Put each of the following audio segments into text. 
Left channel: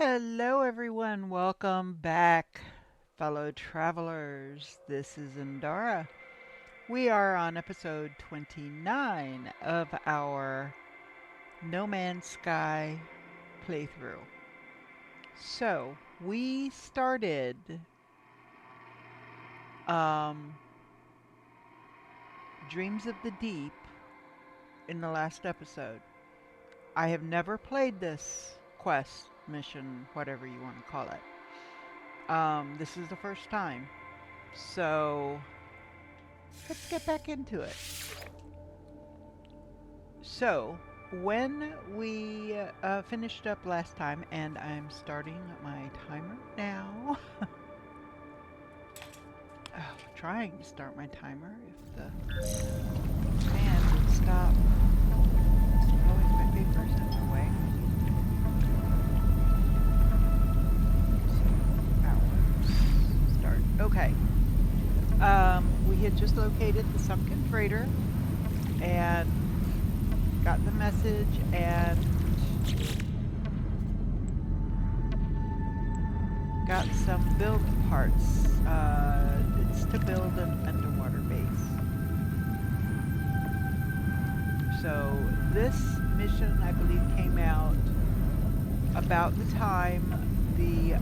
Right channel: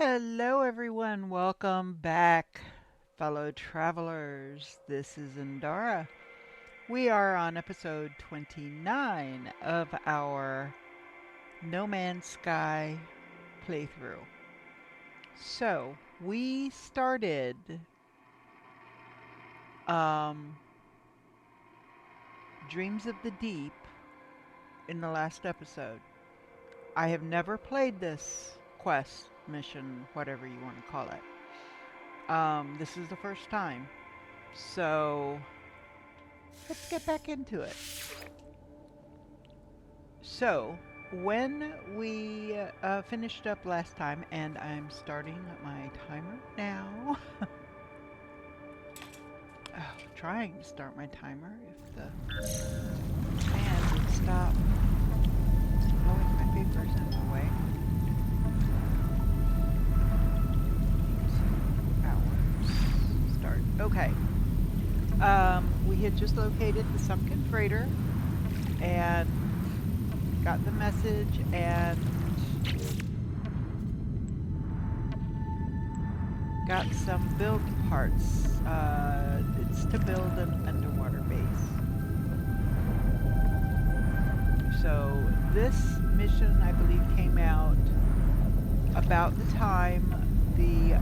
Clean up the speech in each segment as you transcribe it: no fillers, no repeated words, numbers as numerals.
Hello, everyone. Welcome back, fellow travelers. This is Indara. We are on episode 29 of our No Man's Sky playthrough. So, we started um, Dreams of the Deep in the last episode. I have never played this quest, mission, whatever you want to call it. This is the first time. So, let's get back into it. So, when we finished up last time, and I'm starting my timer now. Trying to start my timer if the fan would stop blowing my papers in my way. 2 hours. Start. Okay. We had just located the sunken freighter and got the message and got some build parts. It's to build an underwater base. So this mission, I believe, came out about the time the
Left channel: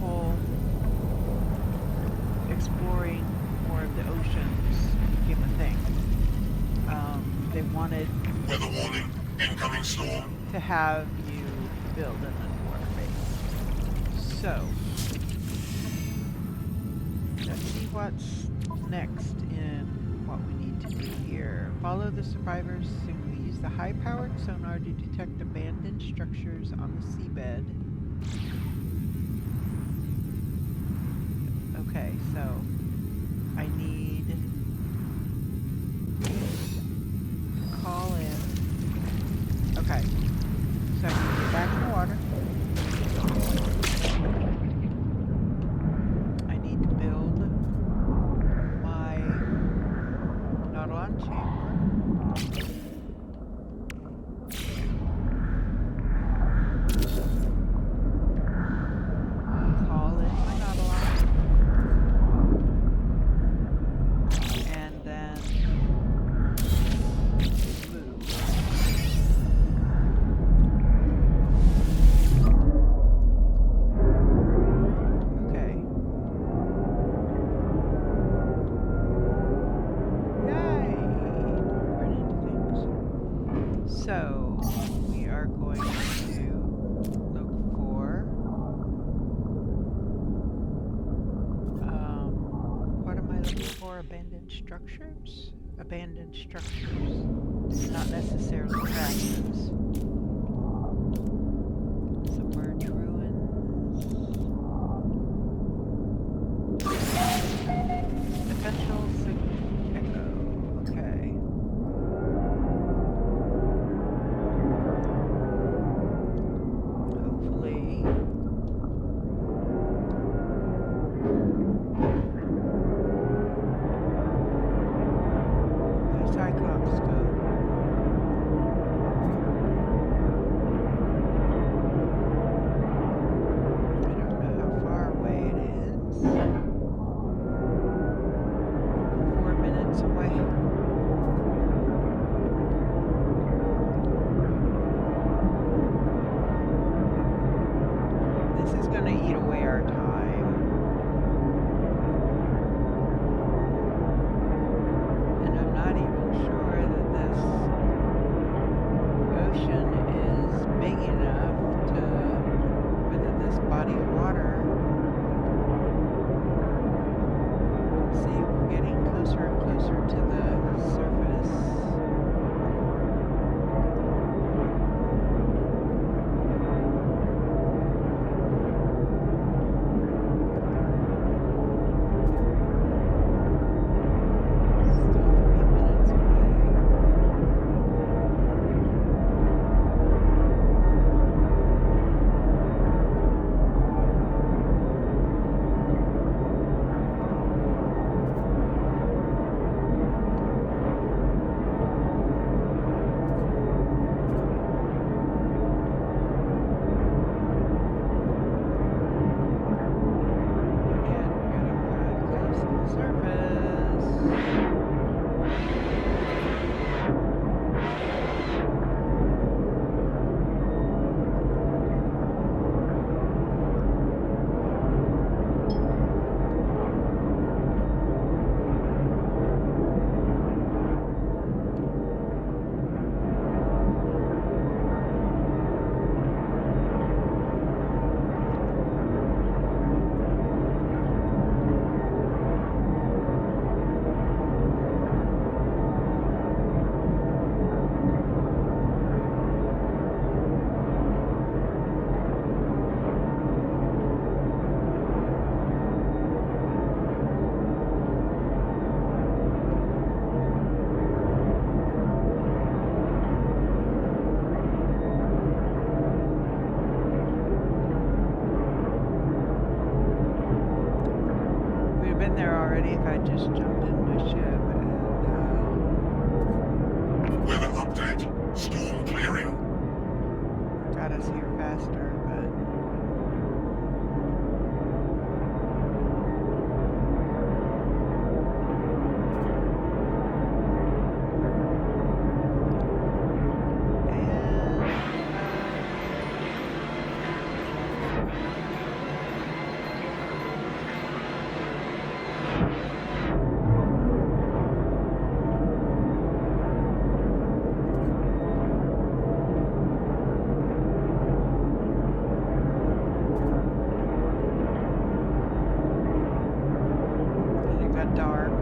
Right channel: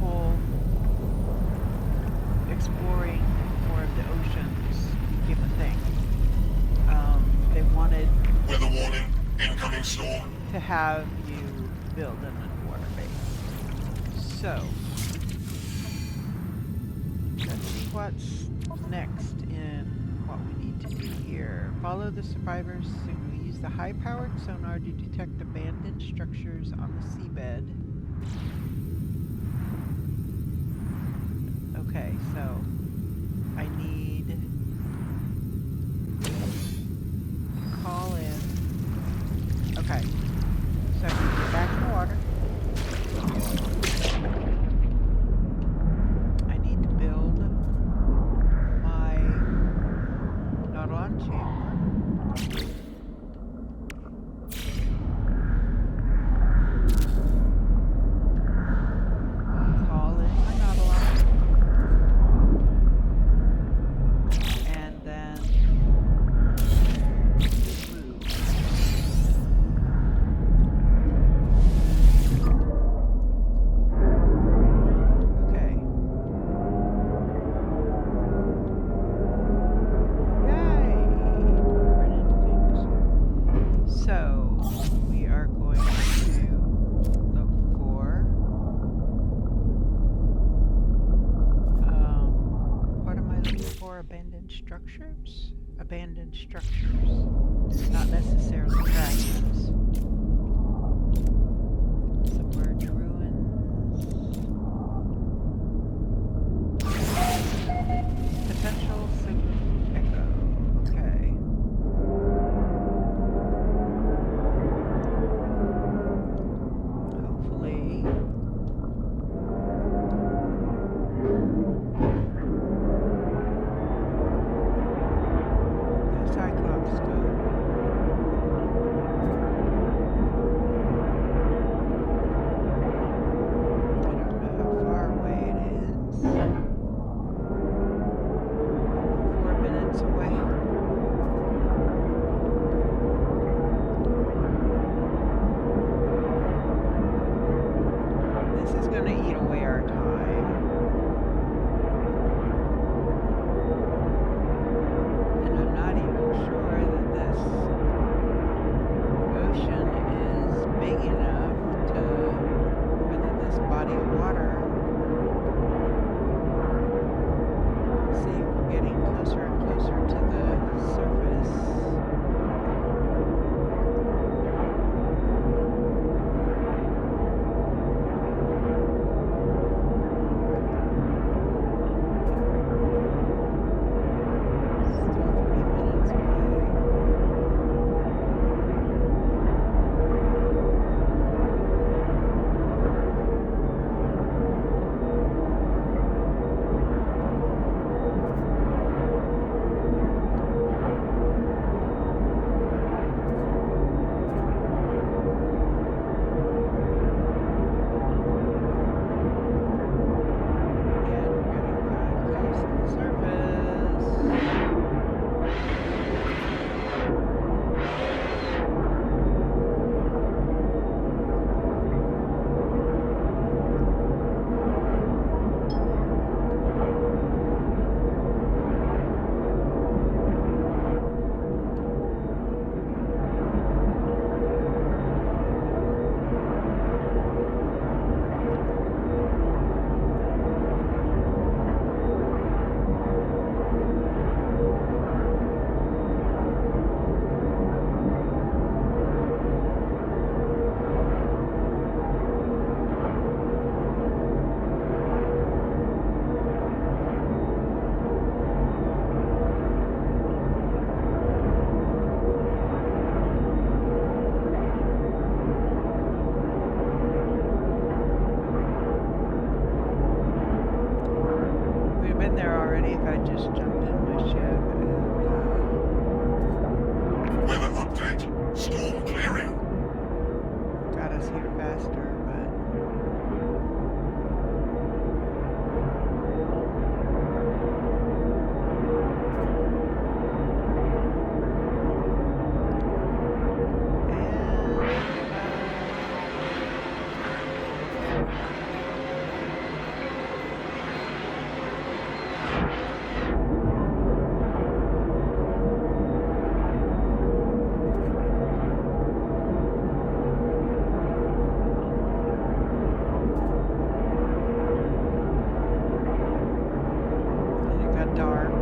whole exploring more of the oceans became a thing. They wanted Weather warning, incoming storm. to have you build an underwater base. So, let's see what's next in what we need to do here. Follow the survivors soon. We use the high-powered sonar to detect abandoned structures on the seabed. Okay, so I need to call in. Okay, so I need to get back in the water. I need to build my Nautilon chamber. Call in my Nautilon. And then move. Okay. Yay! Run into things. So we are going to look for what am I looking for? Abandoned structures? Abandoned structures. Not necessarily fragments. Submerged ruins. Potential signal echo. Okay. Hopefully. The Cyclops scope. I don't know how far away it is. 4 minutes away. This is going to eat away our time. And I'm not even sure that this ocean is big enough to, or that this body of water. See, we're getting closer and closer to the already if I just jumped in my ship and Weather update. Storm clearing. got us here faster, but then it got dark.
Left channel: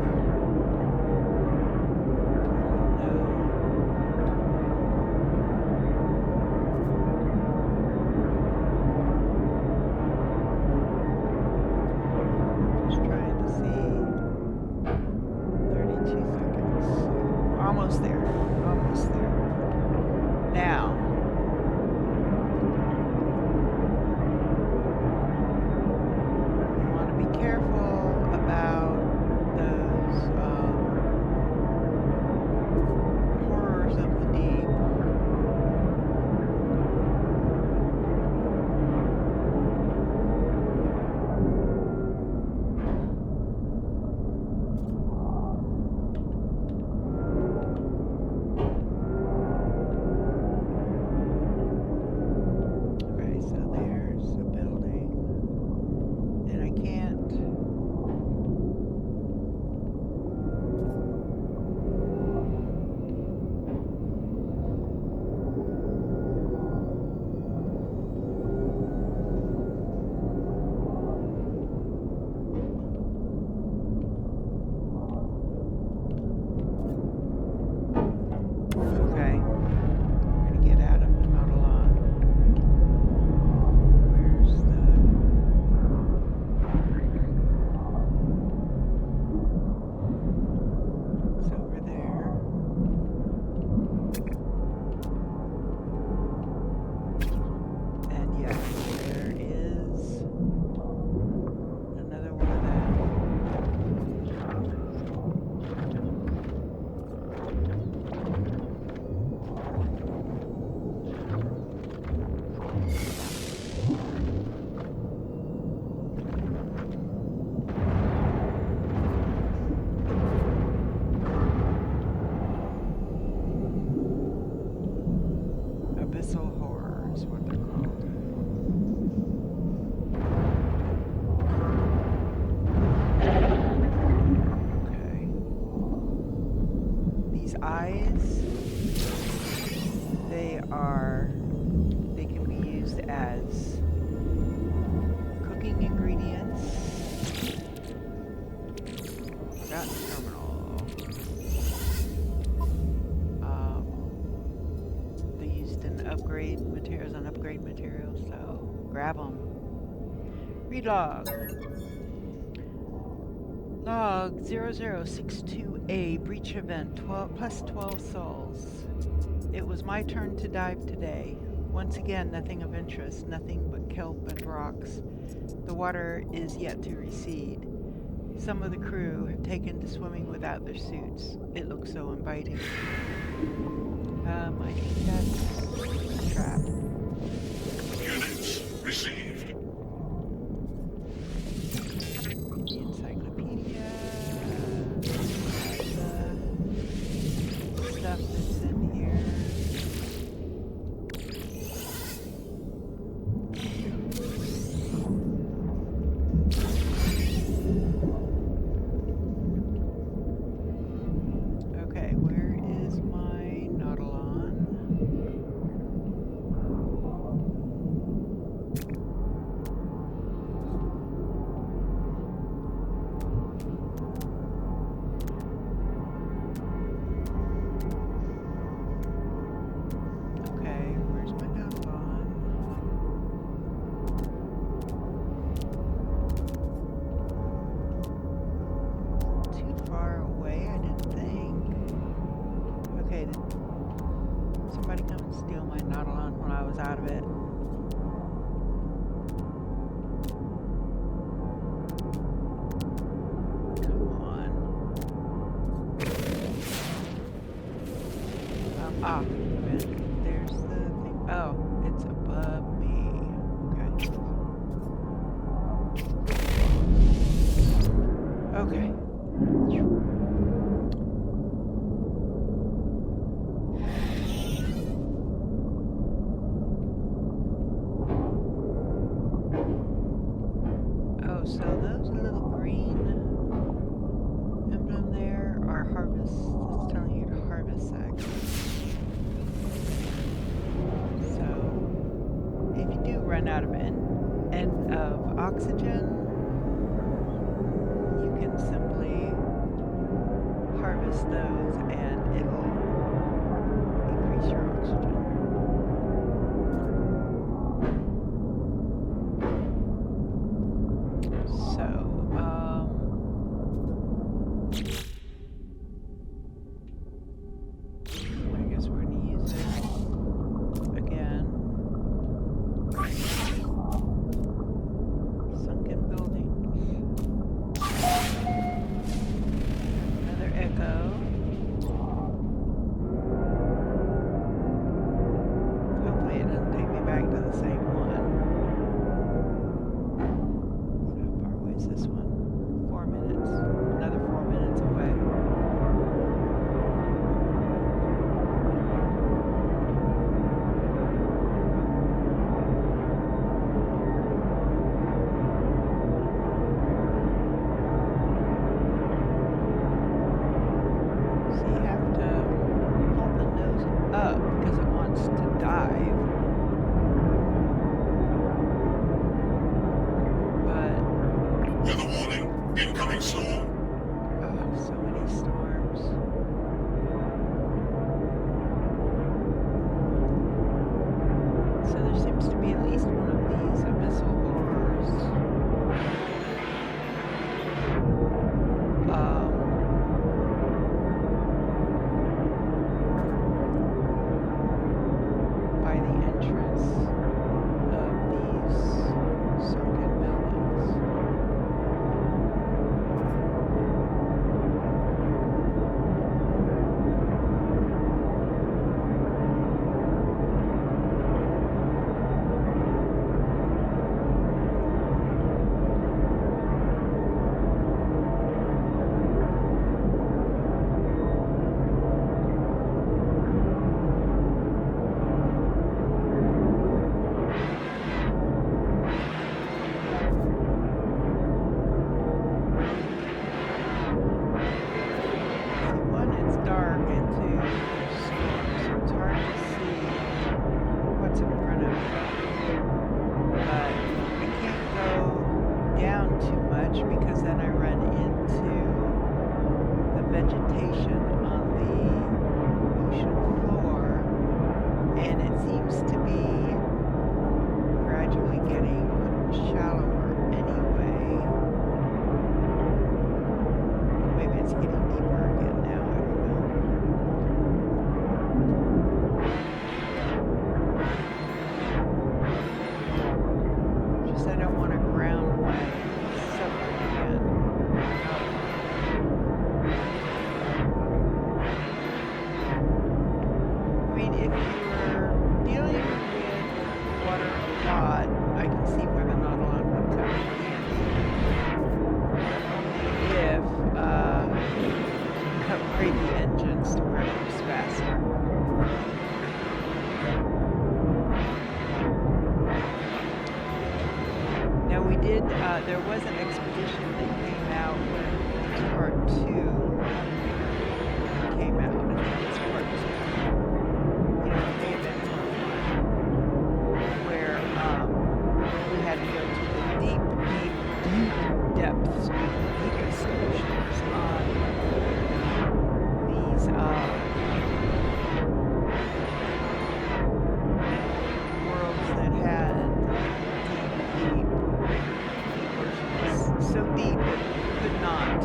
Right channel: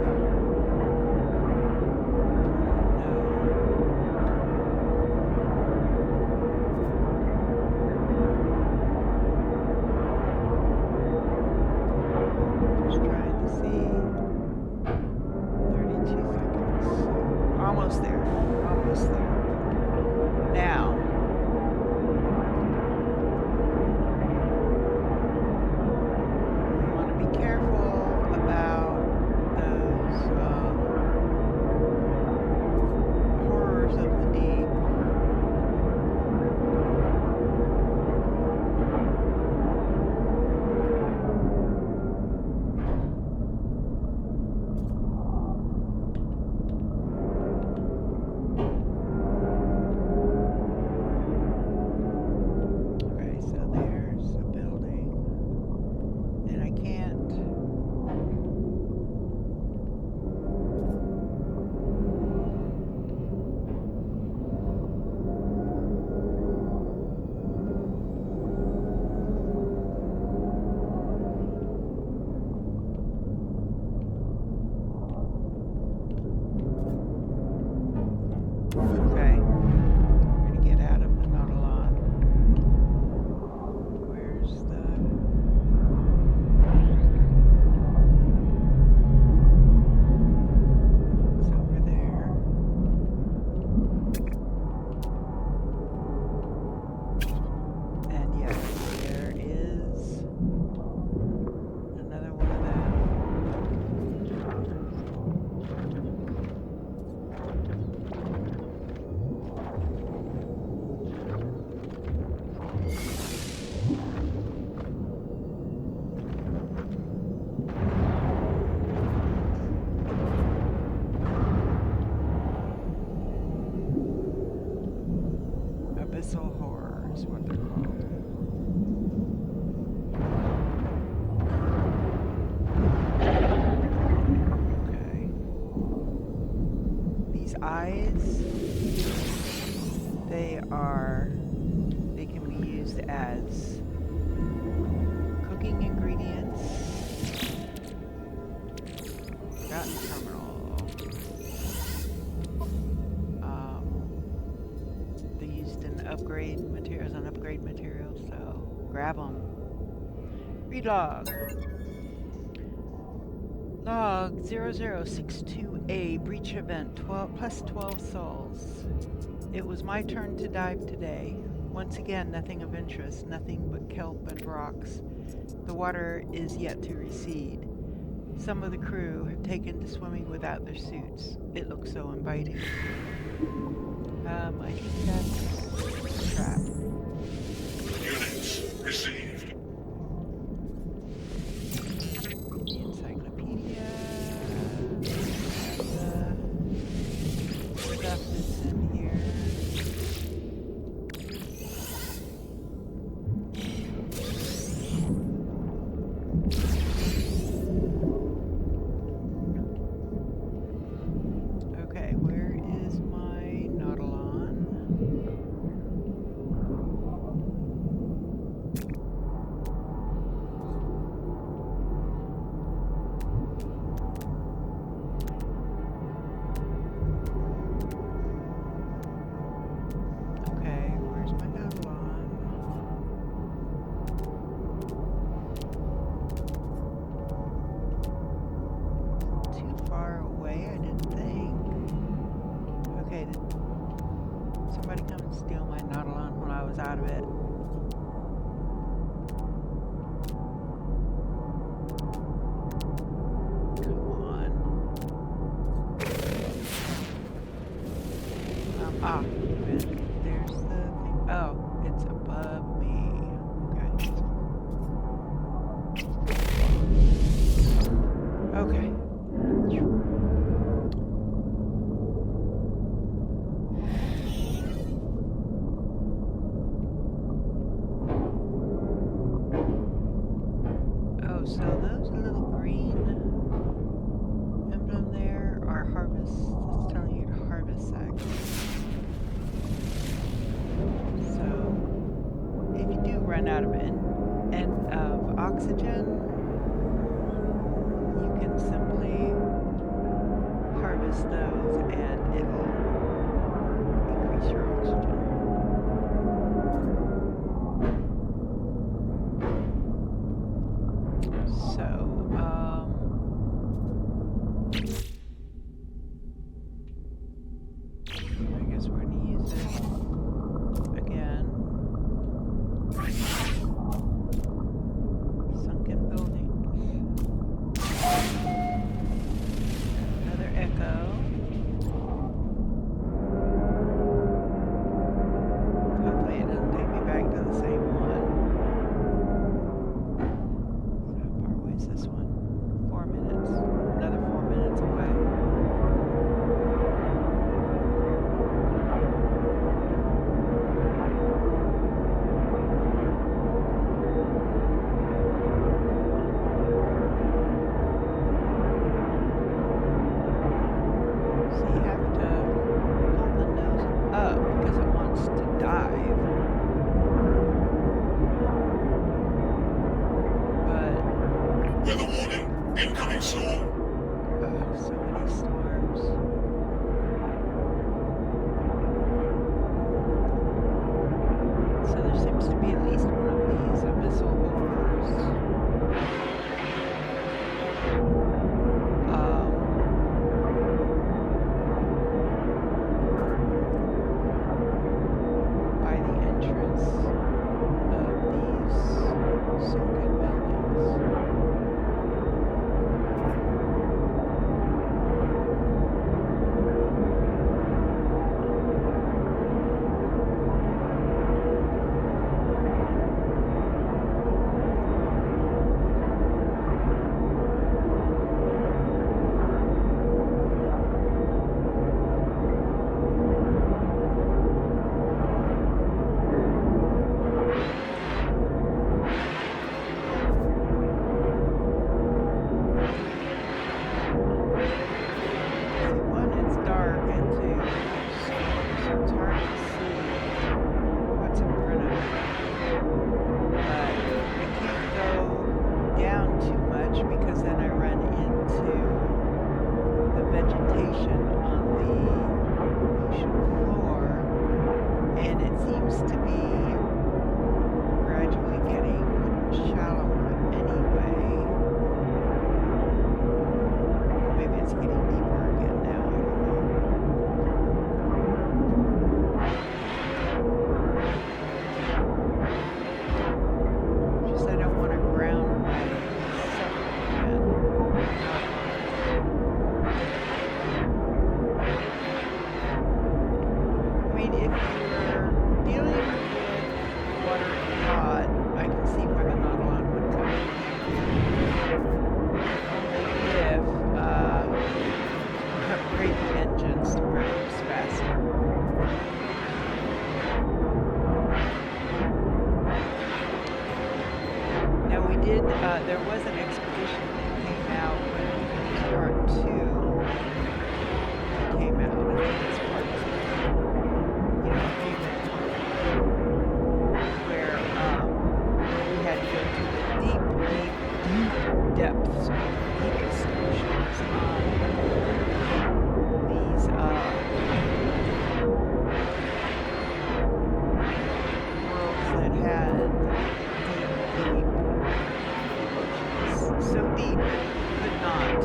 Just trying to see. 32 seconds. Almost there. Almost there. Now. We want to be careful about those horrors of the deep. Okay, so there's a building, and I can't. Okay, we're gonna get out of the Nautilon. Where's it's over there. And yes, there is another one of them. Abyssal horror is what they're called. Okay. These eyes, they can be used as cooking ingredients. Forgotten terminal. They're used in upgrade materials, on upgrade materials, so grab them. Read log. Log 0062A breach event 12 plus 12 souls. It was my turn to dive today. Once again, nothing of interest, nothing but kelp and rocks. The water is yet to recede. Some of the crew have taken to swimming without their suits. It looks so inviting. I think that's a trap. Units received. The encyclopedia. The stuff that's in here. Okay, where is my Nautilon? Okay, where's my Nautilon? Too far away, I didn't think. Okay, did somebody come and steal my Nautilon when I was out of it? Come Ah, okay. There's the thing. Oh, it's above me. Okay. Okay. Oh, so those little green emblem there are harvest. It's telling you to harvest sacks. So if you do run out of of oxygen, you can simply harvest those and it'll increase your oxygen. So, I guess we're gonna use it again. Sunken buildings. Another echo. Hopefully it doesn't take me back to the same one. How far away is this one? 4 minutes. Another 4 minutes away. So you have to hold the nose up because it wants to dive. But Weather warning. Incoming storm. so many storms. So there seems to be at least one of these abyssal horrors. By the entrance of these sunken buildings. One, it's dark, and two, there's storms, so it's hard to see what's in front of me. But I can't go down too much because then I run into the vegetation on the ocean floor, and it seems to be gradually getting shallower anyway. Maybe it's getting deeper again now, I don't know. Just I don't want to ground my submarine again. I mean, if you're dealing with water a lot, I can see where the Nautilon would come in handy. Only if you upgrade the engines to where it moves faster. Now we did, there was an expedition that came out when Worlds Part 2 came out. I think it's Part 2. You know, it may have been Part 1. Where we had to go to the deep depths of the deepest oceans on these worlds that had deep oceans. So deep that you could not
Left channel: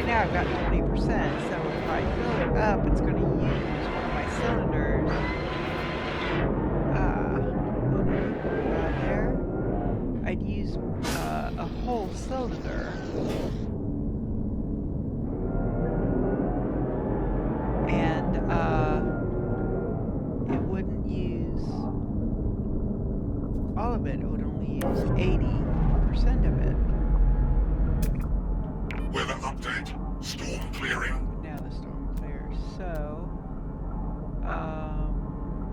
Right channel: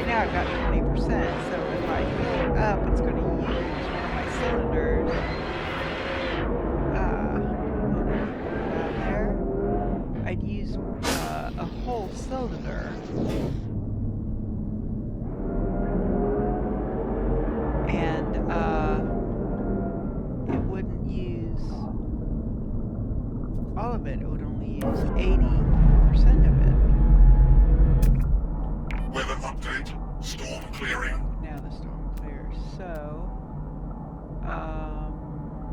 right now I've got 20%, so if I fill it up, it's going to use one of my cylinders. There. I'd use a whole cylinder. And it wouldn't use all of it. It would only use 80% of it. Weather update. Storm clearing. Now the storm clears. So,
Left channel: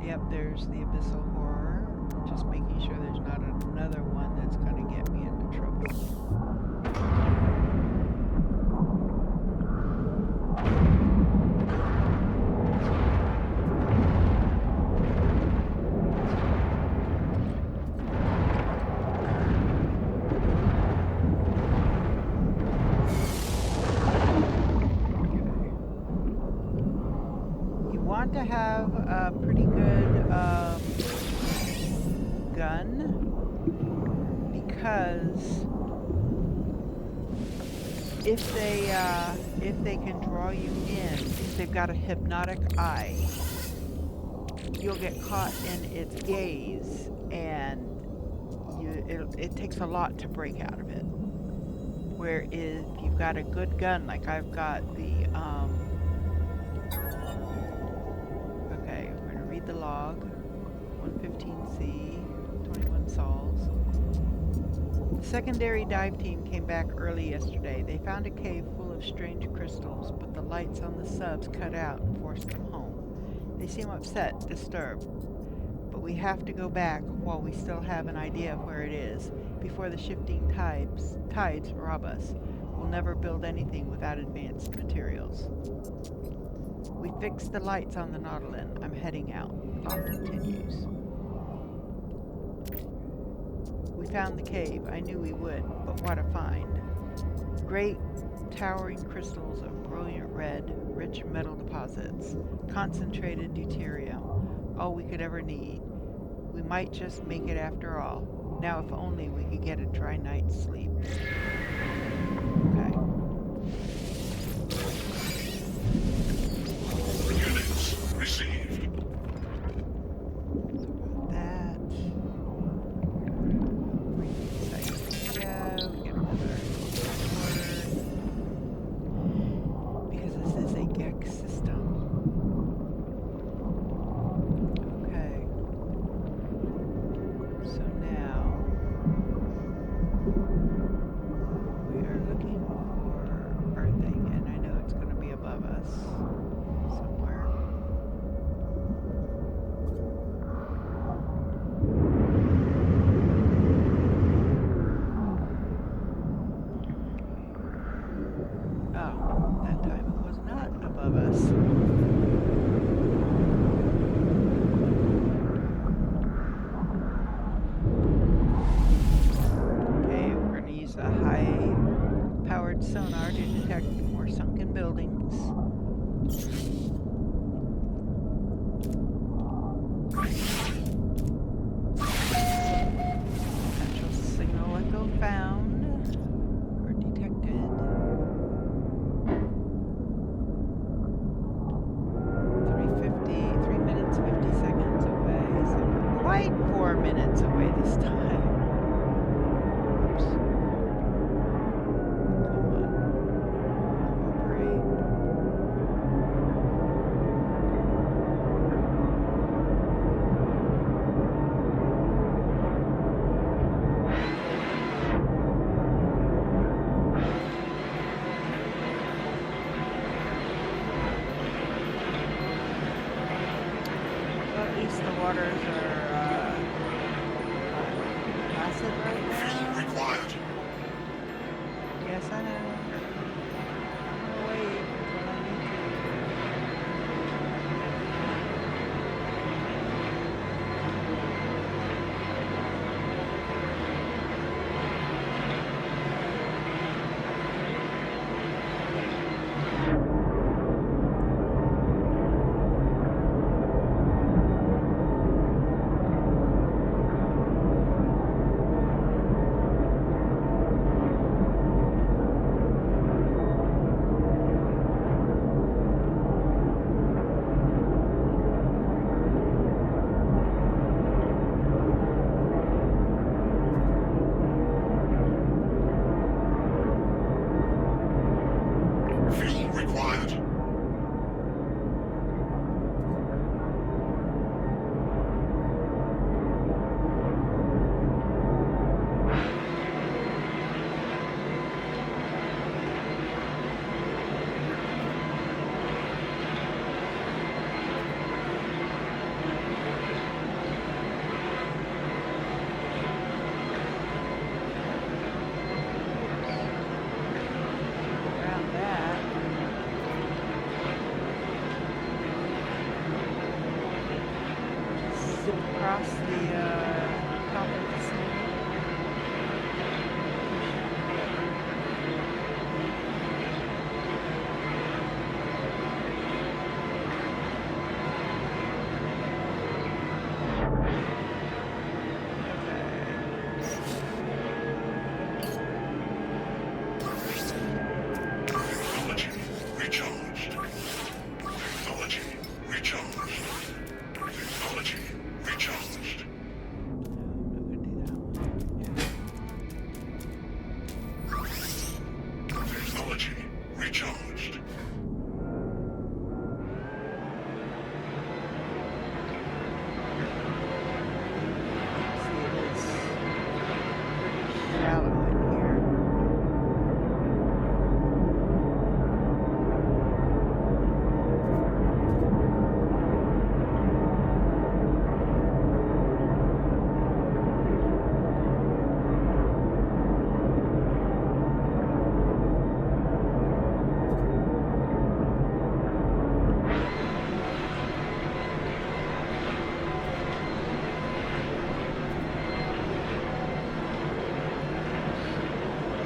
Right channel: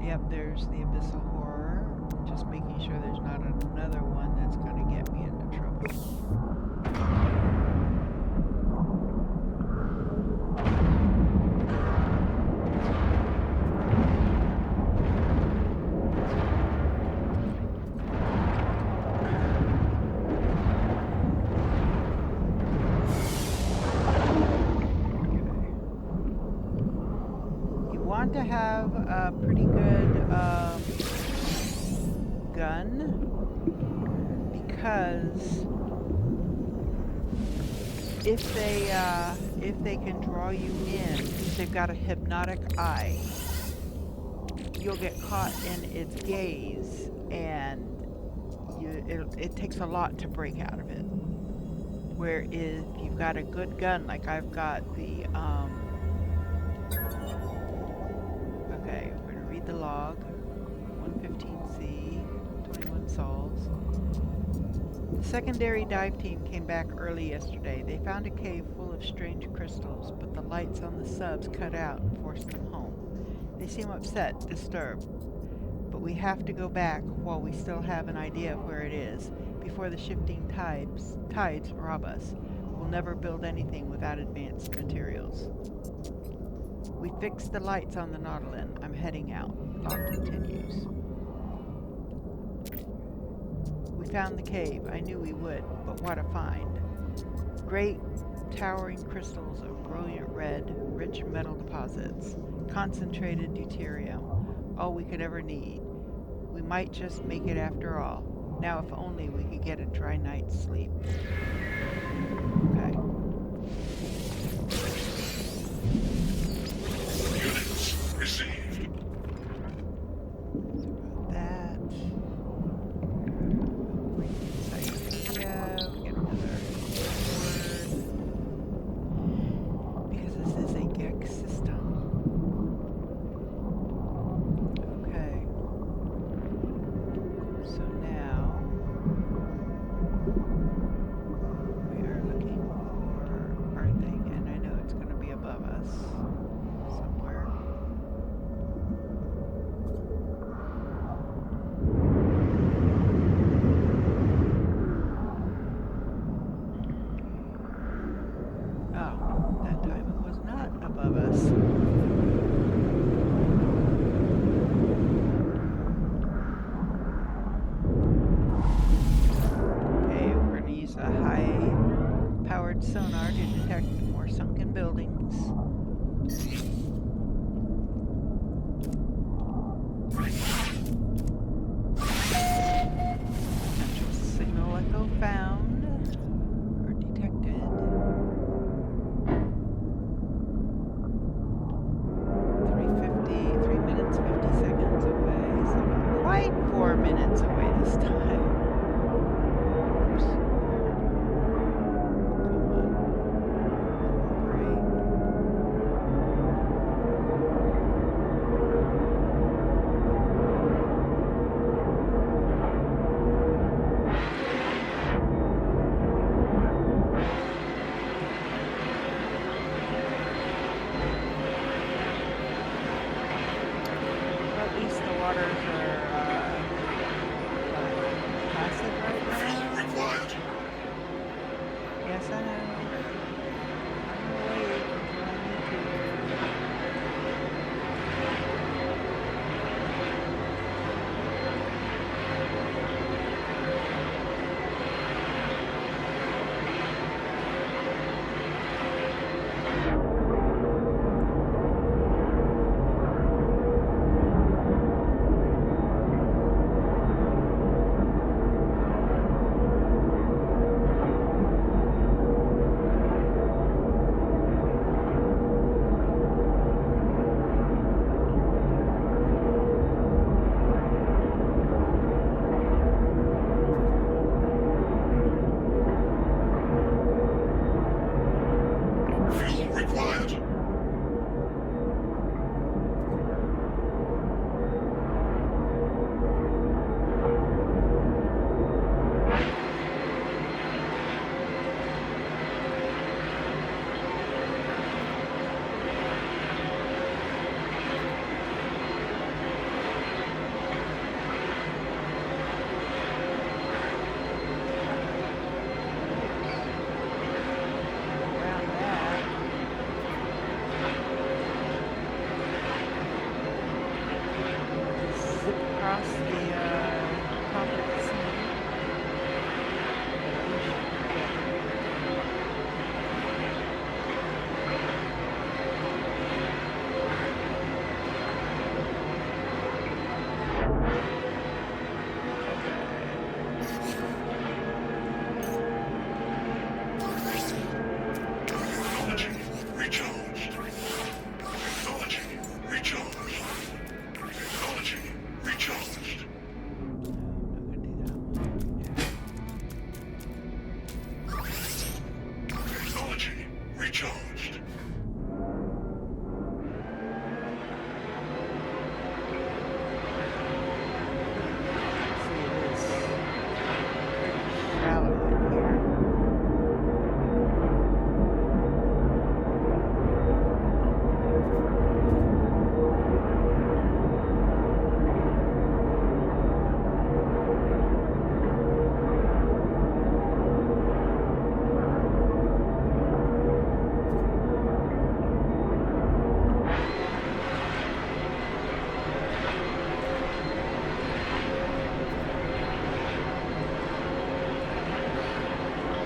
yep, there's the Abyssal Horror. I'm just making sure there's not another one that's going to get me into trouble. Want to have a pretty good gun, because if they can draw you in, because they've got a hypnotic eye, you'll get caught in its gaze, and it takes a lot to break out of it. Where if you've got a good gun, like I've got the okay, we're going to read the log. 115C, 21 sols. The secondary dive team came back early yesterday. They found a cave full of strange crystals, but the lights on the subs cut out and forced them home. They seem upset, disturbed. But we have to go back while we still have an idea of where it is, before the shifting tides rob us. We'll never build anything without advanced materials. We fixed the lights on the Nautilin. I'm heading out. Log continues. We found the cave. I knew we would, but what a find. Great, towering crystals of brilliant red, rich metal deposits. Concentrated deuterium. All we could ever need. We might just make it after all. Now if only we could get a dry night's sleep. Okay. Received. That. Encyclopedia. We get another word. Because this is a GEX system. Okay. So now we are looking for our thing, and I know it's going to be above us somewhere. Oh, that time it was not above us. Okay, we're going to use a high-powered sonar to detect more sunken buildings. Potential signal echo found or detected. 3 minutes 50 seconds away, so not quite 4 minutes away this time. Oops. Come on. Cooperate. Well, at least the waters are placid right now. Required. Yes, I know. I'm gonna wait until I need to. required. Around that. Just zip across the top of the sea. Or the ocean, whatever. Technology recharged. Technology recharged. Technology recharged. No, I'm not gonna do that one. Technology recharged. See, it is pretty shallow in here.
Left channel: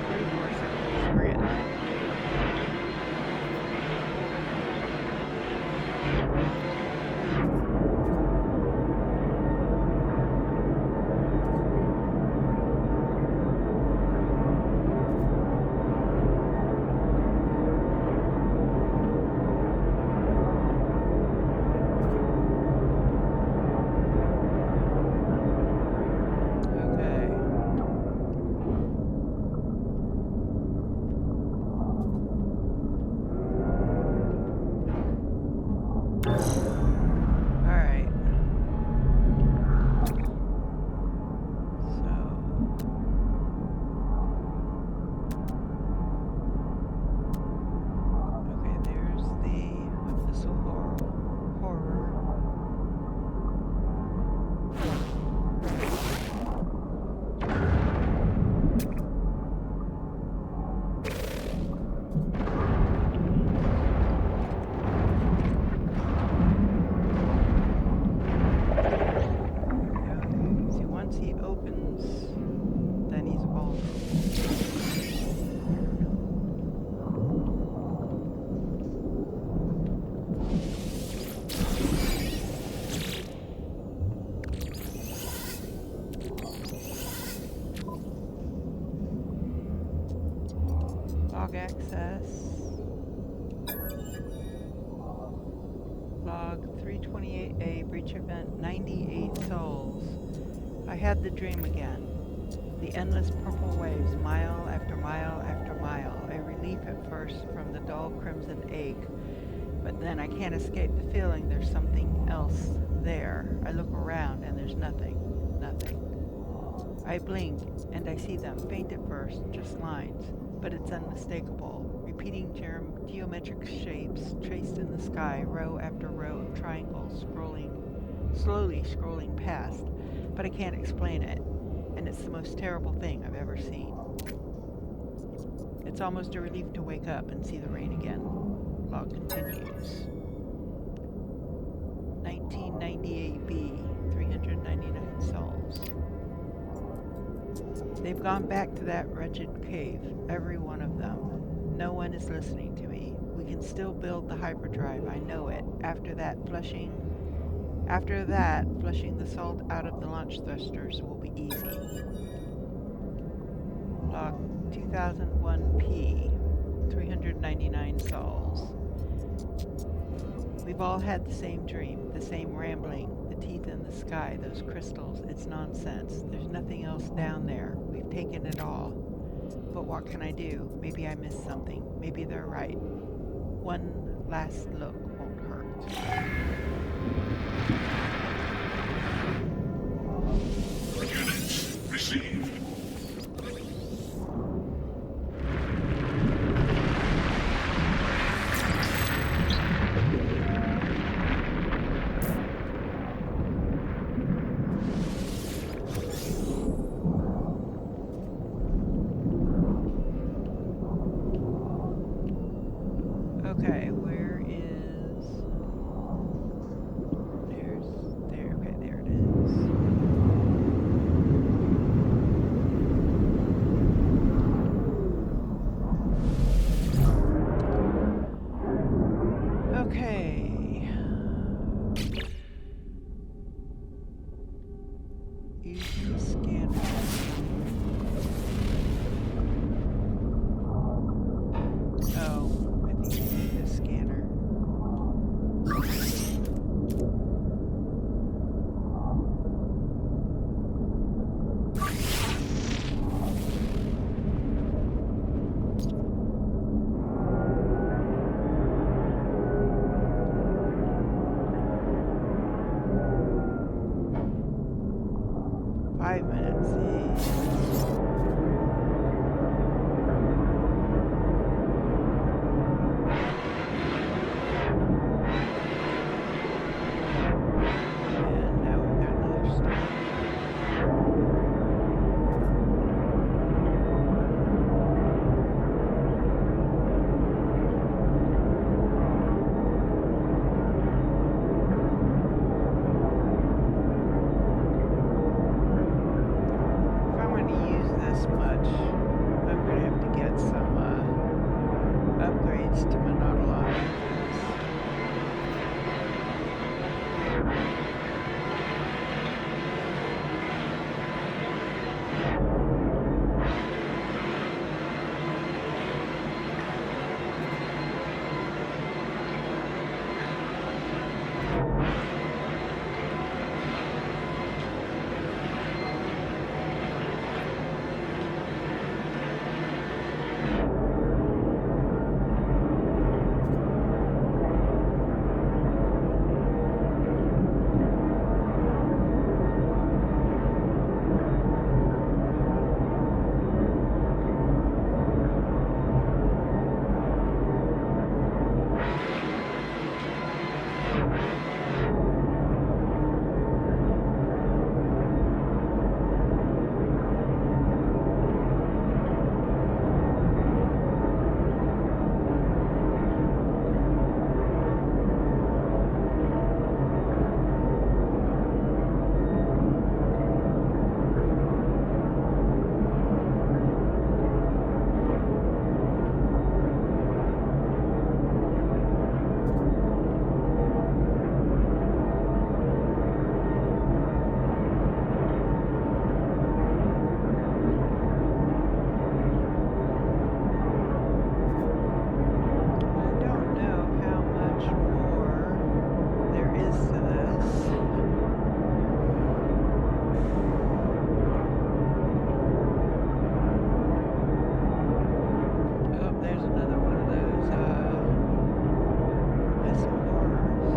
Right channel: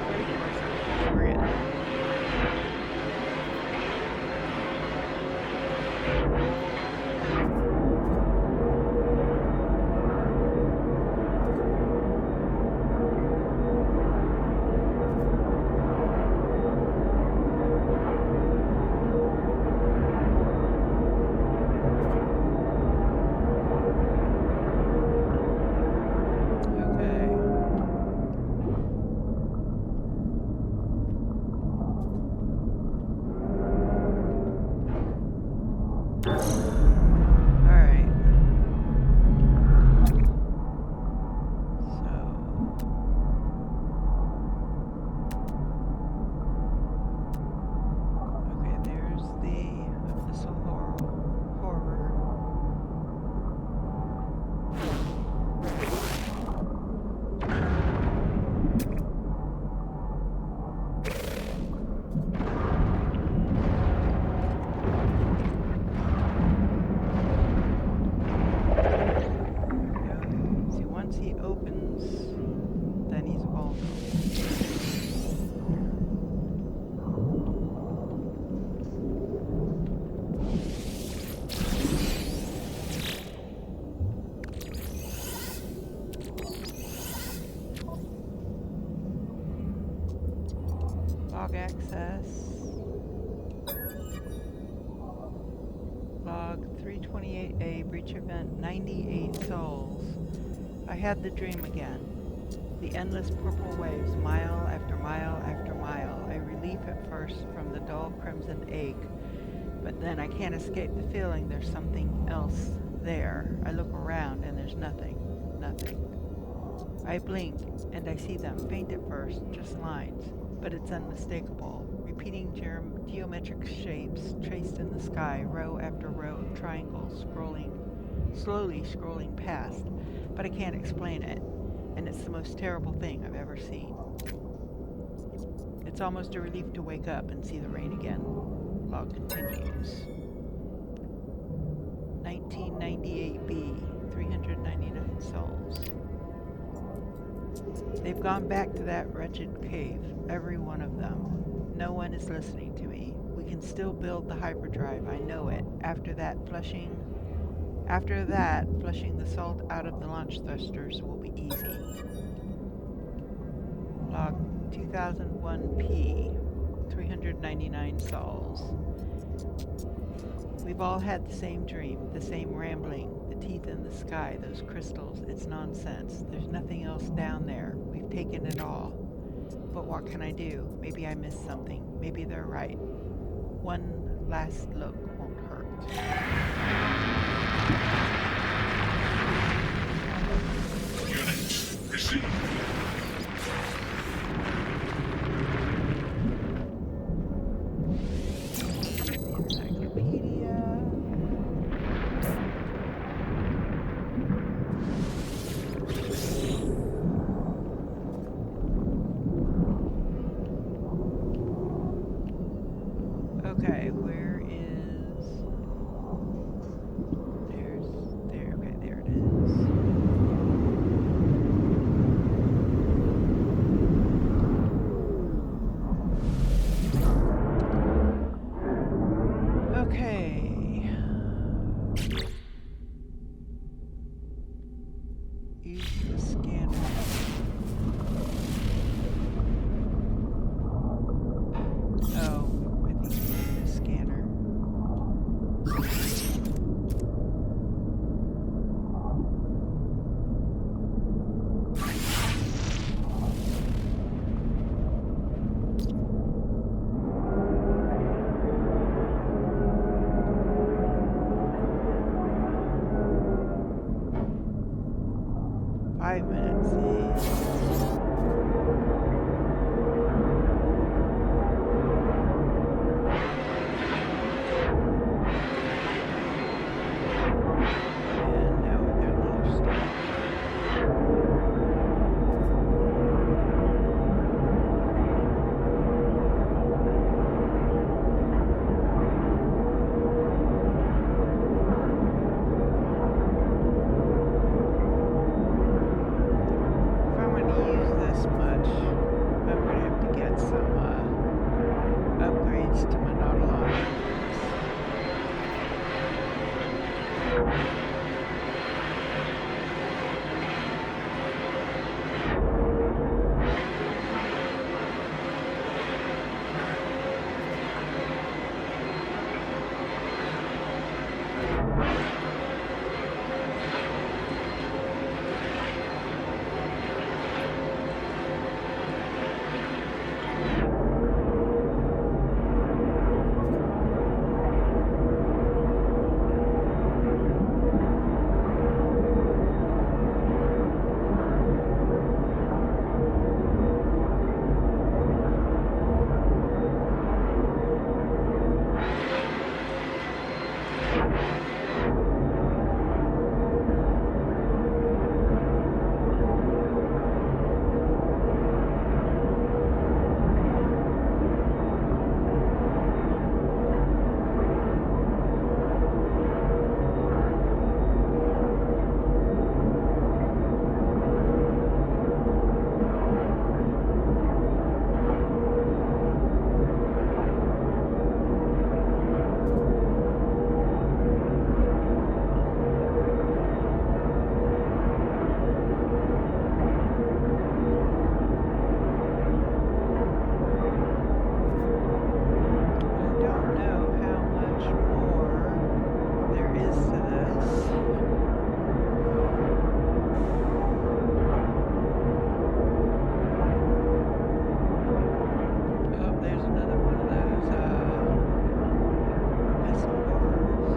Pretty close to we're getting there. Okay. All right. So okay, there's the abyssal horror. See, once he opens, then he's vulnerable. Log access. Log 328A, breach event 98 souls. I had the dream again. The endless purple waves, mile after mile after mile. A relief at first from the dull crimson ache, but then I can't escape the feeling there's something else there. I look around and there's nothing. Nothing. I blink and I see them, faint at first, just lines, but it's unmistakable. Repeating geometric shapes traced in the sky, row after row of triangles slowly scrolling past, but I can't explain it, and it's the most terrible thing I've ever seen. It's almost a relief to wake up and see the rain again. Log continues. 1998B, 399 souls. They've gone back to that wretched cave, every one of them. No one is listening to me. We can still build the hyperdrive, I know it. After that, flushing the salt out of the launch thrusters will be easy. Log 2001P, 399 souls. We've all had the same dream, the same rambling, the teeth in the sky, those crystals. It's nonsense. There's nothing else down there. We've taken it all. But what can I do? Maybe I missed something. Maybe they're right. One last look won't hurt. Units received. Okay, where is... There, okay, there it is. Okay. Use the scanner. Oh, I think you need a scanner. And now we've got another step. If I'm going to use this much, I'm going to have to get some upgrades to my Nautilon engines. I don't know how much more there is to this. Oh, there's another one of those missile horrors.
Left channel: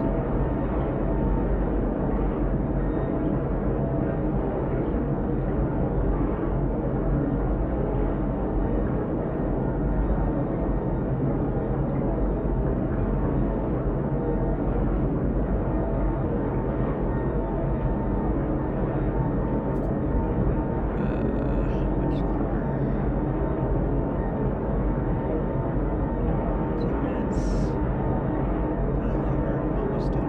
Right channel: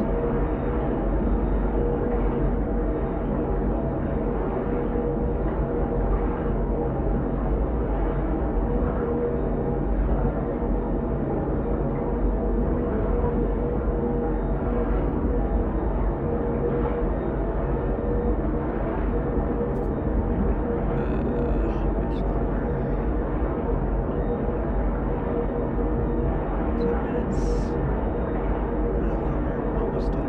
How much longer? 2 minutes. A little over, almost 2.5.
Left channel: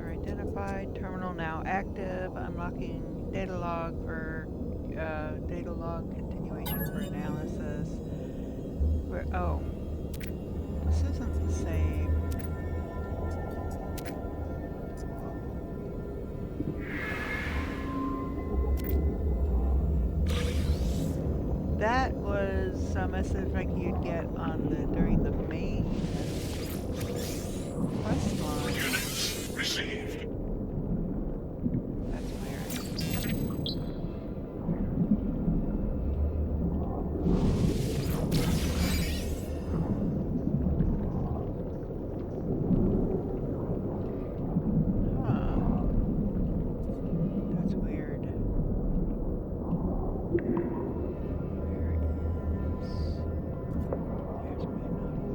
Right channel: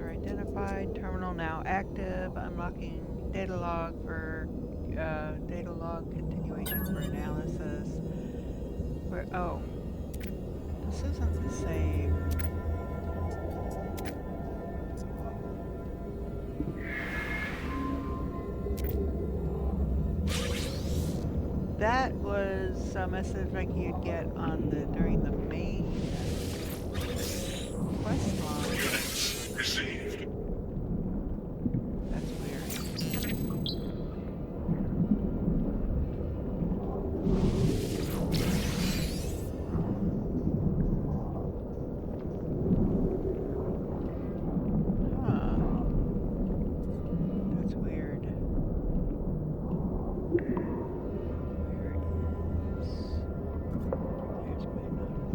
Sensor identified. Terminal now active. Unlocking data log for data log continuation for analysis. Where? Oh, this isn't the same. That was a message like you'd get on the during the main quest line. Units received. That's weird. Huh. That's weird. Where is... There's my novel.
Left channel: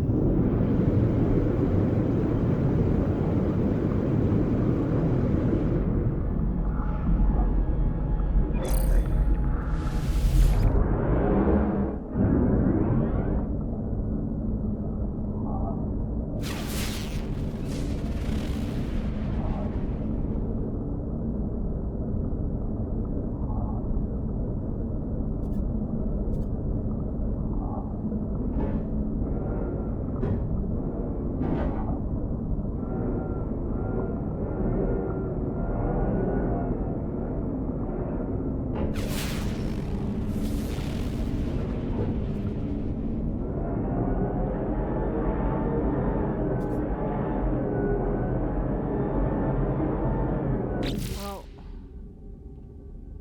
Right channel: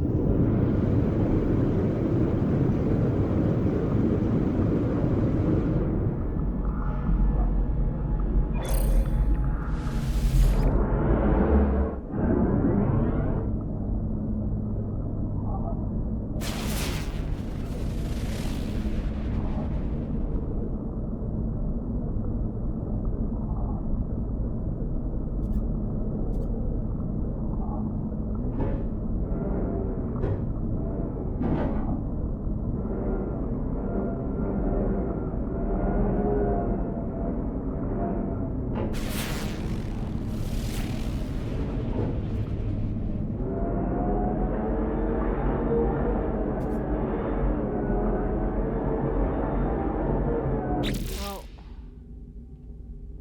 Well,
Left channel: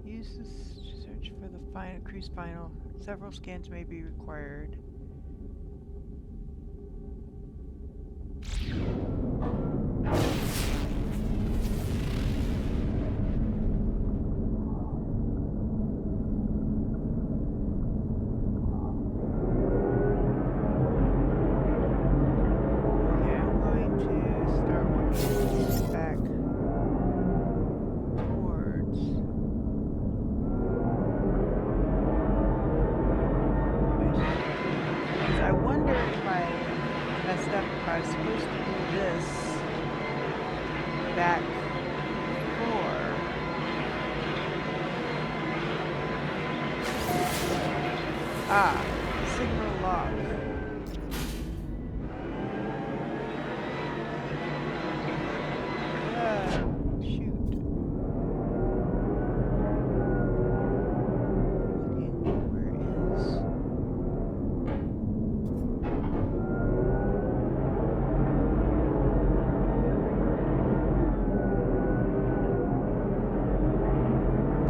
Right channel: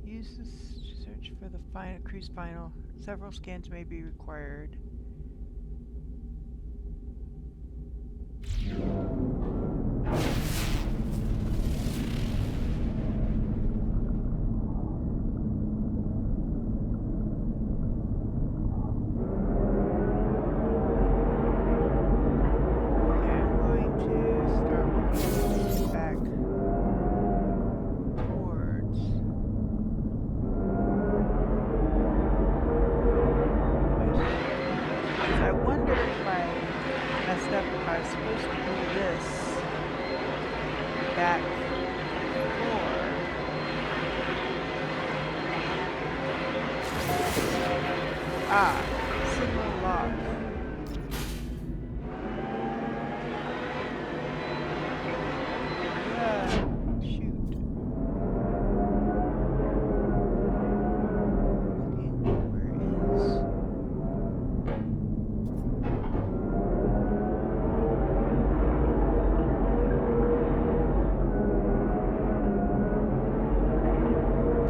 use this to search for the cruise final. Several scans may be required. Okay, I'm going to start working back towards because I wonder if I messed up, if I was supposed to do this back before. Ah, signal lock. Yeah, shoot. Looking, where is...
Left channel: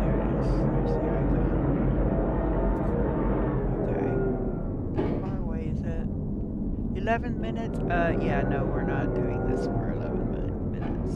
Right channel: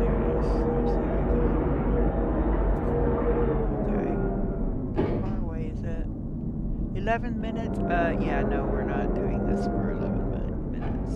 There it is. There's the icon. Okay. How far away is it? 11 minutes? Yeah, no, we're not doing this for 11 minutes.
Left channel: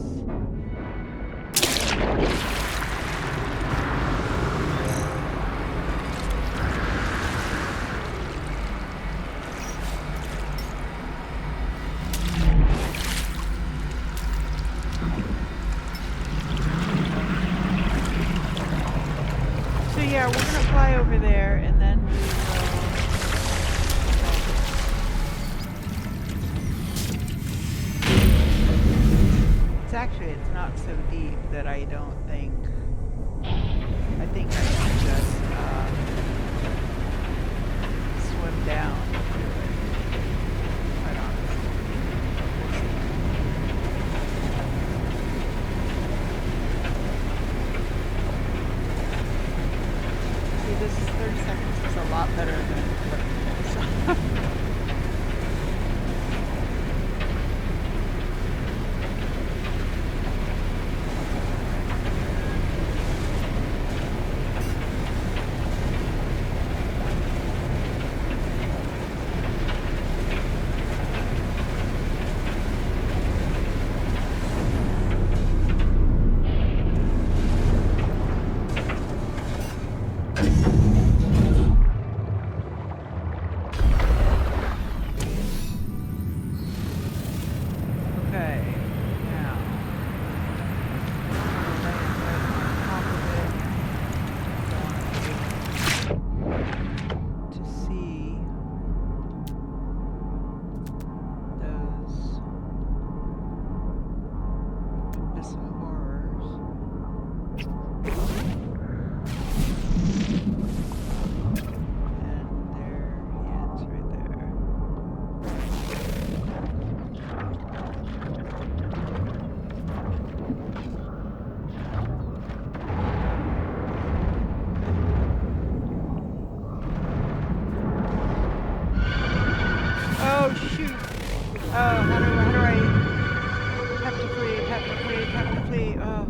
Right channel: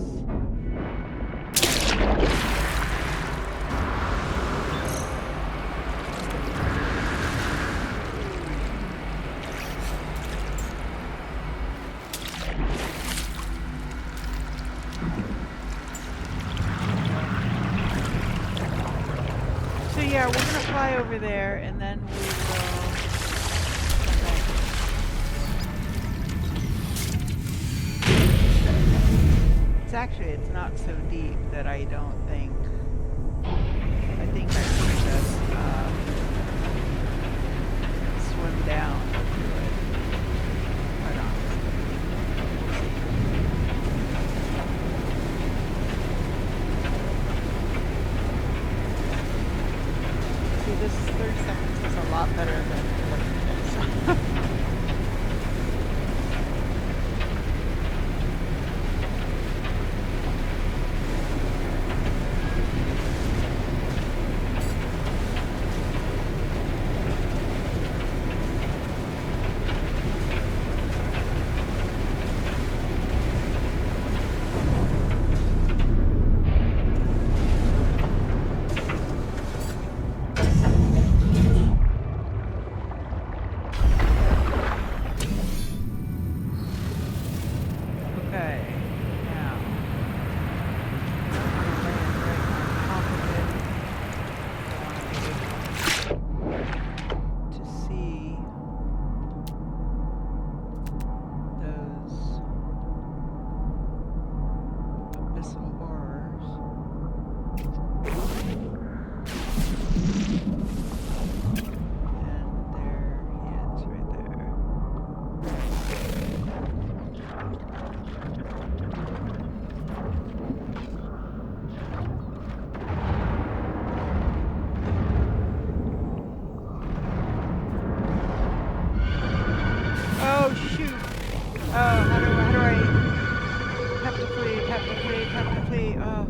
So yeah, we're gonna fly over there and then we will come back here. It's not so deep that I don't think, I think I can just swim down to it, quite honestly, but we'll see. See, this 30 seconds is a lot better than 11 minutes. Oh shoot! How do I have to flee? Have to flee? Have to flee? Oh.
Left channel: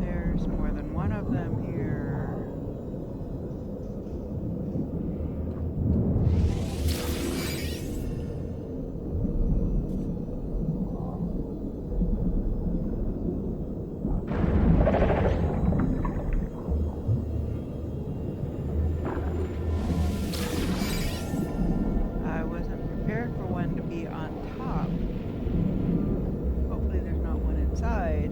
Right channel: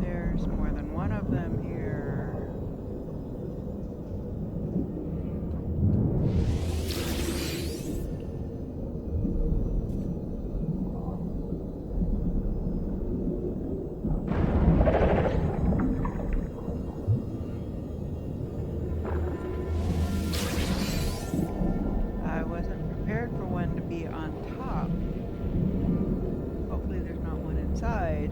There's more than one of them here. I wasn't prepared for one to be on top. Hopefully there's not one inside.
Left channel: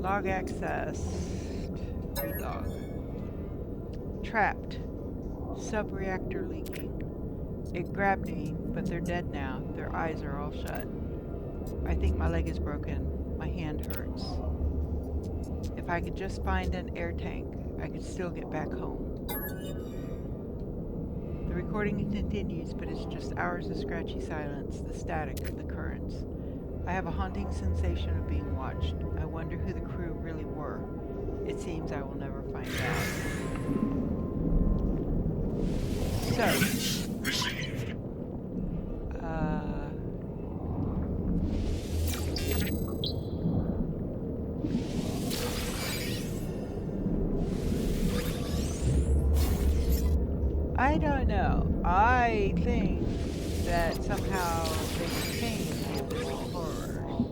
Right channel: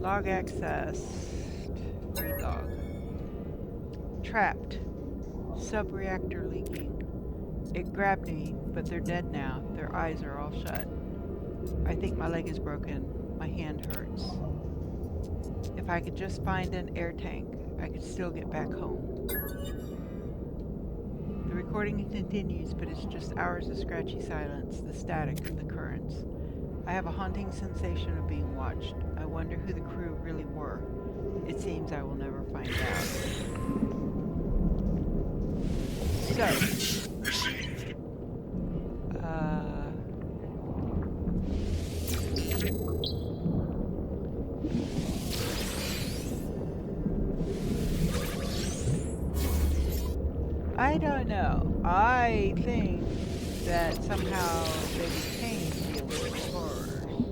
Log accessed. Read log. Trapped. Sub-reactor leaking. It grabbed me, but they're dead now. Their eyes are all shut. I think my leg is broken. My hand hurts. If I could just find an air tank, I could still get back home. The recording continues, but it's just hours of scratchy silence, the static, the currents. I have a haunting sensation of being watched. I wonder who the crew really were. It seems I will never find out. So, Units received. I don't know. I think that somehow they became the original horrors.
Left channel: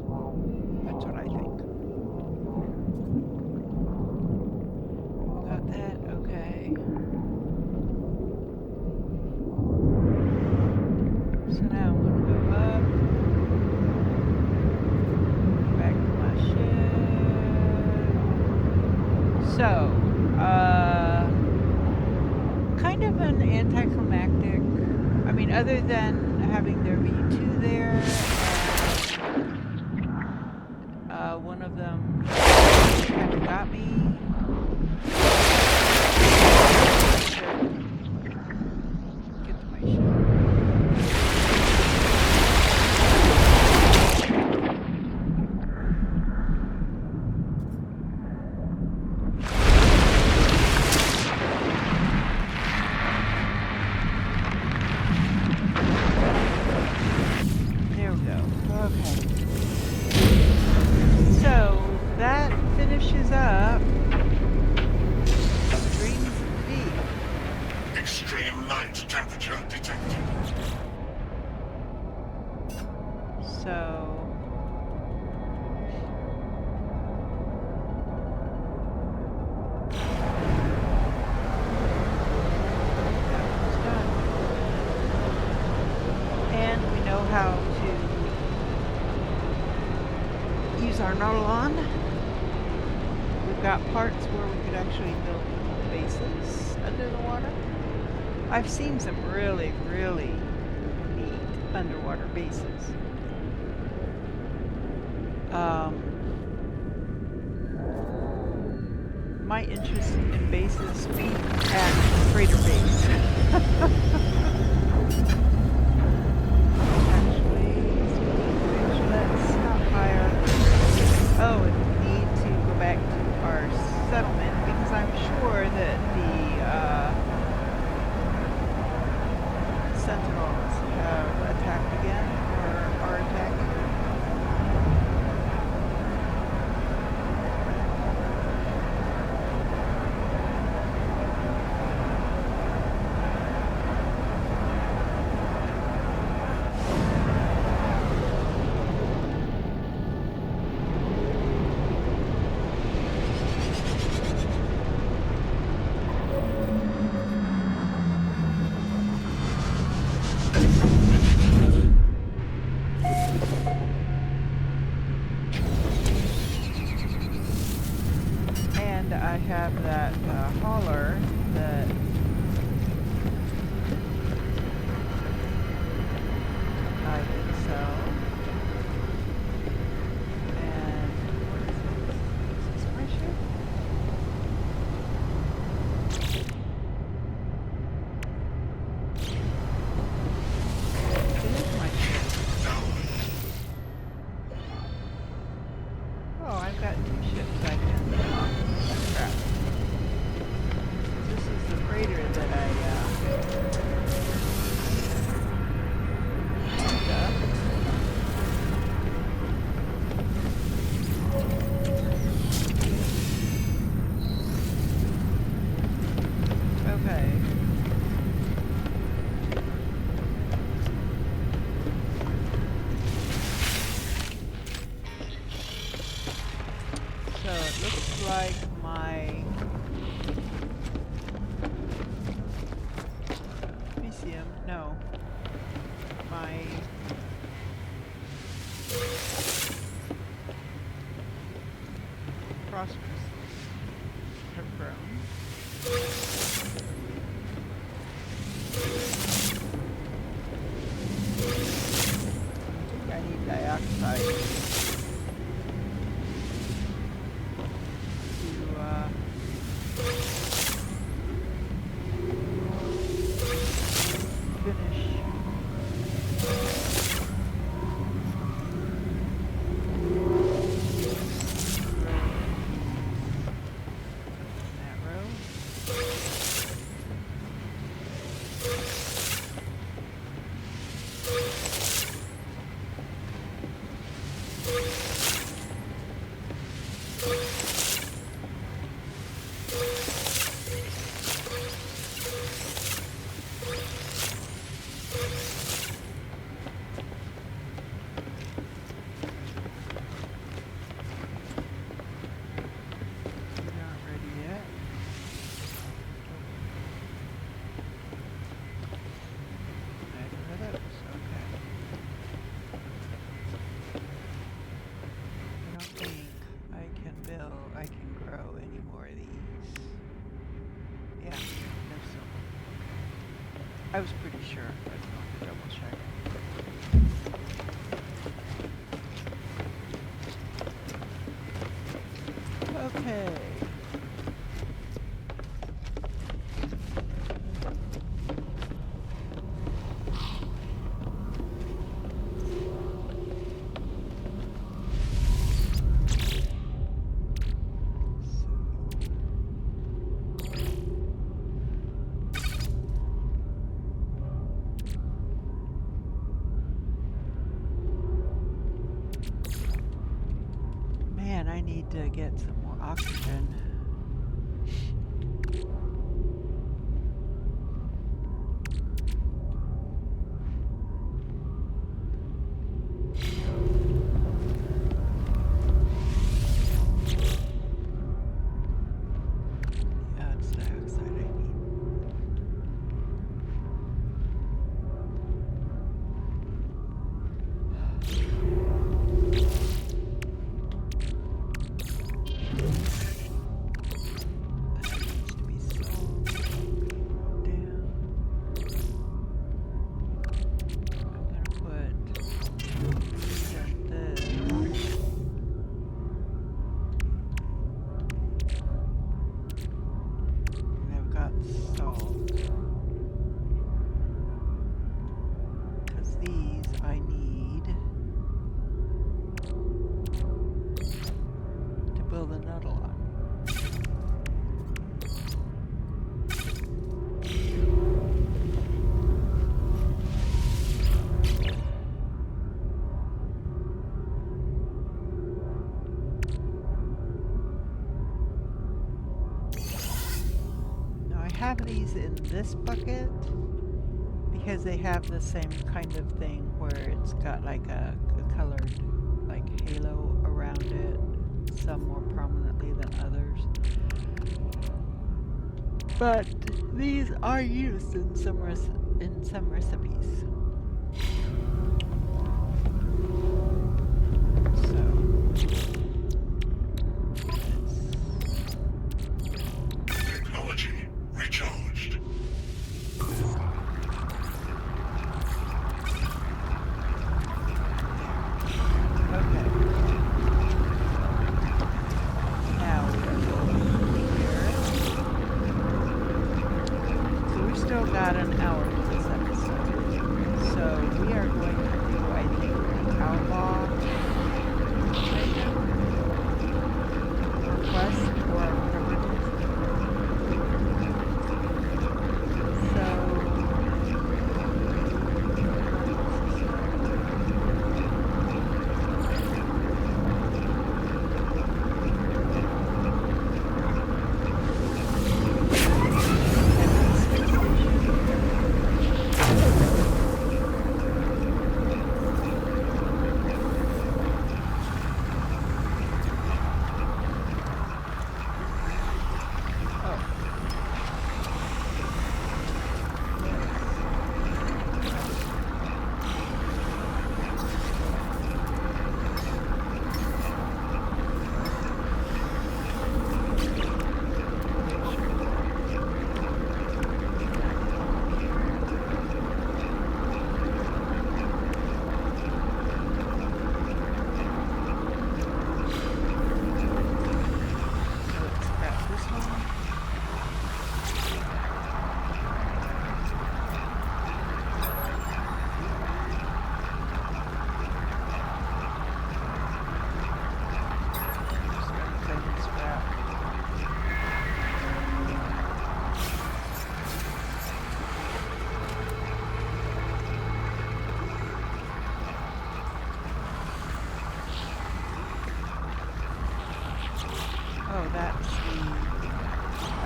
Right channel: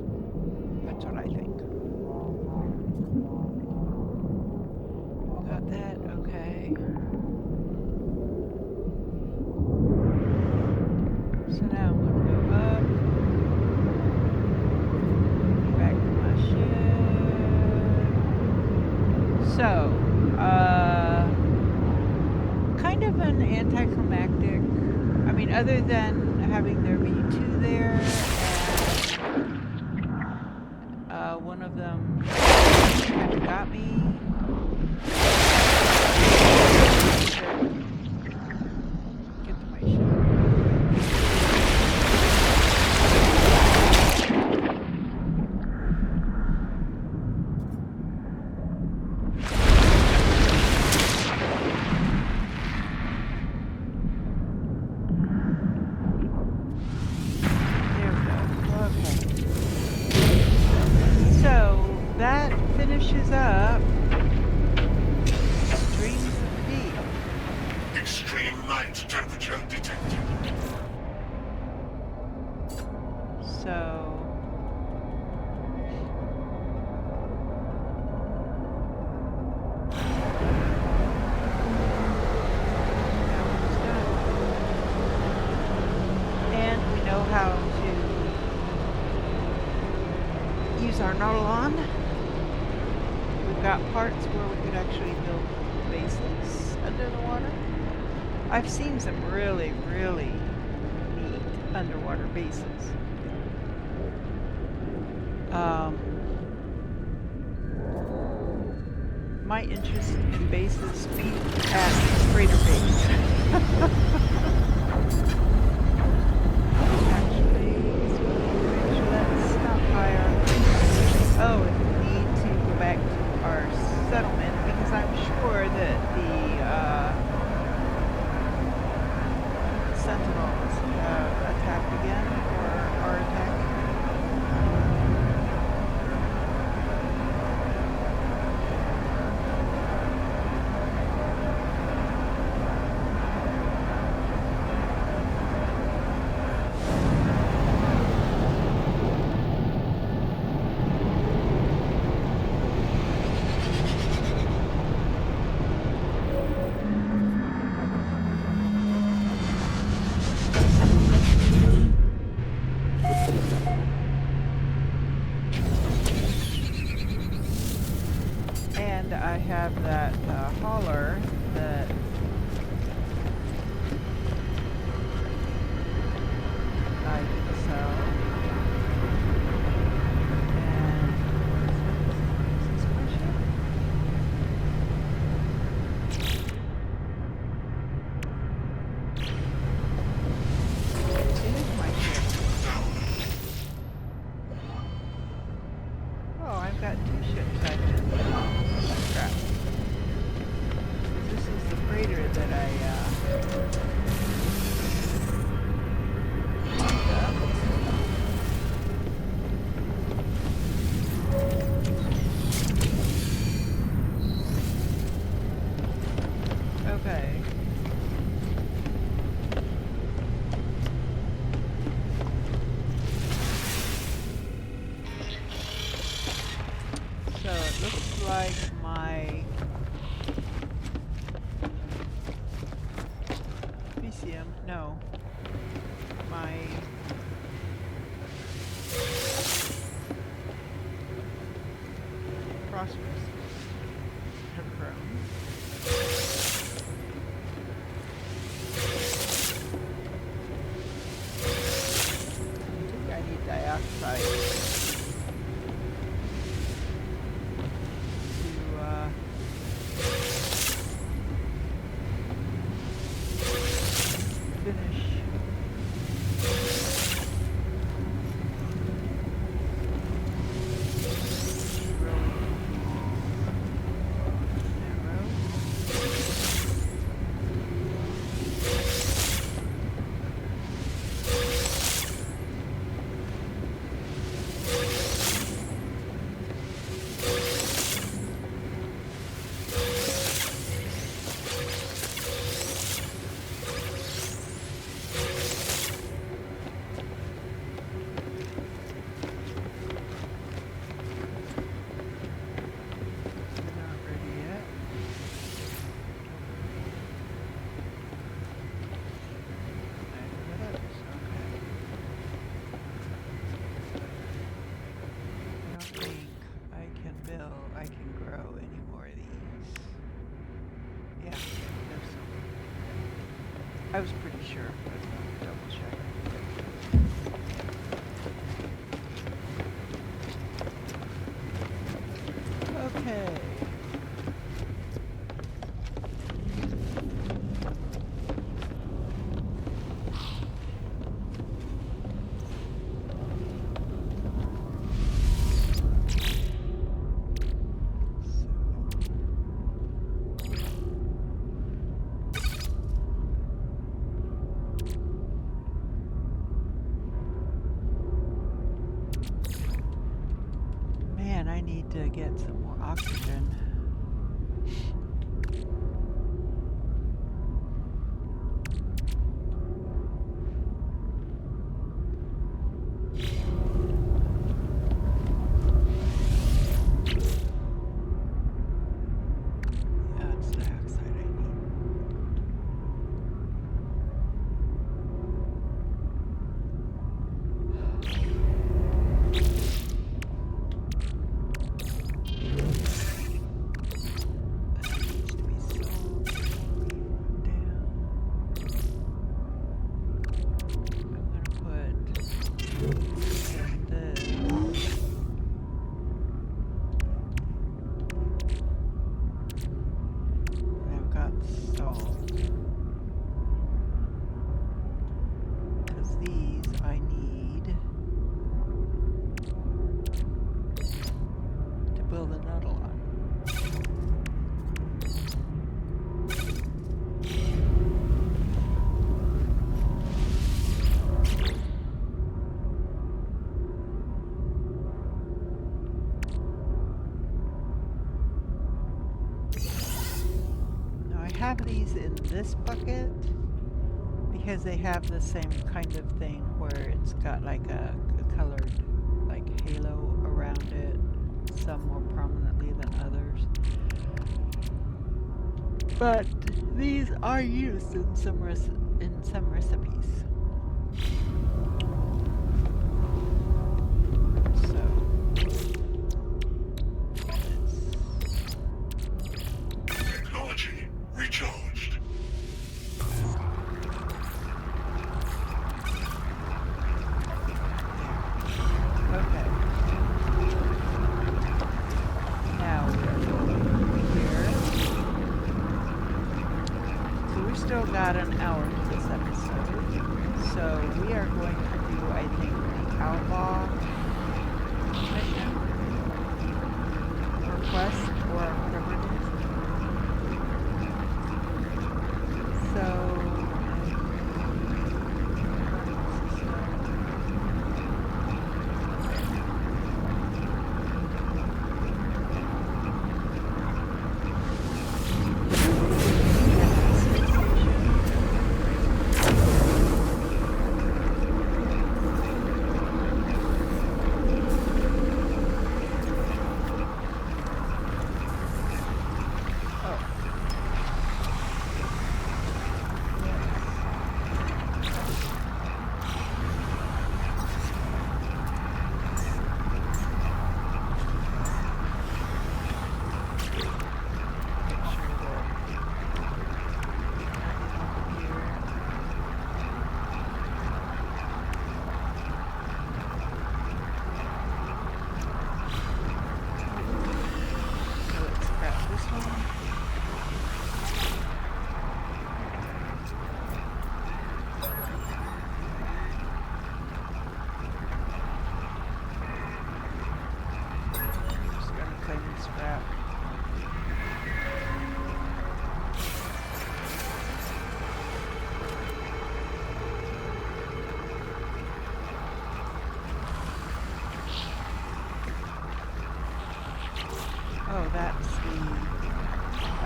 That's what I think. Got that? Okay. So now I'm gonna go up. Back to my ship. So, kind of an anticlimactic. I mean, other than having there be two there, and one of them kind of got me. Get to my ship. That finishes up Dreams of the Deep. Extreme night temperature detected. So that one's done. And we know how to use our Nautilon. We've got parts where we could actually build bases under the water. I've seen some really, really neat underwater bases. My interest in bases peaked at Freighter Base. Actually, let's stop by our... Oh, and we need to go back to our settlement because I'm sure that the Sentinels have attacked again or are attacking. And I have that hauler that I can sell. And what is this? Is this my ship? It is my ship. Oh, I've got two ships I can scrap. Okay. So it looks like my PCM, no, my phosphorus have grown. I think I need dioxide to finish growing that row. These aren't ready yet. Neither are those. Okay. I don't think I can grow any more of these. Yeah, no silver. Okay. I was pretty sure, but I wanted to double check. Okay. Man, I need to get some more oxygen. Yeah, it's dioxide I need. That needs to be solved. Down. I'm gonna put this and this. And I've got salt. Because these I need to build a nuddle on. Now I have these in this bucket because they have the same kind of thing where it's got like a colored like halo around it, some more prominently than others. But these are used in some recipes. So Technology recharged. okay. Now we are going here. So we've still got an hour to this episode. So we are going to do, I think, the outlaw mission or quest or whatever it is. So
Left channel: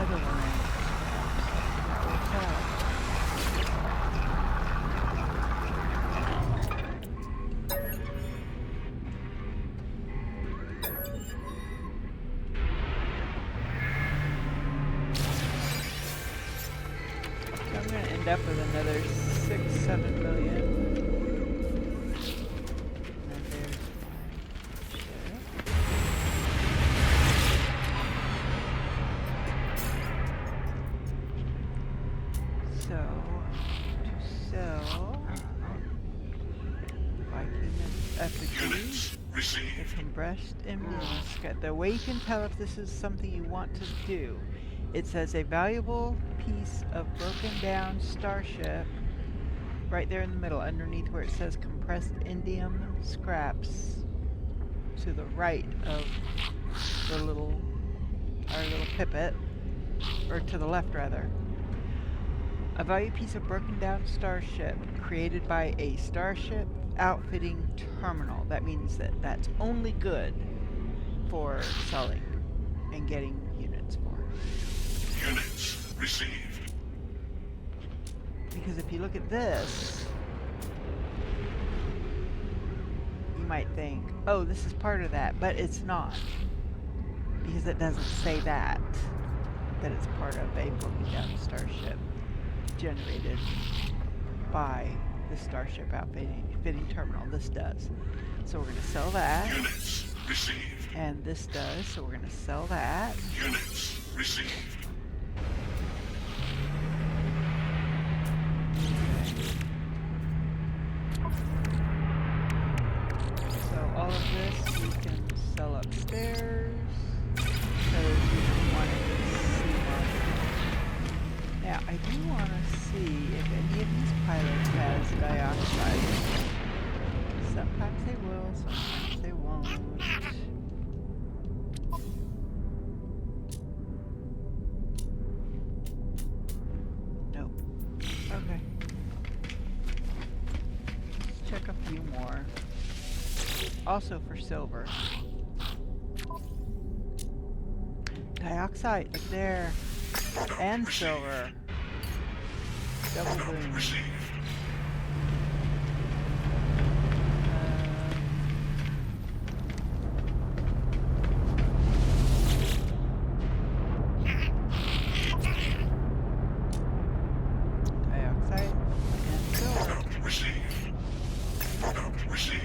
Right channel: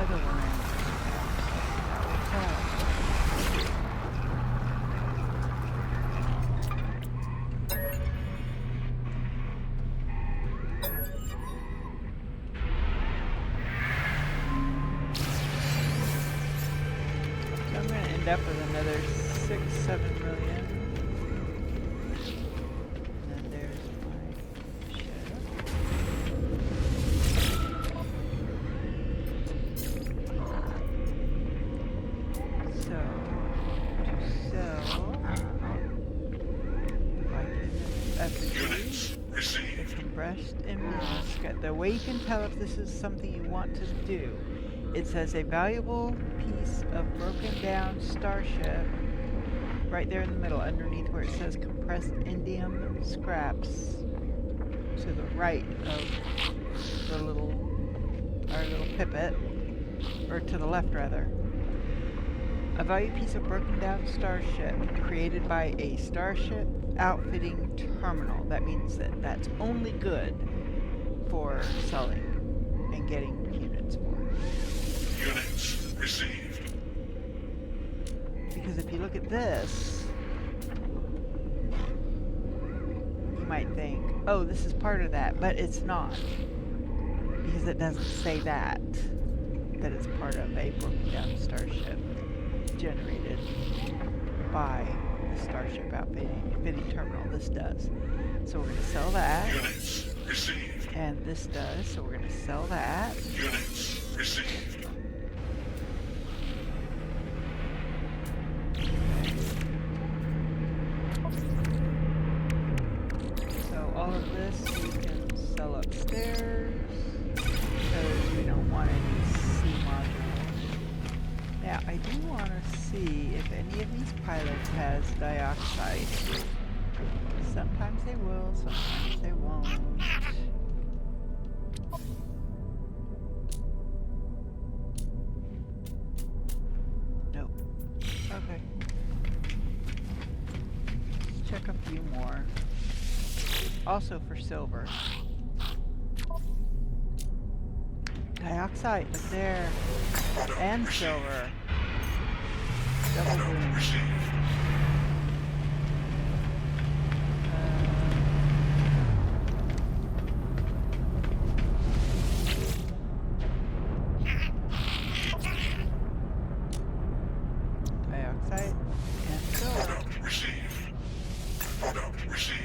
other range. That works out. So I'm going to end up with another 6-7 million. And then there's my ship. So, to sell Viking effigy, Units the received. compressed immunoscope. The way you can tell if this is something you want to do, it says a valuable piece of broken down starship right there in the middle, underneath where it says compressed indium scraps, to the right of the our little pipet, or to the left rather. A valuable piece of broken down starship created by a starship outfitting terminal. That means that that's only good for selling and getting units for. Units received. Because if you look at this, you might think, oh, this is part of that, but it's not. Because it doesn't say that it's part of a broken down starship generated by the starship outfitting terminal. This does. So we're going to sell that. Units received. And this does, so we're going to sell that. Units received. So all of this we can sell upstairs because we don't want any C modules. Now I do want to see if any of these pilots has dioxide. Sometimes they will, sometimes they won't. Nope. Okay. Let's check a few more. Also for silver. Dioxide, look there. And silver. Double boom. Received. Dioxide and silver. Received. Product received.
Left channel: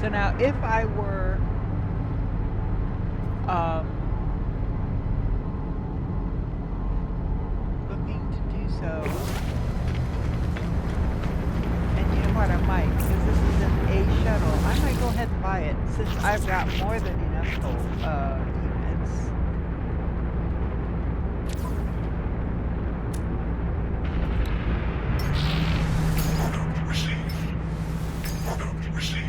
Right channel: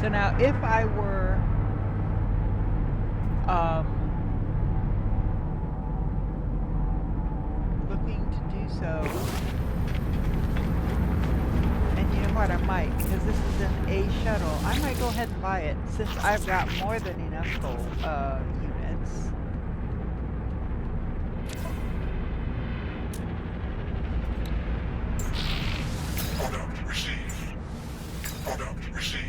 So now if I were looking to do so, and you know what, I might, because this is an A shuttle, I might go ahead and buy it since I've got more than enough units. Product received. Product received.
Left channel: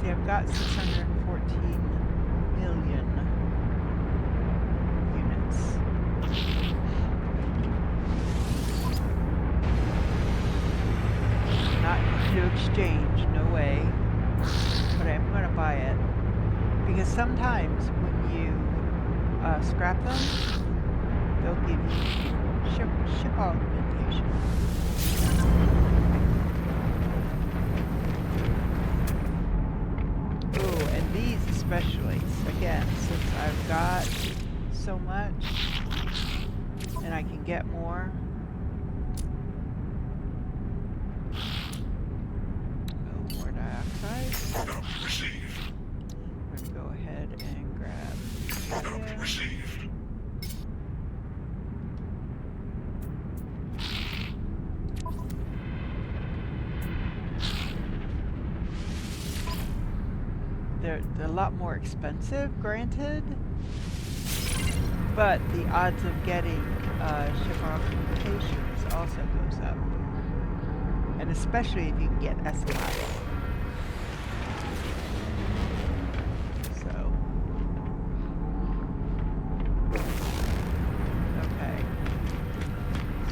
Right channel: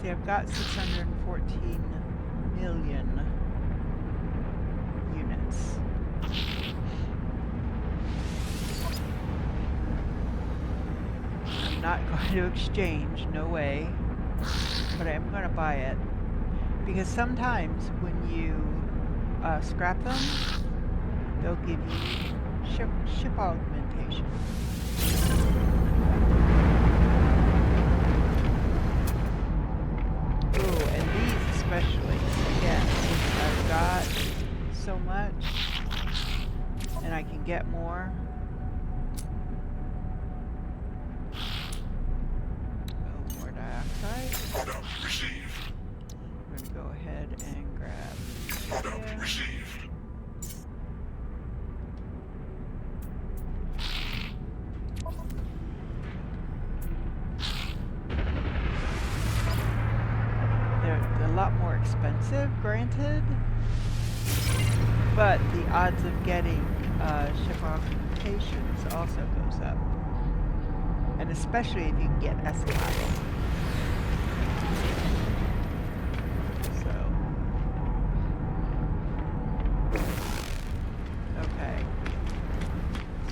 See, I've got 614 million units. I'm not going to exchange, no way. But I'm going to buy it. Because sometimes when you scrap them, they'll give you ship augmentation. Ooh, and these especially. Again, since I've got so much, and I can get more. Oh, more dioxide. Product received. We're going to go ahead and grab Product Lydia. received. they're a lot more expensive, granted, but the odds of getting ship augmentations also goes up. And especially if you can get S-Class. So. Okay.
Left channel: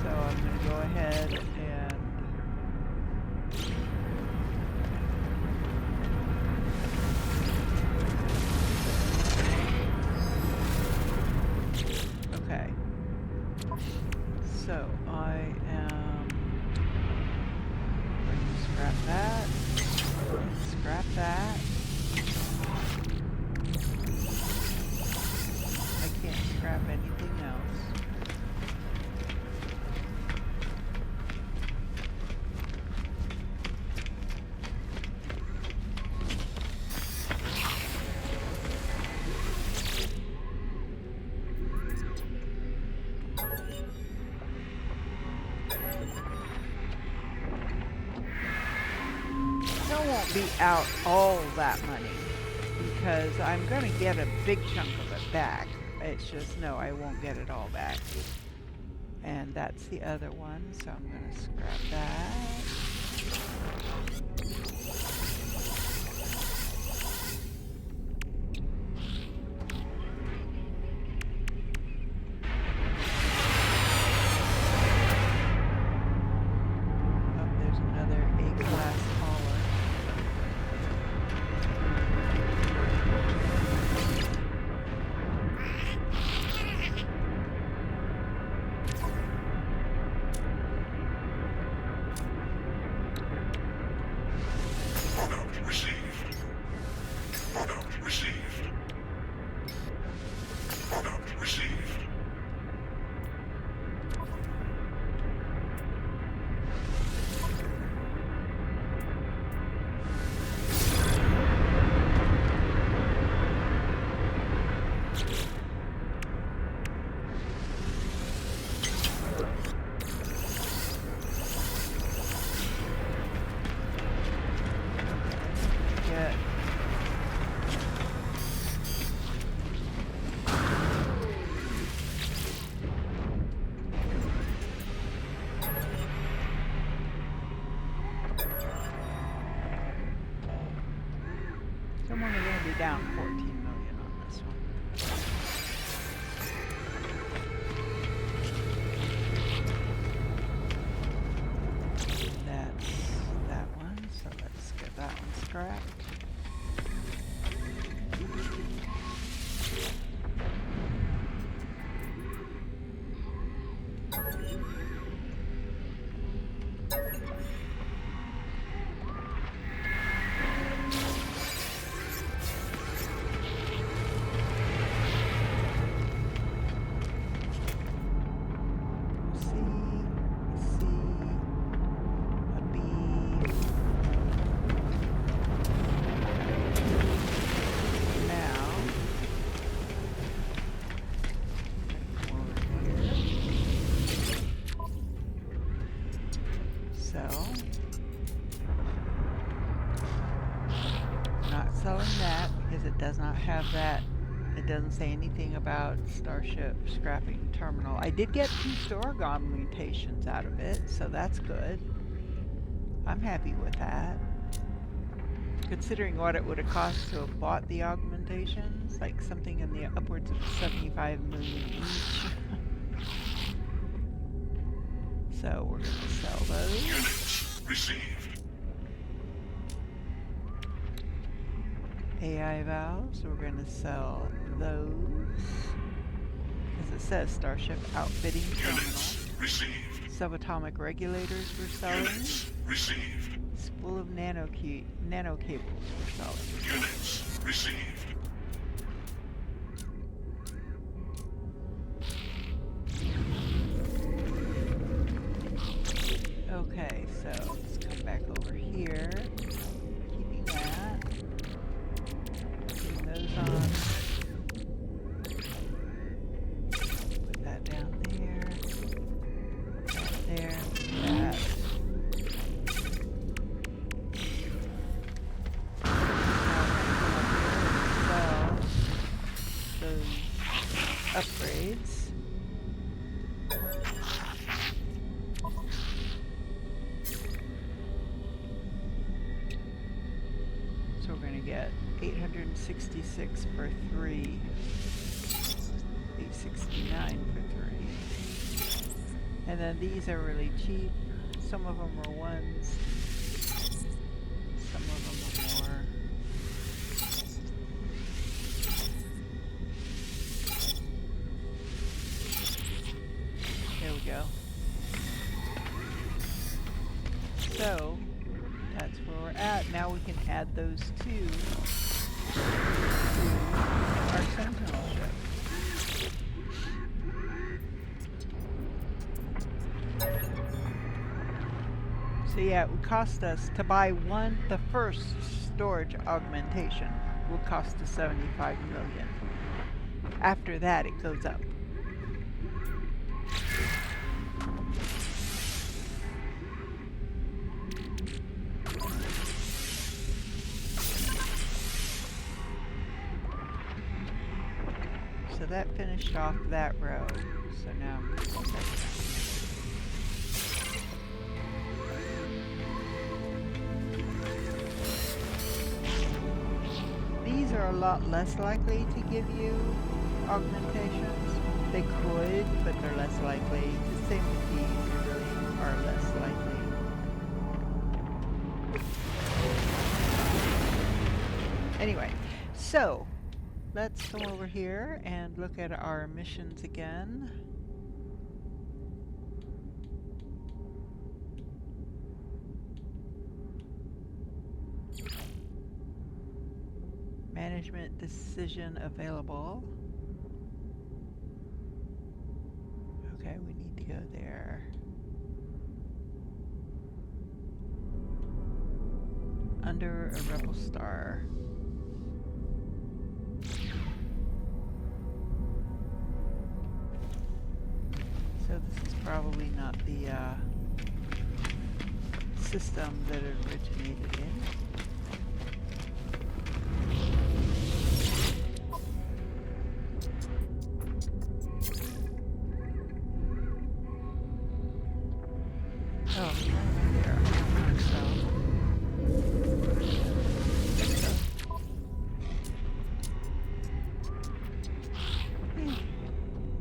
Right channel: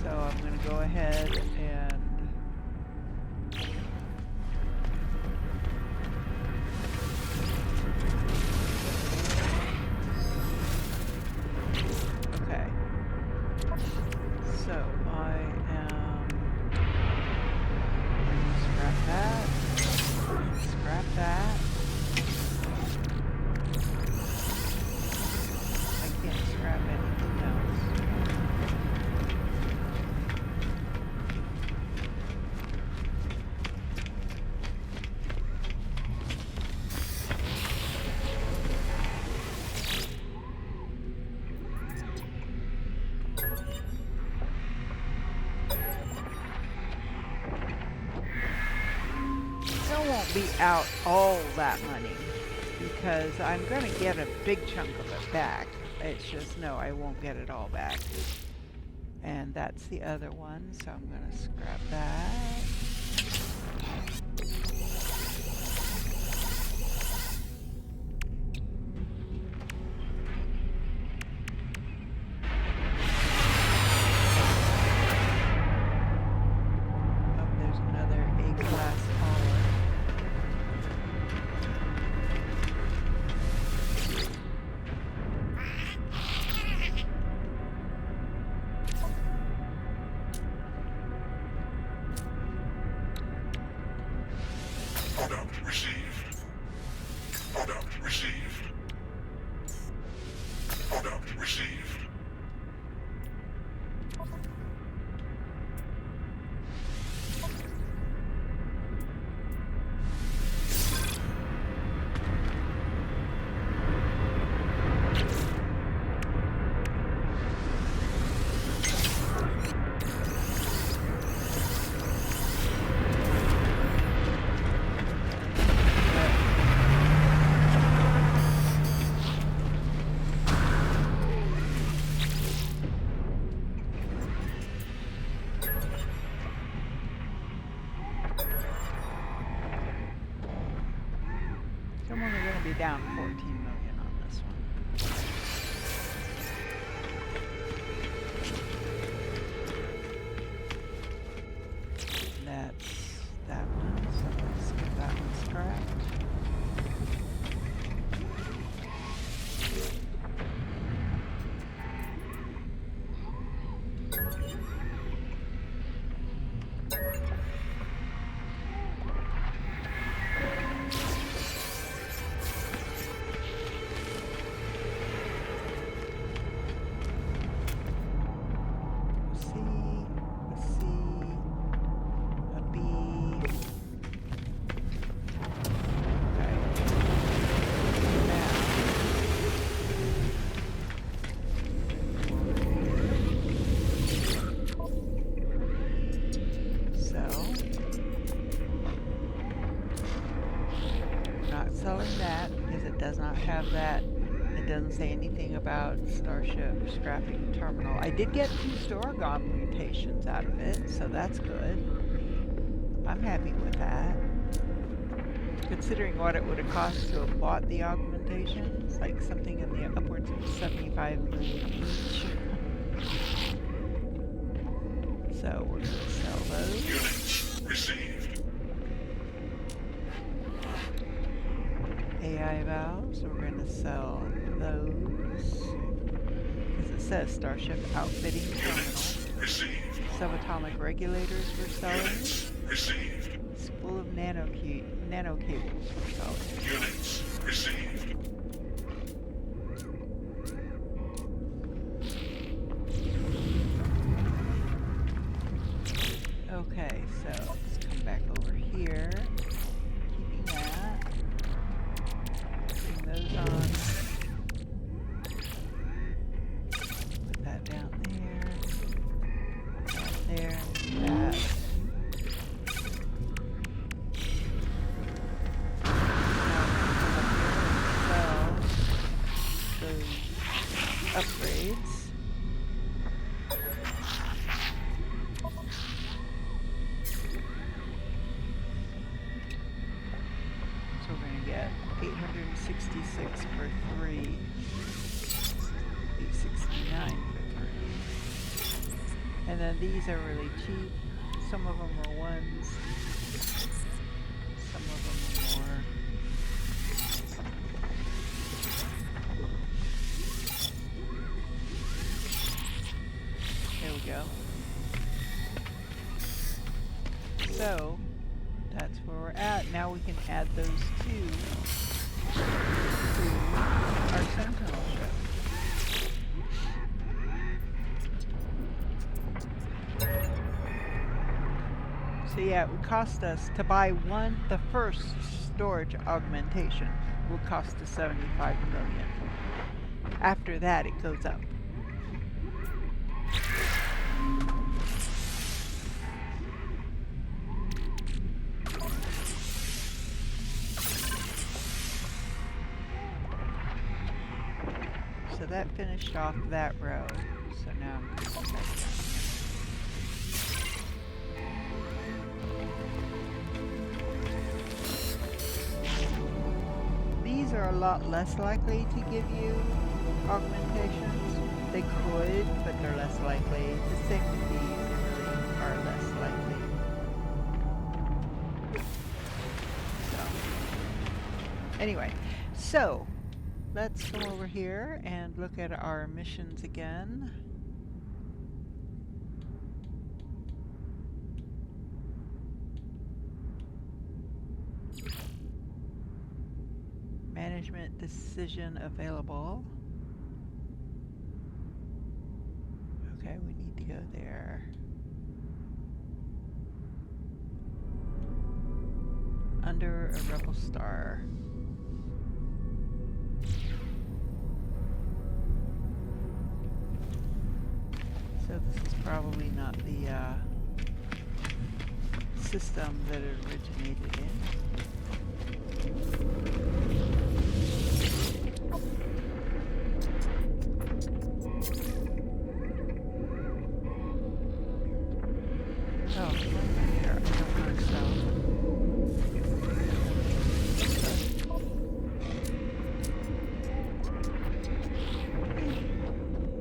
So I'm going to go ahead and okay. So I am going to scrap that. Scrap that. I can't scrap anything else. Still won't be out all that money because I'm going to get a big chunk of it back. It's just, no, I won't get it all back. And that's the other one, so I'm going to scrap that. Oh, there's another A-class hauler. Product received. Product received. Product received. Yeah. So I'm only going to be down 14 million on this one. That's that one, so let's get that one scrapped. C, a C, a B. Okay. Now, sell. Not selling that because it does not have that. It doesn't say anything about Starship scrapping terminal. I did get 2 store augmentations out of it, so that's good. I'm happy with that. Considering what it would have cost to have bought the augmentations, like something in the upwards of 75 million each. So we're going to sell those. Units received. AI valves, we're going to sell those. Because it says Starship Outfitting Terminal. Received. Subatomic regulators we're selling. Units received. Spool of nano cables we're selling. Units received. Okay, so let's come back over here. Keeping that. Putting those on. Put that down there. That there. That. Now we're gonna come up here guides. So we're going to get 866 for 3, 869 for 3. And then these are really cheap. Some of them are ones, some of them are more. There we go. So that's where we're at. Now we can add those two to our Sentinel ship. So yeah, it would cost us to buy the first storage augmentation will cost us 75 million. After that, it goes up. So that finished off that row. So now I'm going to go back down here. These are a lot less likely to give you augmentations. They could, but they're less likely. The same with these, they really are less likely. Anyway, so let's come over here and look at our missions again. Management decision available. Okay, we need to go there. Under a rebel star. So this is probably not the system that it originated in. Oh, right there. I don't think so.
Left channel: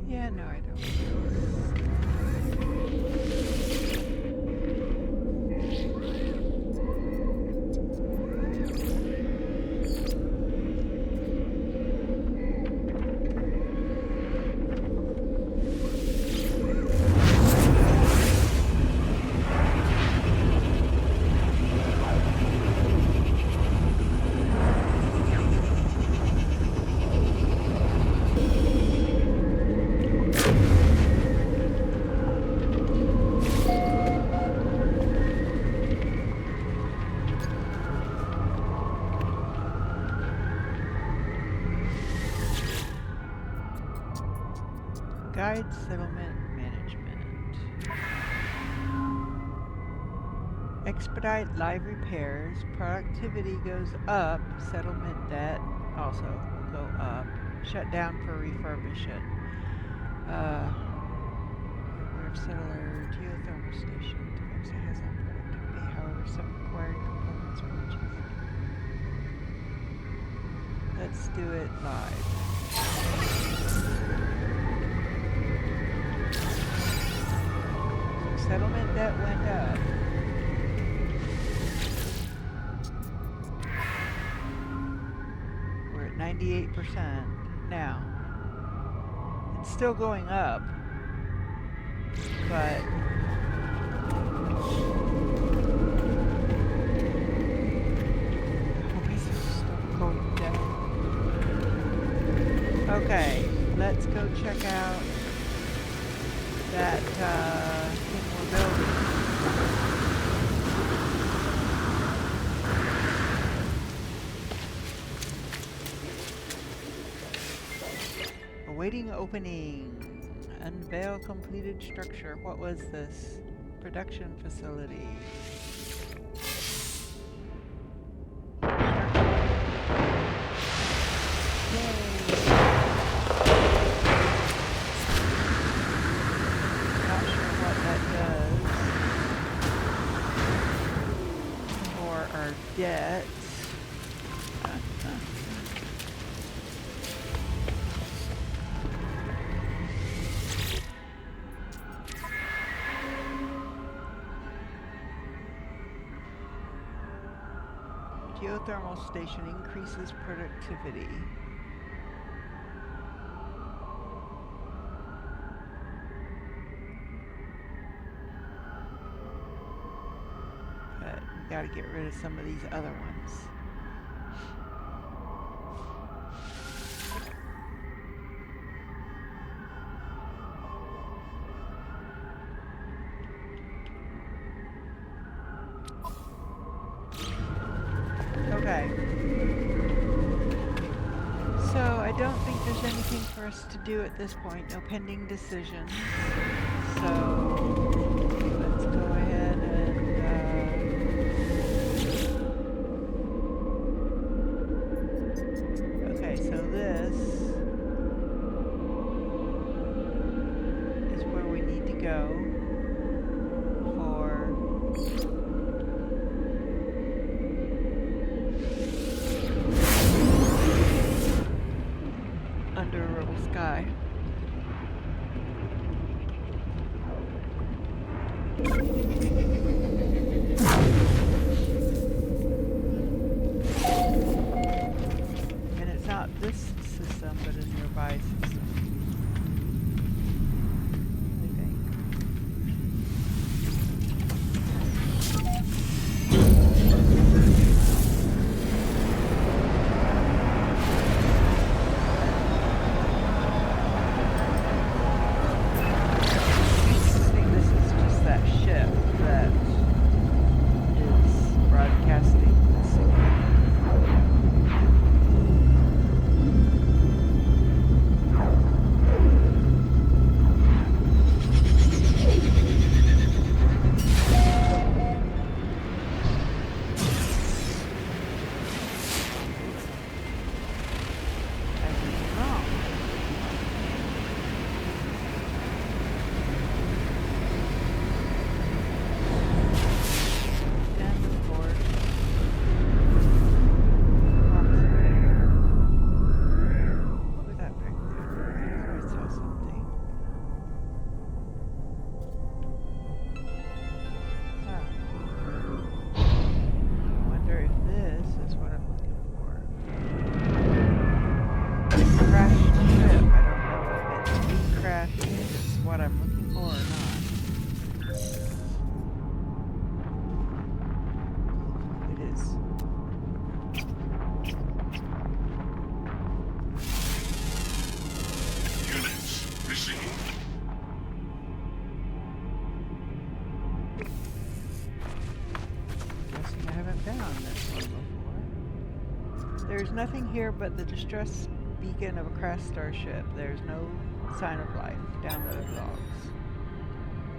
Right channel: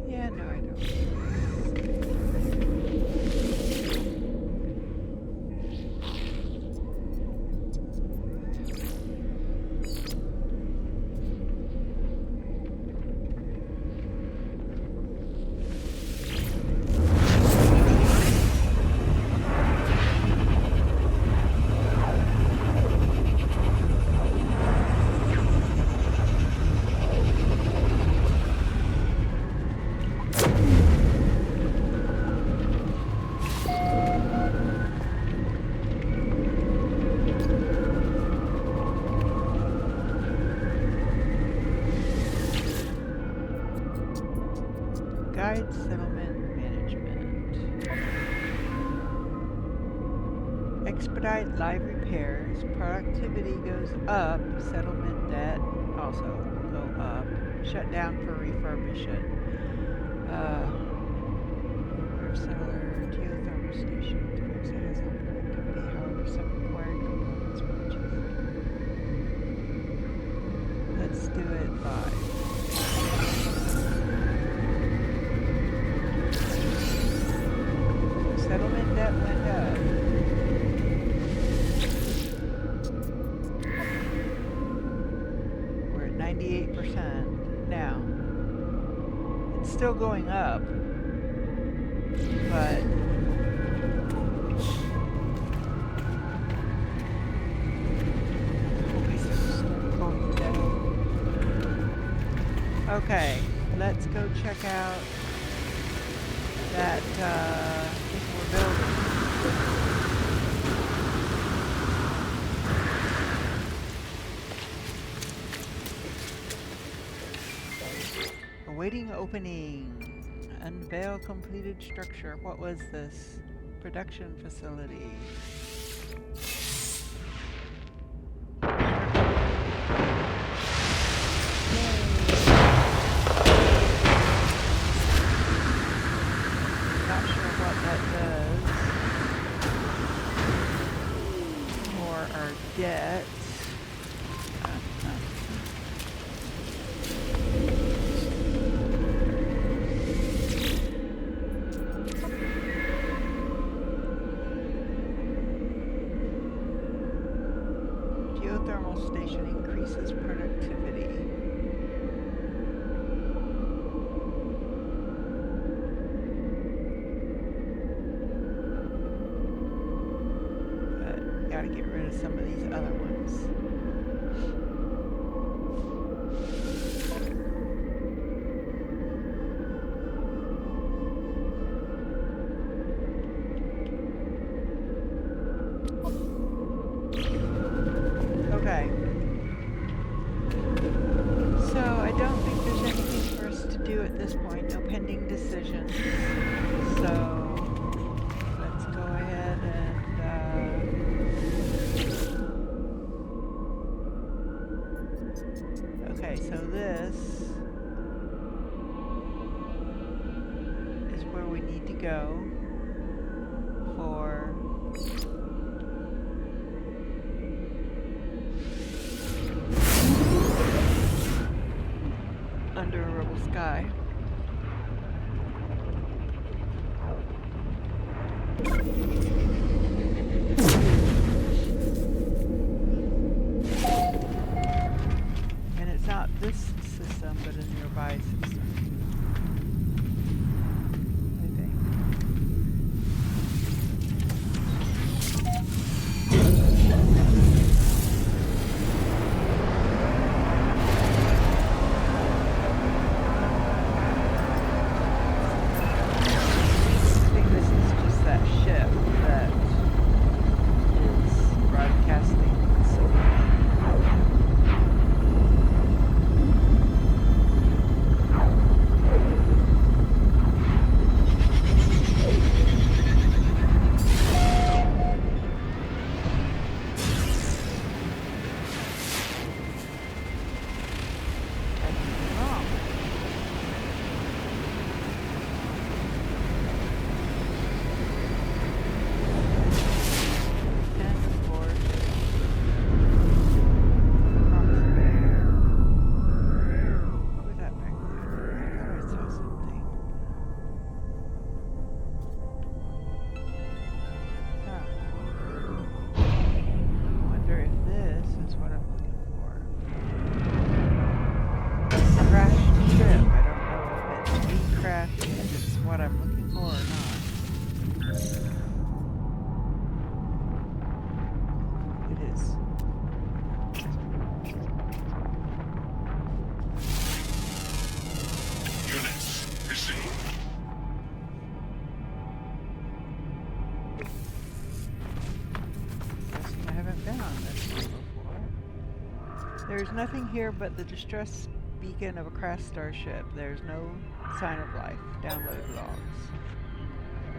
Yeah, no, I don't. Guide settlement management. Expedite live repairs. Productivity goes up. Settlement debt also will go up. Shut down for refurbishment. Aware of settler geothermal station to fix it has on productivity. However, some required components were rejected. Let's do it live. Settlement debt went up. We're at 98% now. It's still going up, but always start going down. Okay, let's go check out that thing we're building. Awaiting opening. Unveil completed structure. What was this? Production facility. yet. Geothermal station increases productivity. But gotta get rid of some of these other ones. Okay. So I don't think there's anything for us to do at this point. No pending decisions. So let's go ahead and okay, so this is where we need to go for Under a Rebel Sky. And it's not this system, but a nearby system, I think. I think this is just that ship that is broadcasting the signal. I could be wrong. And of course, approximate. What was that back there? I thought I saw something. Huh. I wonder if this is what I'm looking for. Crashed ship. I don't know if it's the crash, if it's what I'm looking for or not. It is. Units received. Guessing I haven't been on this one before. There's nothing here but the distress beacon of a crashed starship. There's no sign of life. Download logs.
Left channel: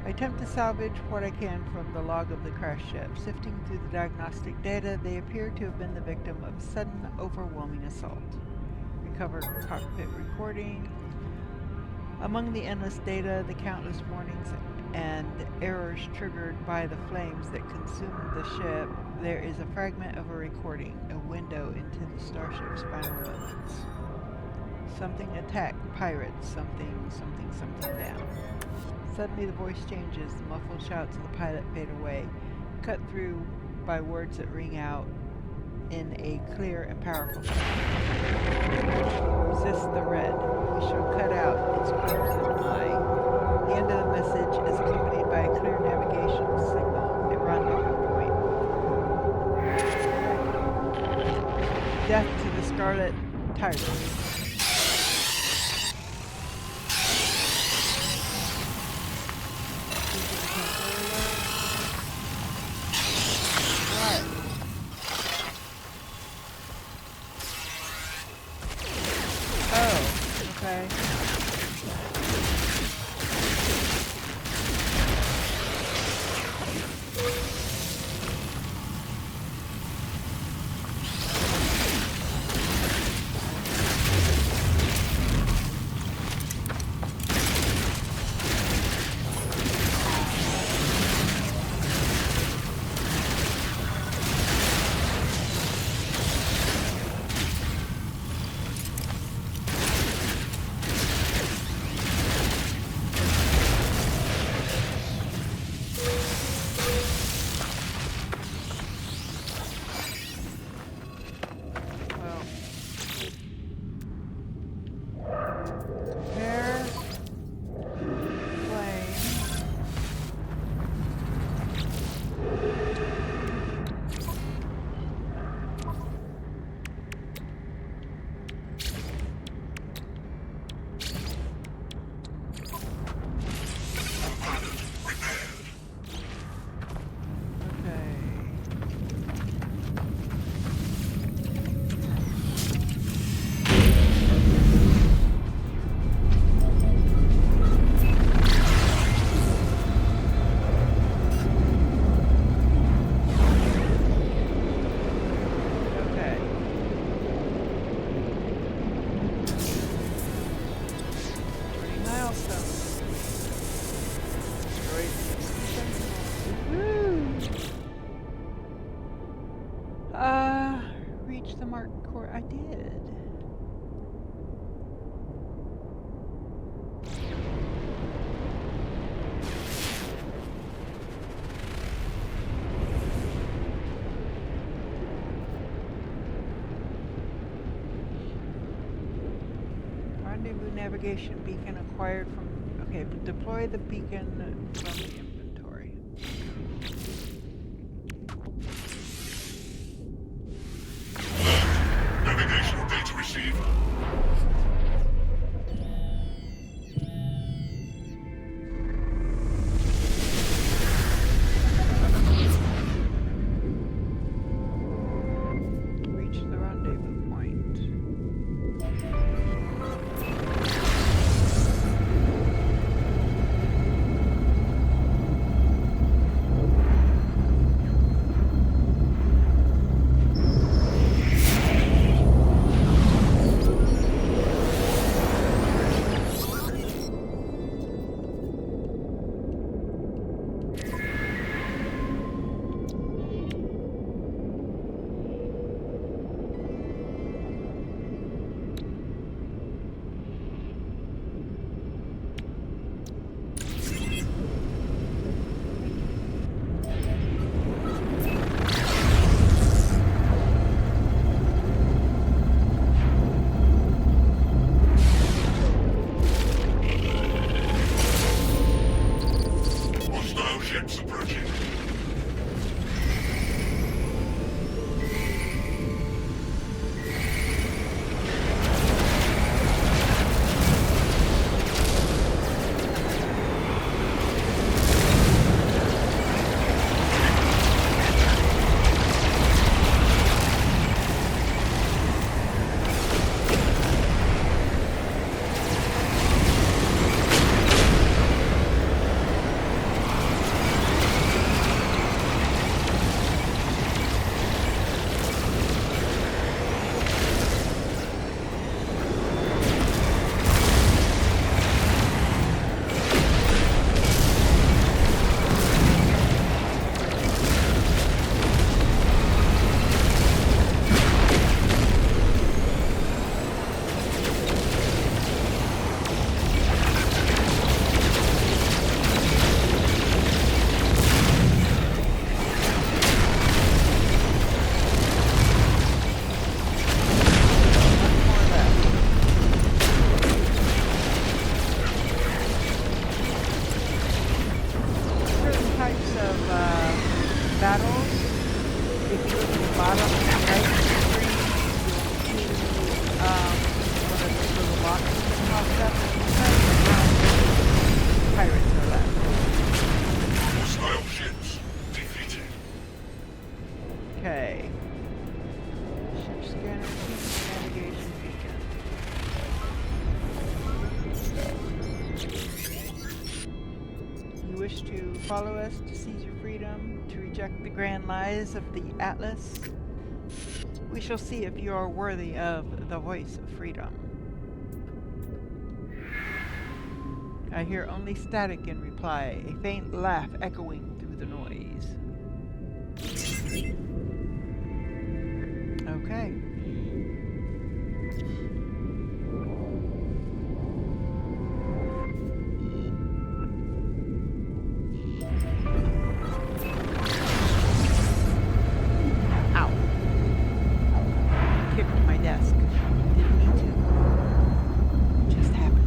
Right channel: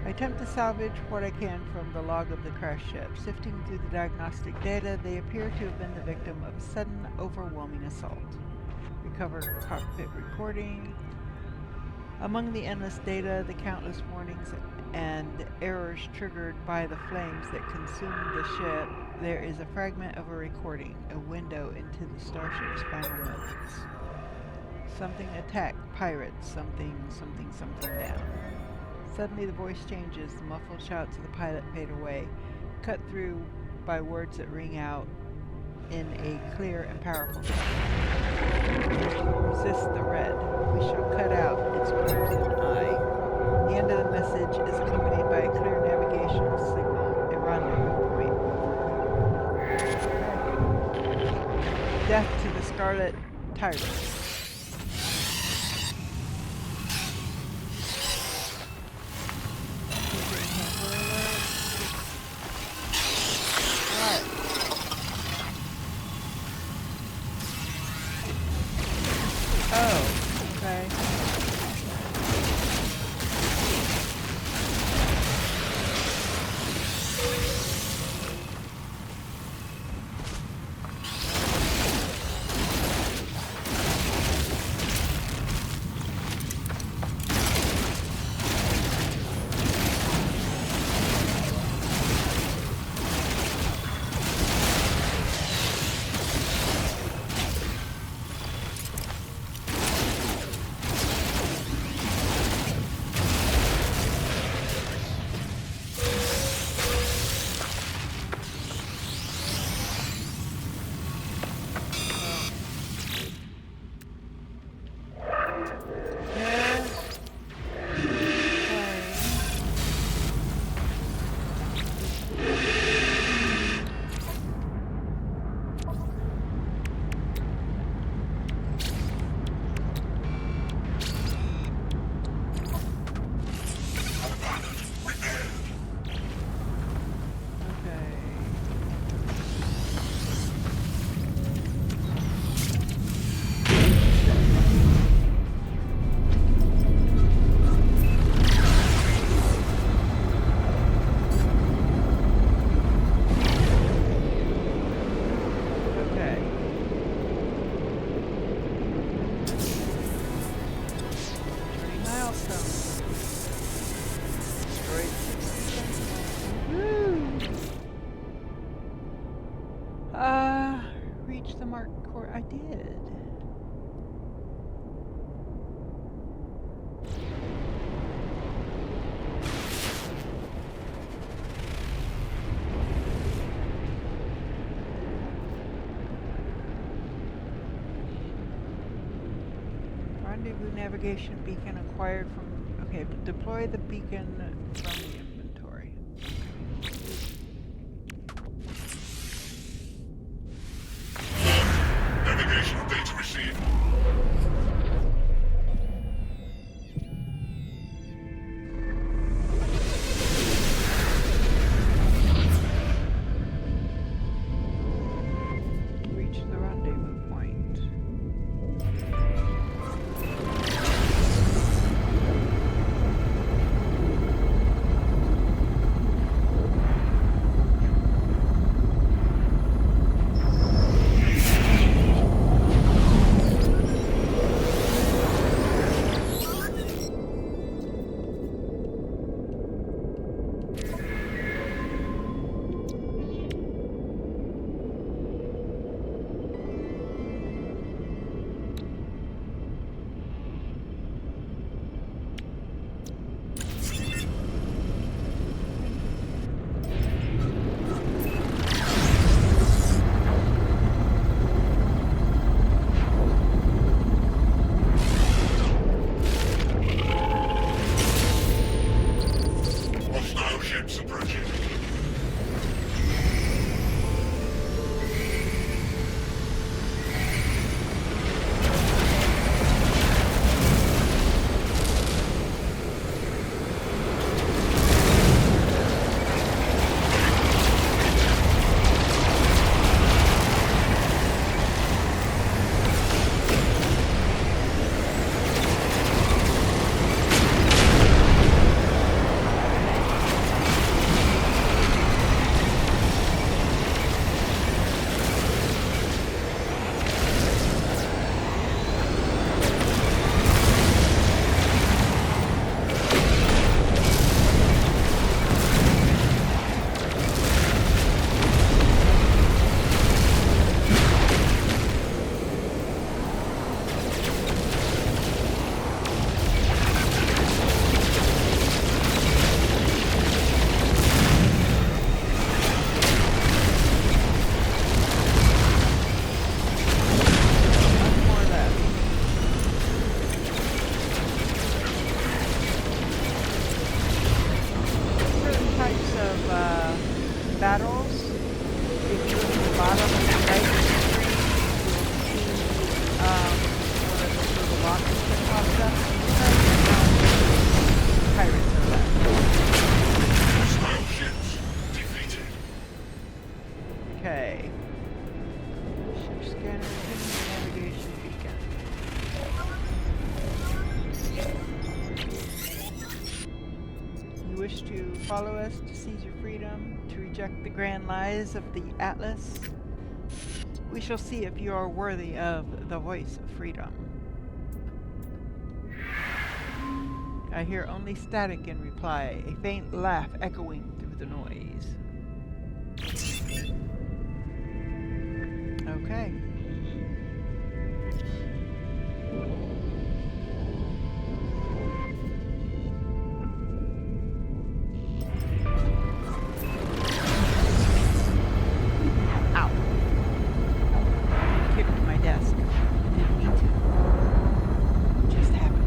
I attempt to salvage what I can from the log of the crash ship. Sifting through the diagnostic data, they appear to have been the victim of a sudden, overwhelming assault. Recover cockpit recording. Among the endless data, the countless warnings and errors triggered by the flames that consumed the ship, there is a fragment of a recording, a window into the starship's final moments. Something attacked pirates, something down. Suddenly the voice changes, the muffled shouts of the pilot fade away, cut through by words that ring out in a clear and powerful tone. Resist the red. We shall cut out its crimson eye. The end of the message is accompanied by a clear navigational signal, a rendezvous point over Who. Death to the Scarlet Tyrant. What? Oh, okay. reach the marked core? I did. Rendezvous navigation beacon acquired from... Okay, but deploy the beacon from the inventory. Navigational data received. Reach the rendezvous point. Hostile ships approaching. One more left. Certain types of battles, if you look at the bottom right of the screen, you'll see one of those little boxes that pops up. Pirates are left. Hostile ships defeated. Okay. Ship scanner, human navigation beacon. You wish to follow us to seize your freedom, to reject the grand lies of the Atlas? We shall see if you are worthy of the voice of freedom. I hear only static in reply, a faint laugh echoing through the noise. Okay. Ow. Kicked my desk. Didn't mean to. Just happened.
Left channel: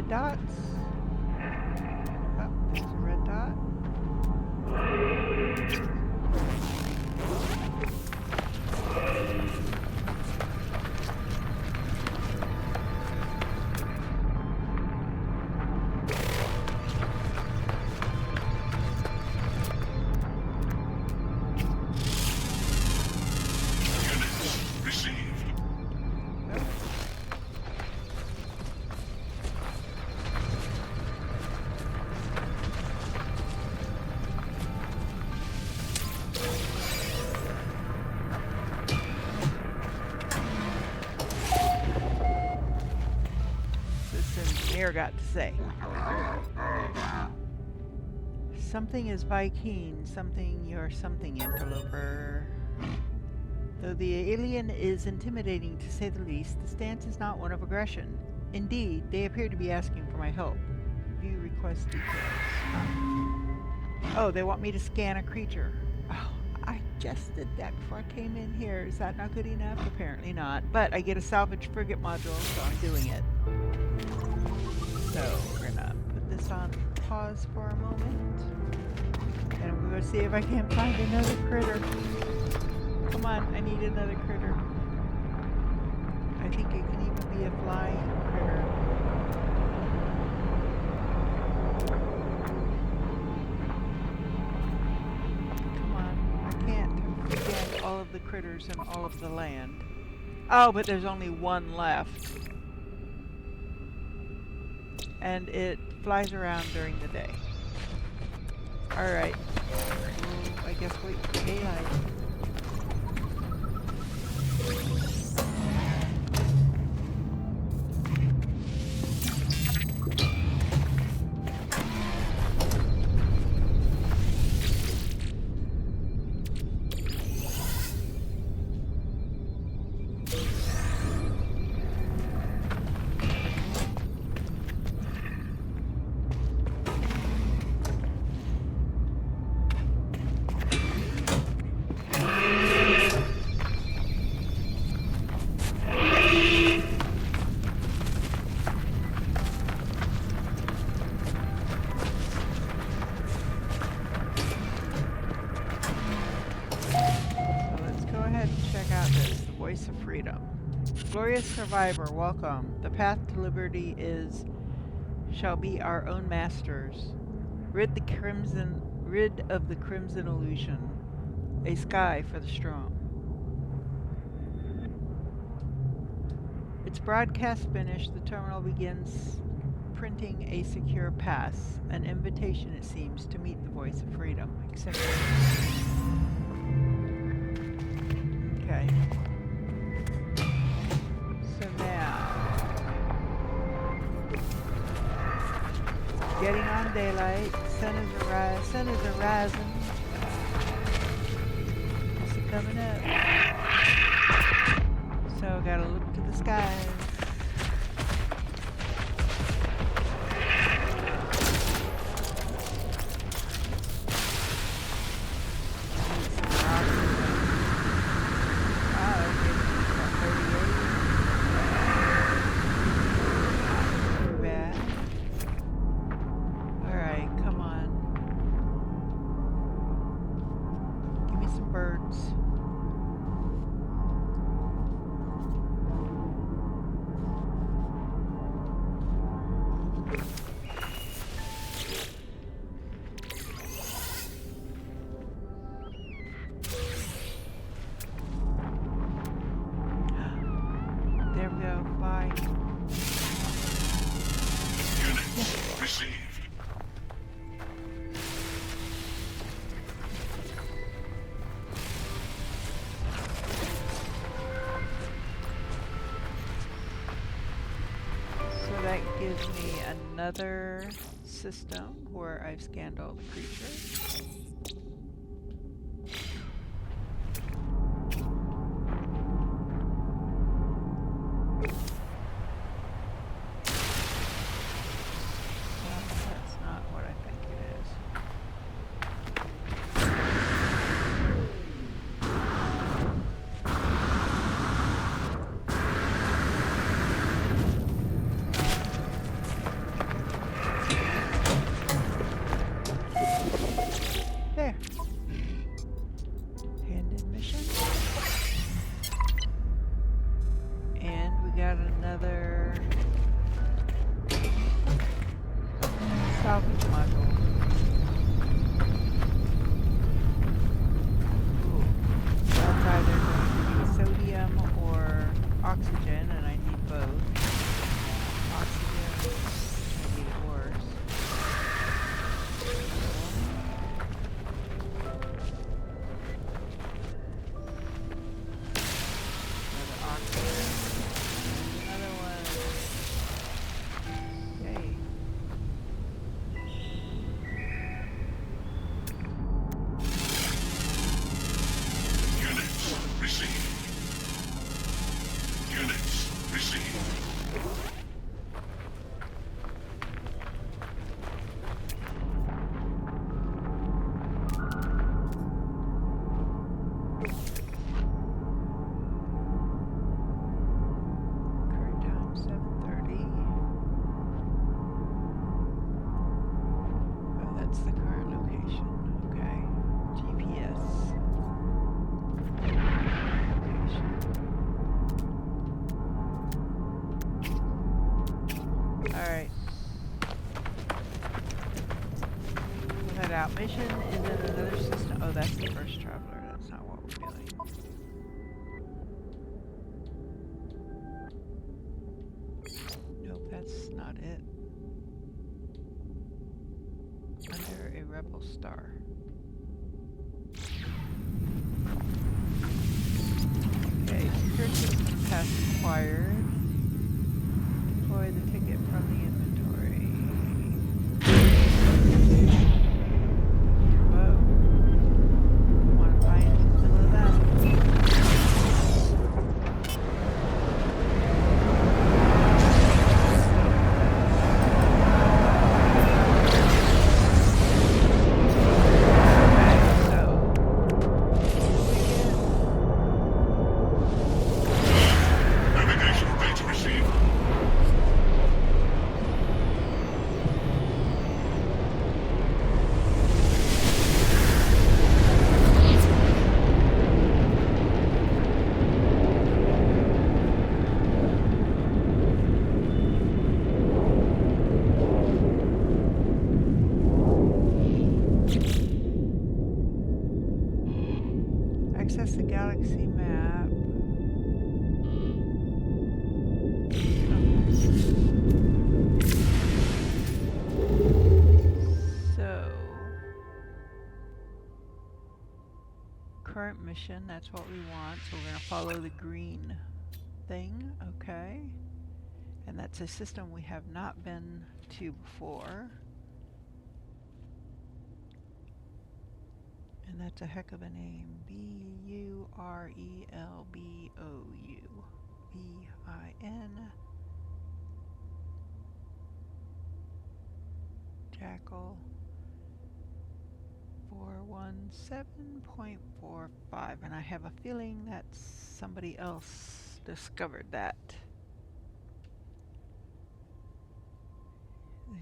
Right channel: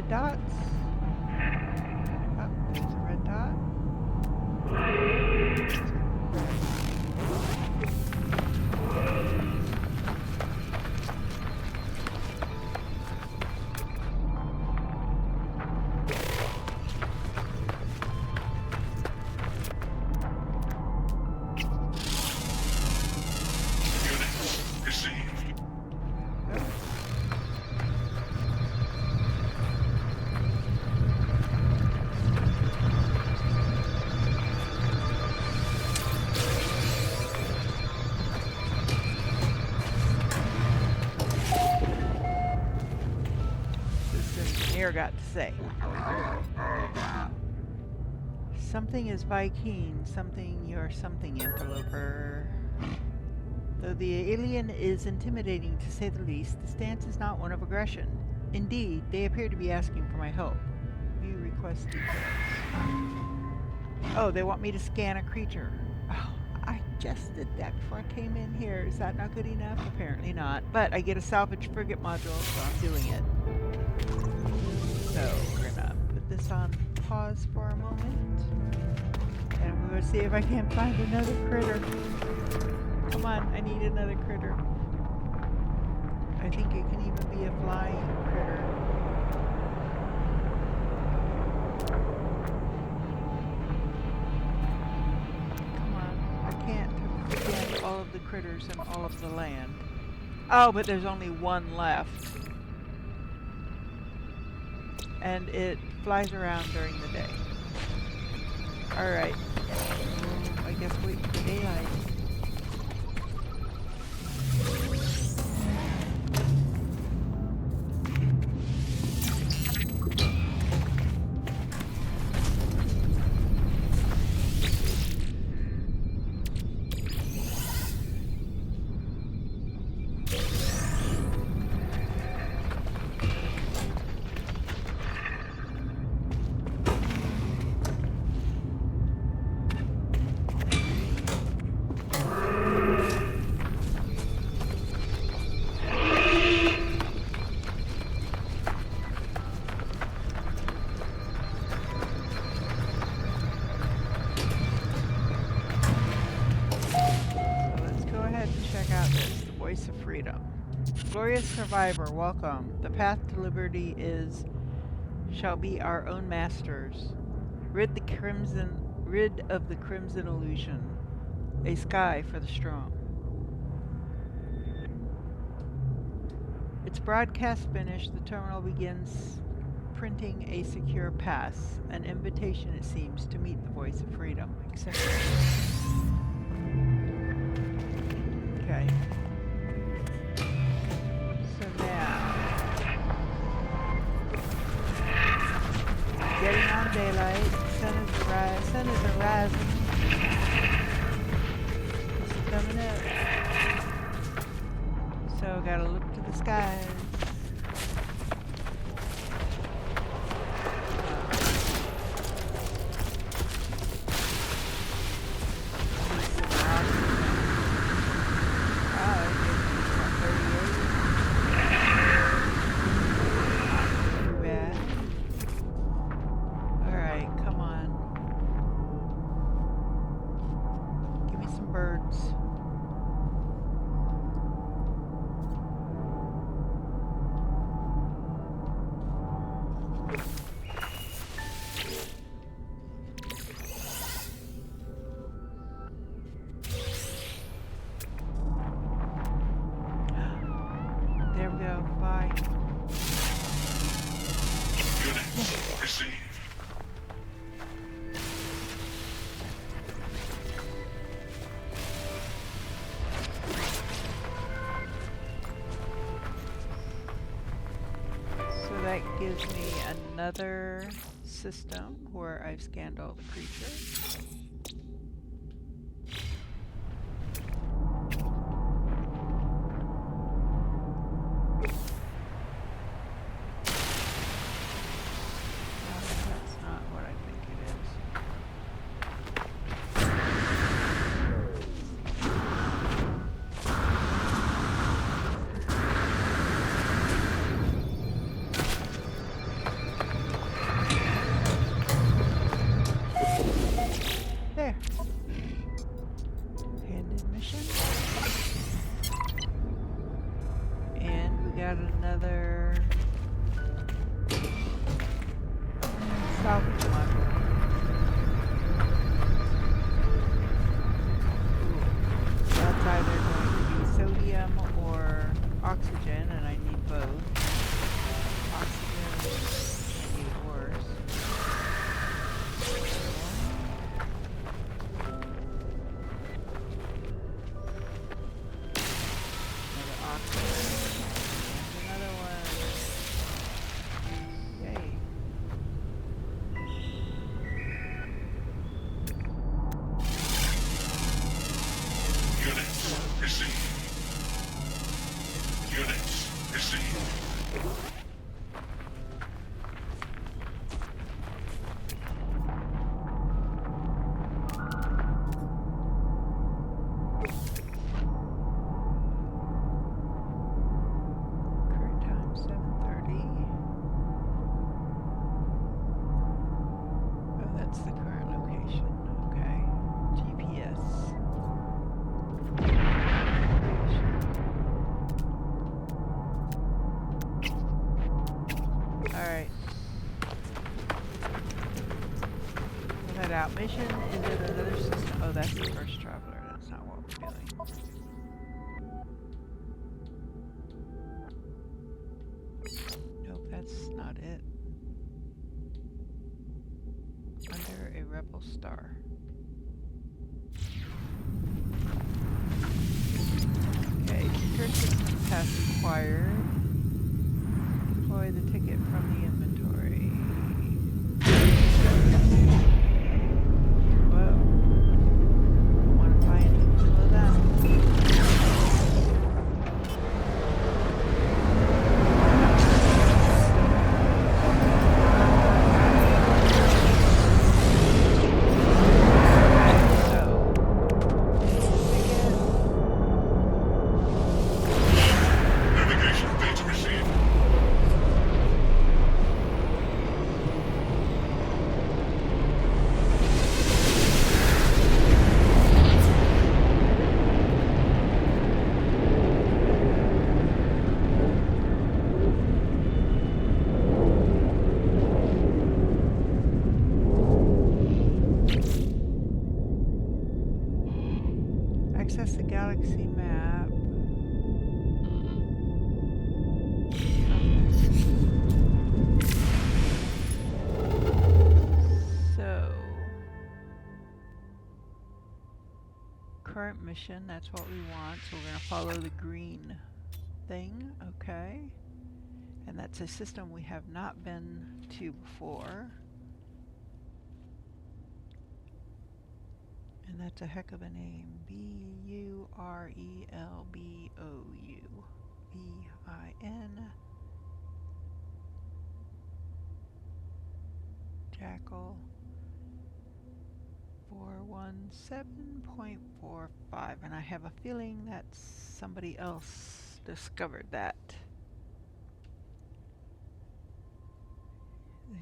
red dots. Oh, there's a red dot. Engineer got to say. Something is Vy'keen, something you're something, interloper. Though the alien is intimidating to say the least, the stance is not one of aggression. Indeed, they appear to be asking for my help. View request details. Oh, they want me to scan a creature. Oh, I just did that before I came in here. Is that not good enough? Apparently not. But I get a salvage frigate module, so I'm doing it. So we're gonna put this on pause for a moment. And I'm gonna see if I can find another critter. Come on, I need another critter. I think it can even be a flying critter. Come on, I can't scan all of the critters in all of the land. Oh, but there's only one left. And it flies around during the day. Alright. We'll, I guess, wait for daylight. Of freedom. Glorious survivor, welcome. The path to liberty shall be our own masters. Rid of the crimson illusion. A sky for the strong. Its broadcast finished, the terminal begins printing a secure pass. An invitation, it seems, to meet the voice of freedom. Accept it. Okay. So now, getting on daylight, sun is arising. It's coming up. So gotta look to the skies. There we go. Bye. Received. So that gives me another system where I've scanned all the creatures. got another salvage module. Cool. That's either going to be sodium or oxygen, and I need both. Oxygen, I need it worse. Another oxygen. And another one. Yay. Units received. Units received. Current time 7:30. Oh, that's the current location. Okay. GPS. Location. Alright. We'll head out. Mission is in another system. Oh, that's the first traveler. That's not what we're doing. Nope, that's not it. Under a rebel star. Okay, secure system pass acquired. Deploy the ticket from the inventory. Whoa. Don't want to fly into the middle of that. Navigational data received. Access the galaxy map. Okay. So, current mission, that's what we want. So we're going to follow the green thing. Okay. And that's a system we have not been to before. And that's a heck of a name. B-U-R-E-L-B-O-U. V-I-N. Jackal. 417.45. And I have a feeling that somebody else discovered that.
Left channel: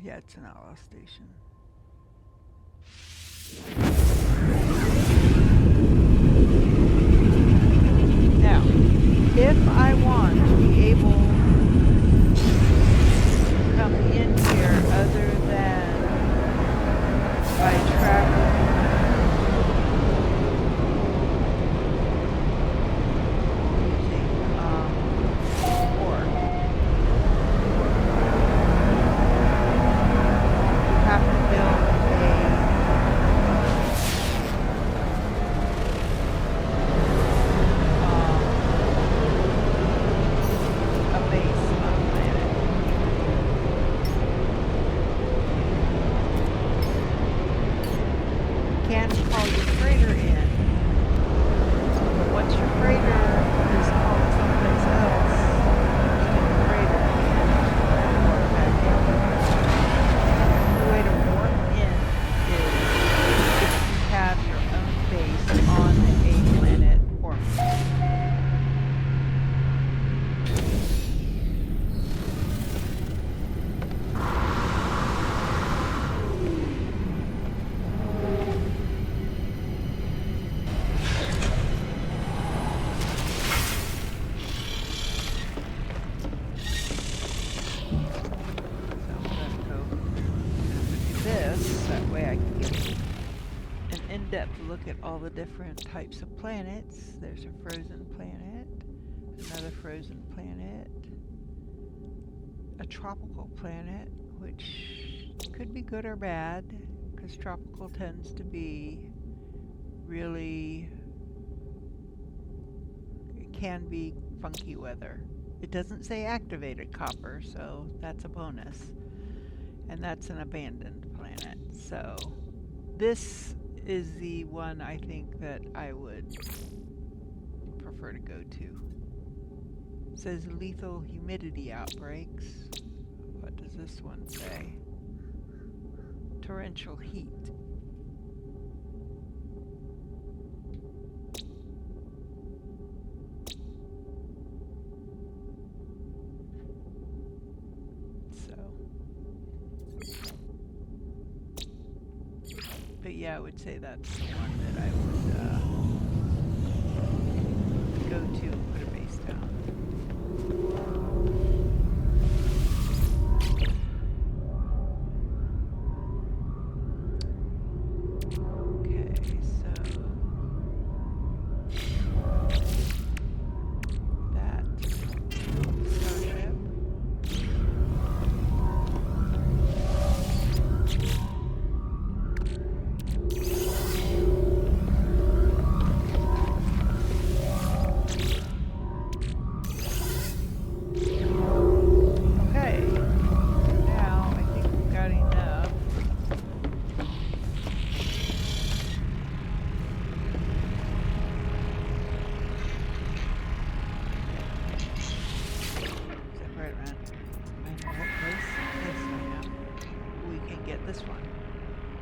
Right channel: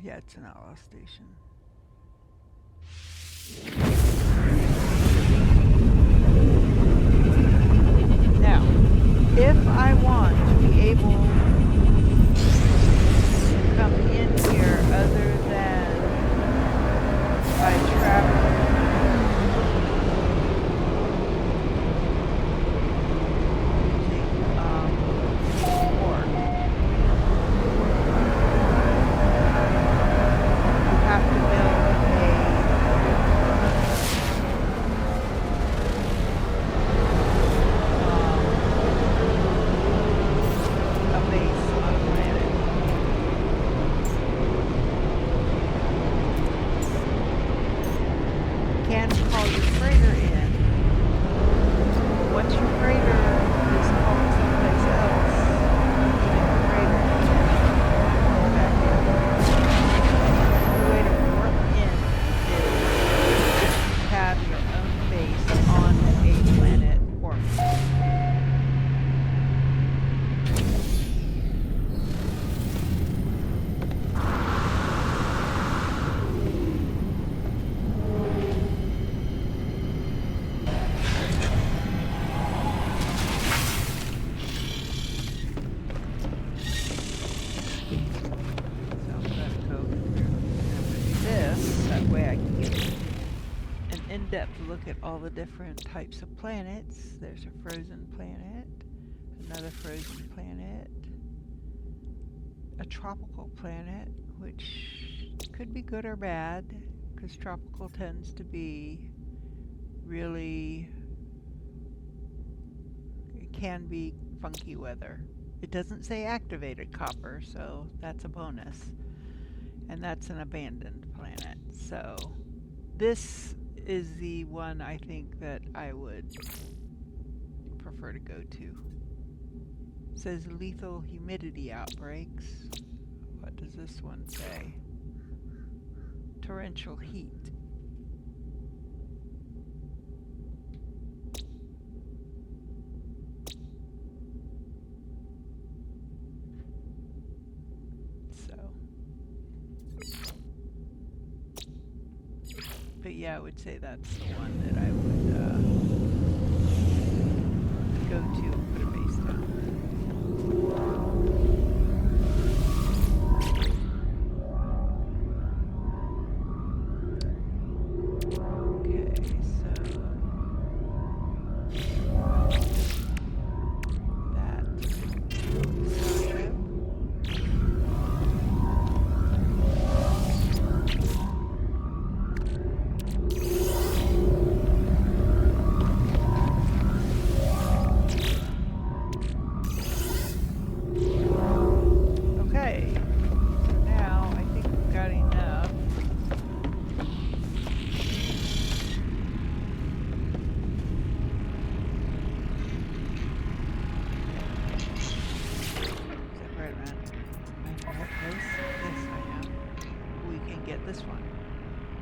Yeah, it's an outlaw station. Now, if I want to be able to come in here other than by traveling using Borg, you have to build a base on a planet. in-depth look at all the different types of planets. There's a frozen planet, another frozen planet, a tropical planet, which could be good or bad, because tropical tends to be really, it can be funky weather. It doesn't say activated copper, so that's a bonus. And that's an abandoned planet. So this is the one I think that I would prefer to go to. It says lethal humidity outbreaks. What does this one say? Torrential heat. But yeah, I would say that's the one that I would go to and put a base down. Okay, so that starship.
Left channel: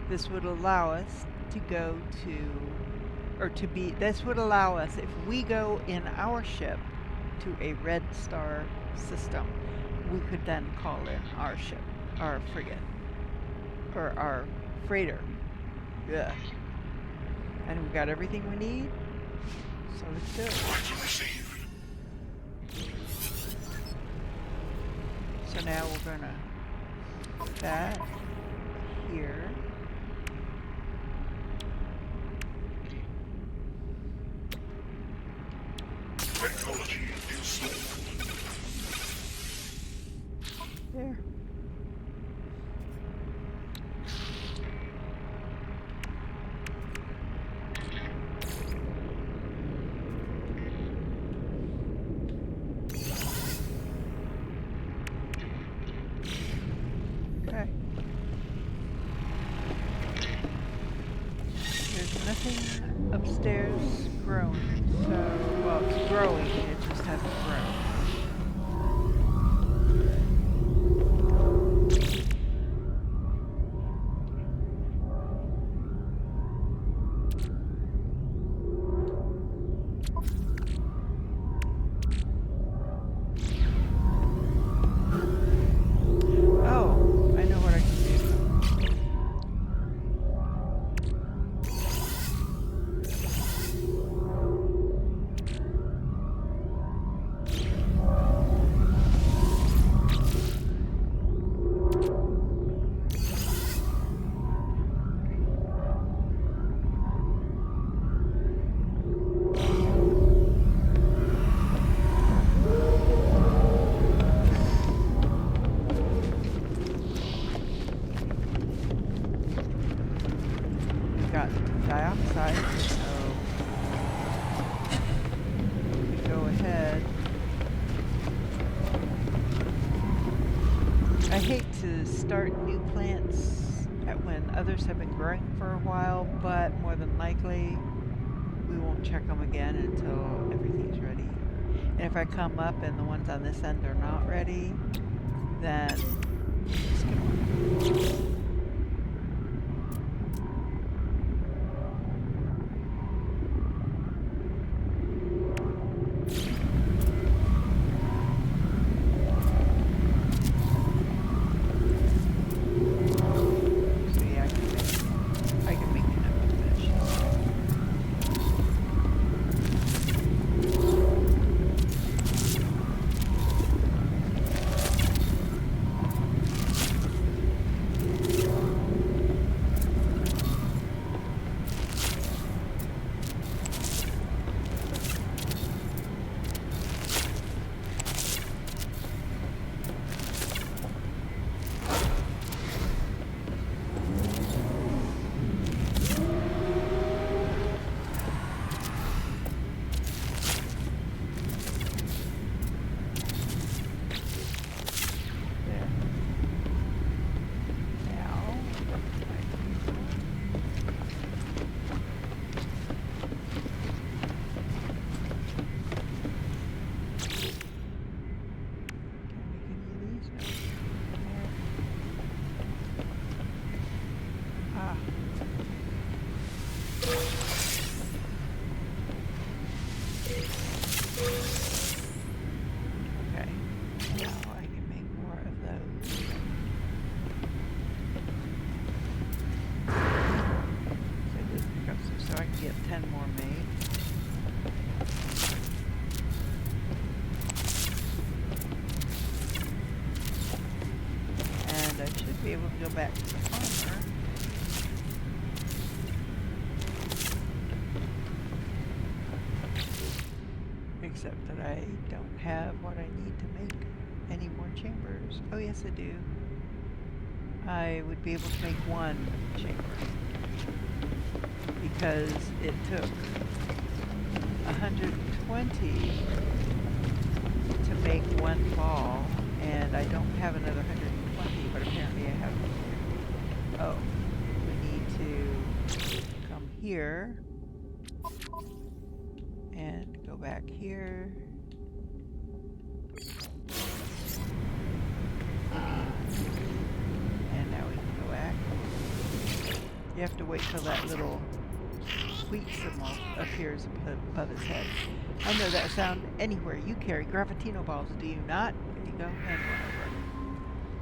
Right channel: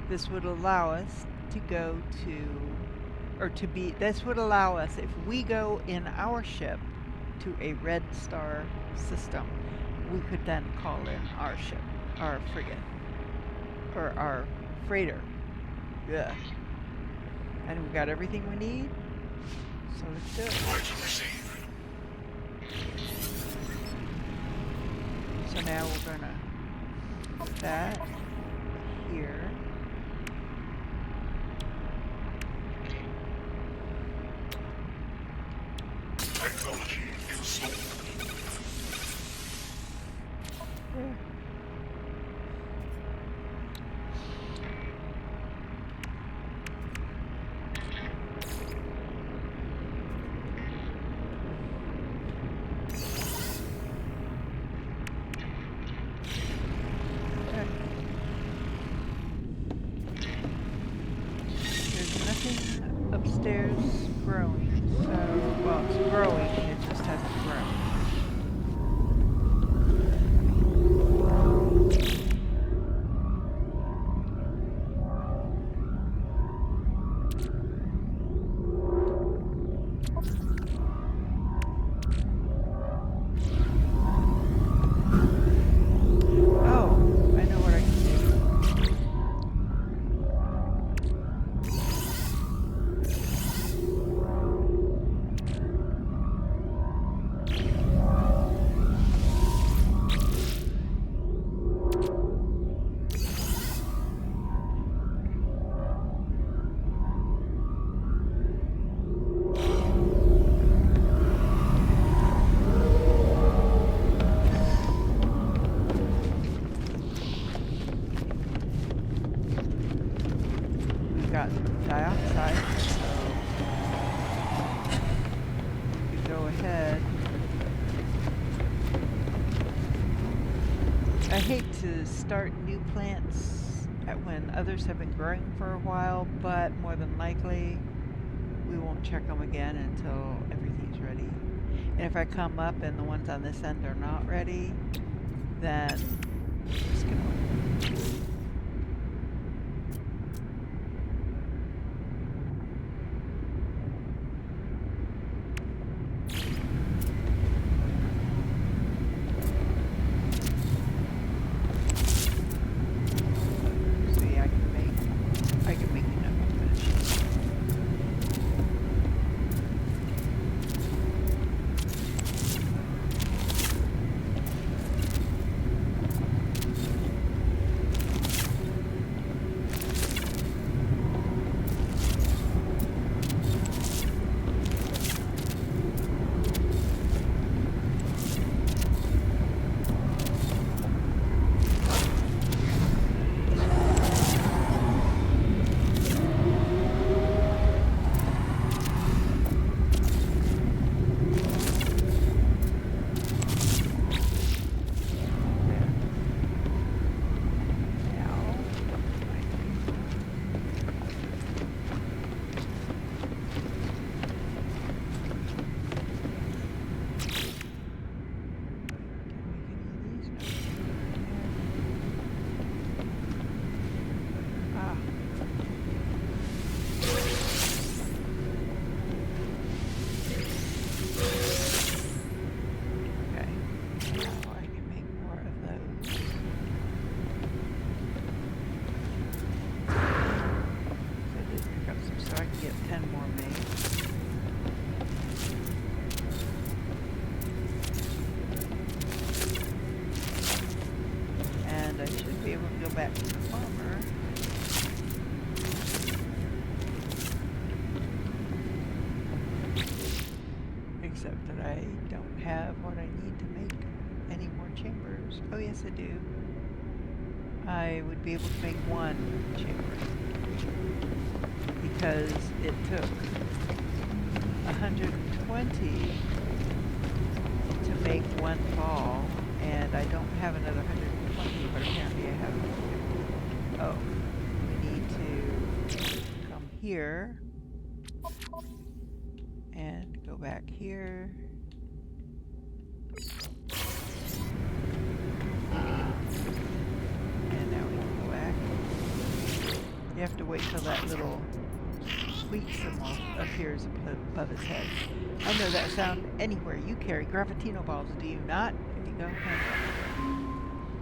This would allow us to go to, or to be, this would allow us, if we go in our ship to a red star system, we could then call in our ship, our frigate, or our freighter. Yeah. And we got everything we need, so let's do it. So now we're gonna put that here. Technology installed. There. Okay. There's nothing upstairs growing. So, well, it's growing, it just hasn't grown. Oh, I know what I can do. Got dioxide, so we could go ahead. I hate to start new plants when others have been growing for a while, but more than likely we won't check them again until everything's ready. And if I come up and the ones on this end are not ready, then we'll skip them. go back to the farmer. Except that I don't have what I need to make any more chambers. Oh yes I do. I would be able to make one chamber. Because it took 120 to make one ball, and I don't have another 120, but apparently I have 50. Oh, we need to come here and go back here. And now we can go back. You have to wait till that little wheat symbol appears above his head. I know that sound anywhere. You carry Gravitino balls, do you not? There you go. Hand one over.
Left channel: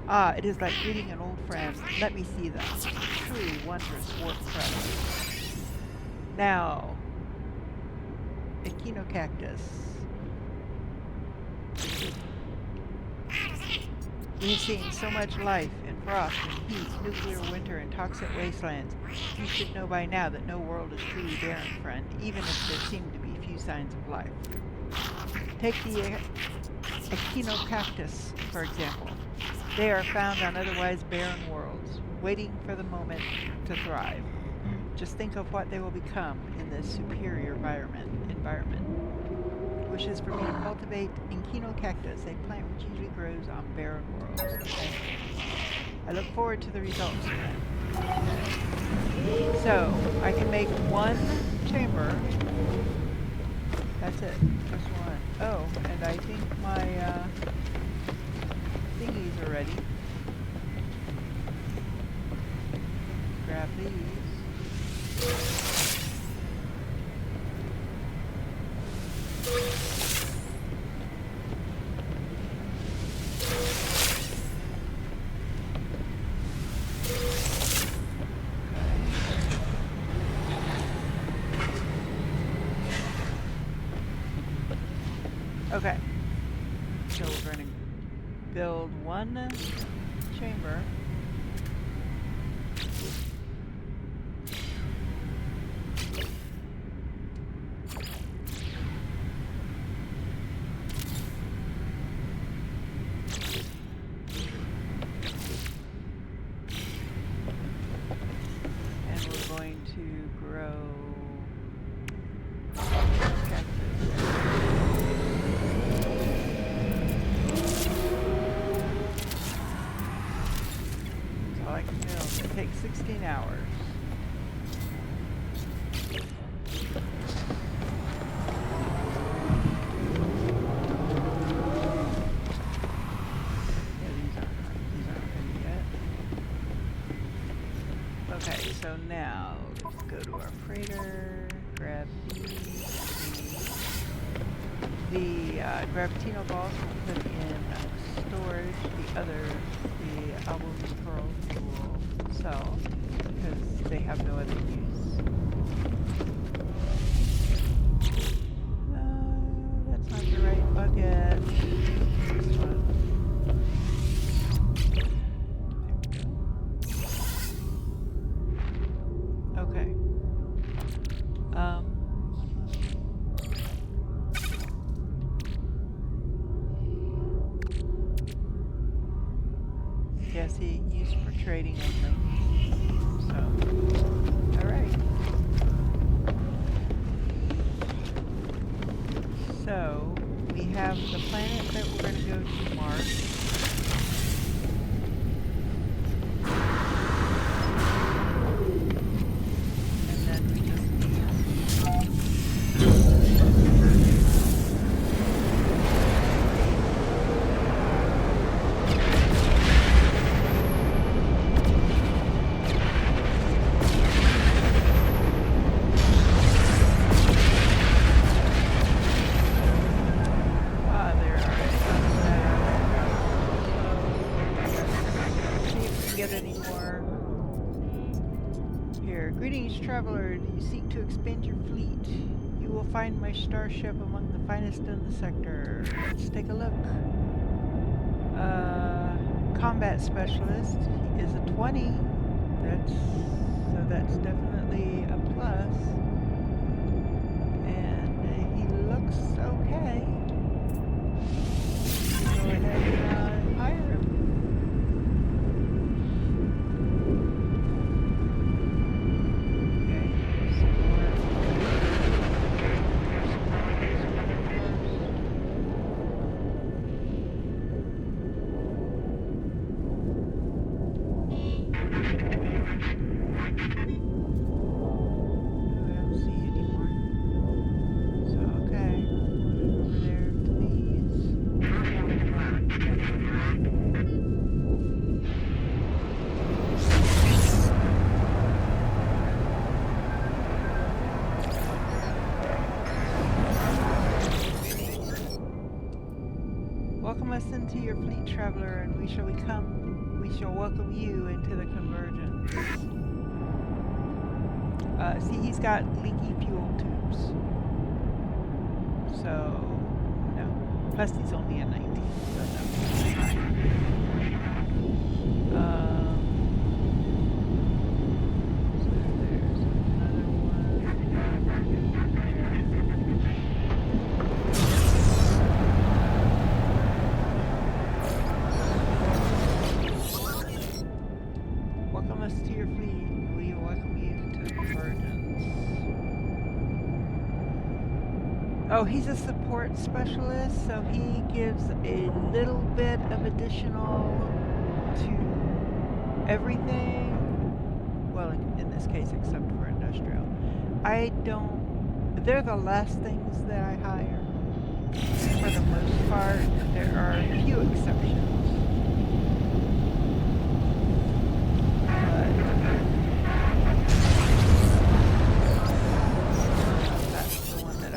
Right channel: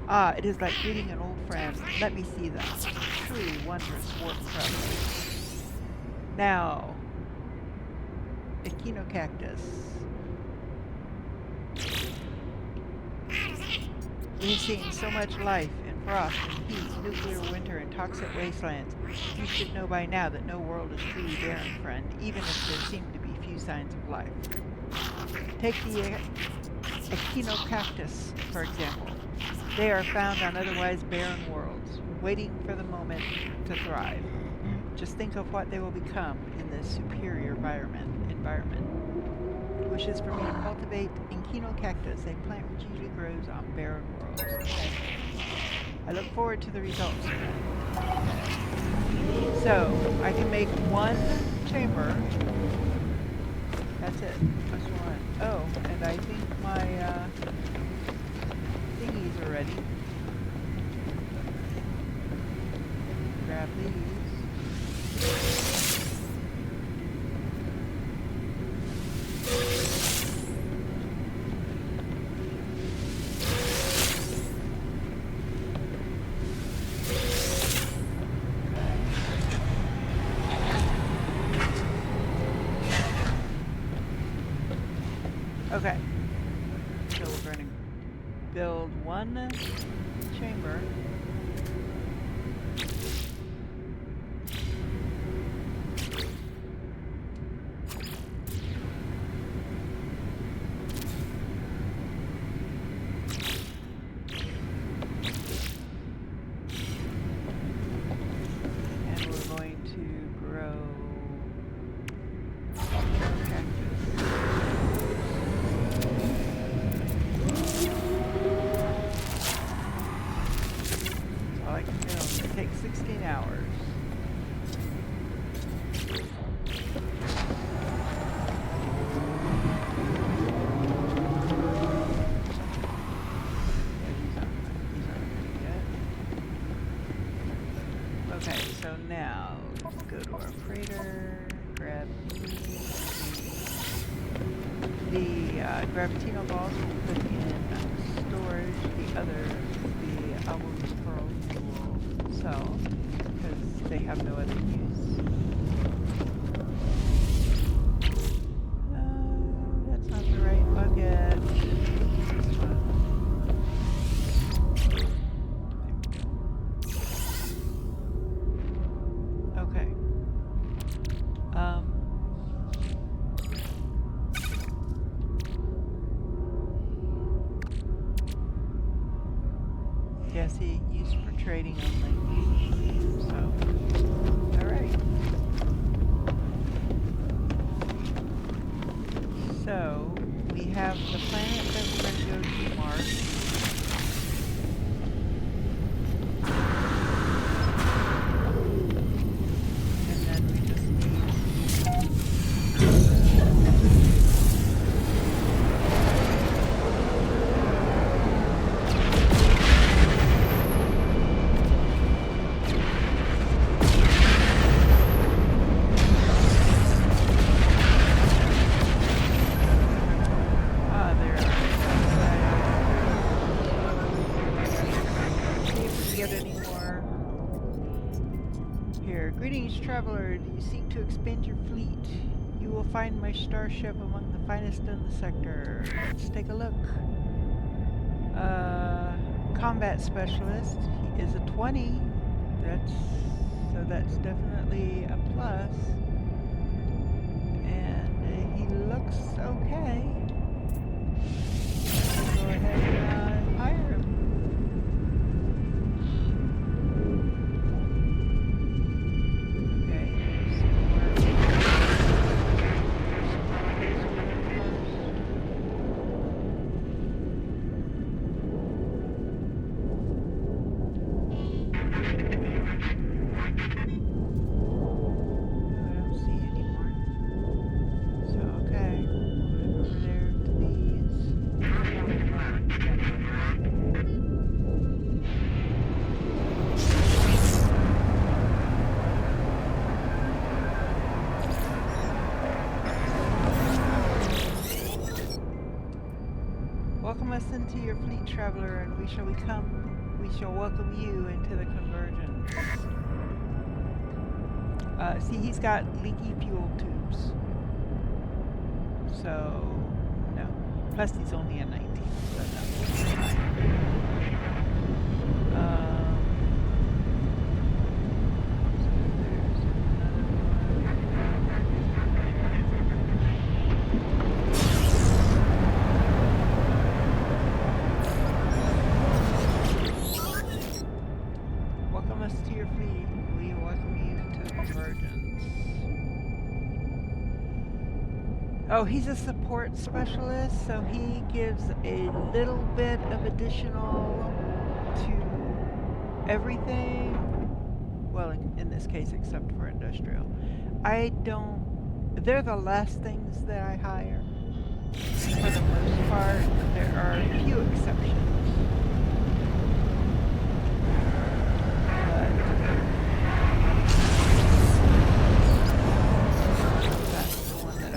Ah, it is like greeting an old friend. Let me see them. Truly wondrous warp travelers. Now, Echinocactus. We've seen so much life in frost and heat, nuclear winter, and toxic wastelands. You should know by now that no world is truly barren, friend, even if there seem to be few signs of life. Take the Echinocactus, for example. They are found on otherwise barren worlds, waiting for the moment to thrive. Just think of what they will become in this superior environment. Wishes for me to cultivate Echinocactus, a plant which usually grows on barren worlds. Okay. I look forward to the results. Okay. So, I can make one chamber. That's it. Just one. Oh, and I think my thingies are ready. Grab these. Okay, so we're going to build one chamber. And we're going to grow cactus. I can build. It takes 16 hours. Yeah, these aren't ready yet. Okay, so now let's go to our freighter, grab the Gravitino balls we'll put in storage. The Album's pearls will sell because they have no other use. That's not the right bucket. This one. There we go. Okay. Yeah, see, used for trading only. So, alright. So, we have the planet that we're going to go to, Mars. And then we just need Greetings, traveler. Do you seek to expand your fleet? You will find my starship among the finest in the sector. Let's take a look. combat specialist is a 20. That's definitely a plus. And he looks okay. Go ahead and hire him. Okay, there's some more. Welcome us into your fleet, traveler, and we shall welcome you into the Convergence. See, he's got leaky fuel tubes. So, no. Plus, he's only a 19, so no. So there's another one. Welcome us to your fleet. We welcome you to the Convergence. Oh, he's a support specialist, so he gives a little bit of additional to everything. Well, in this case, except for industrial. They're the last things that I hire. For the most part, there are a few exceptions.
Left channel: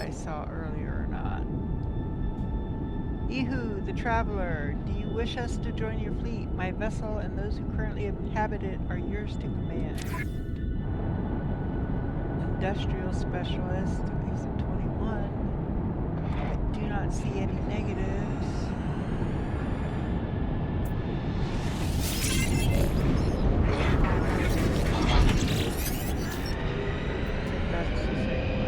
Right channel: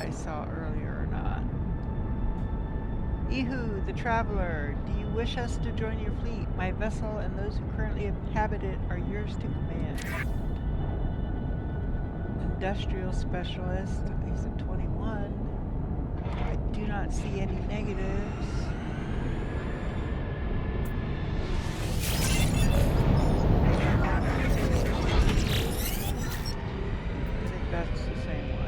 Saw earlier or not. Ihu, the traveler, do you wish us to join your fleet? My vessel and those who currently inhabit it are yours to command. Industrial specialist, he's a 21. I do not see any negatives. I think that's the same one.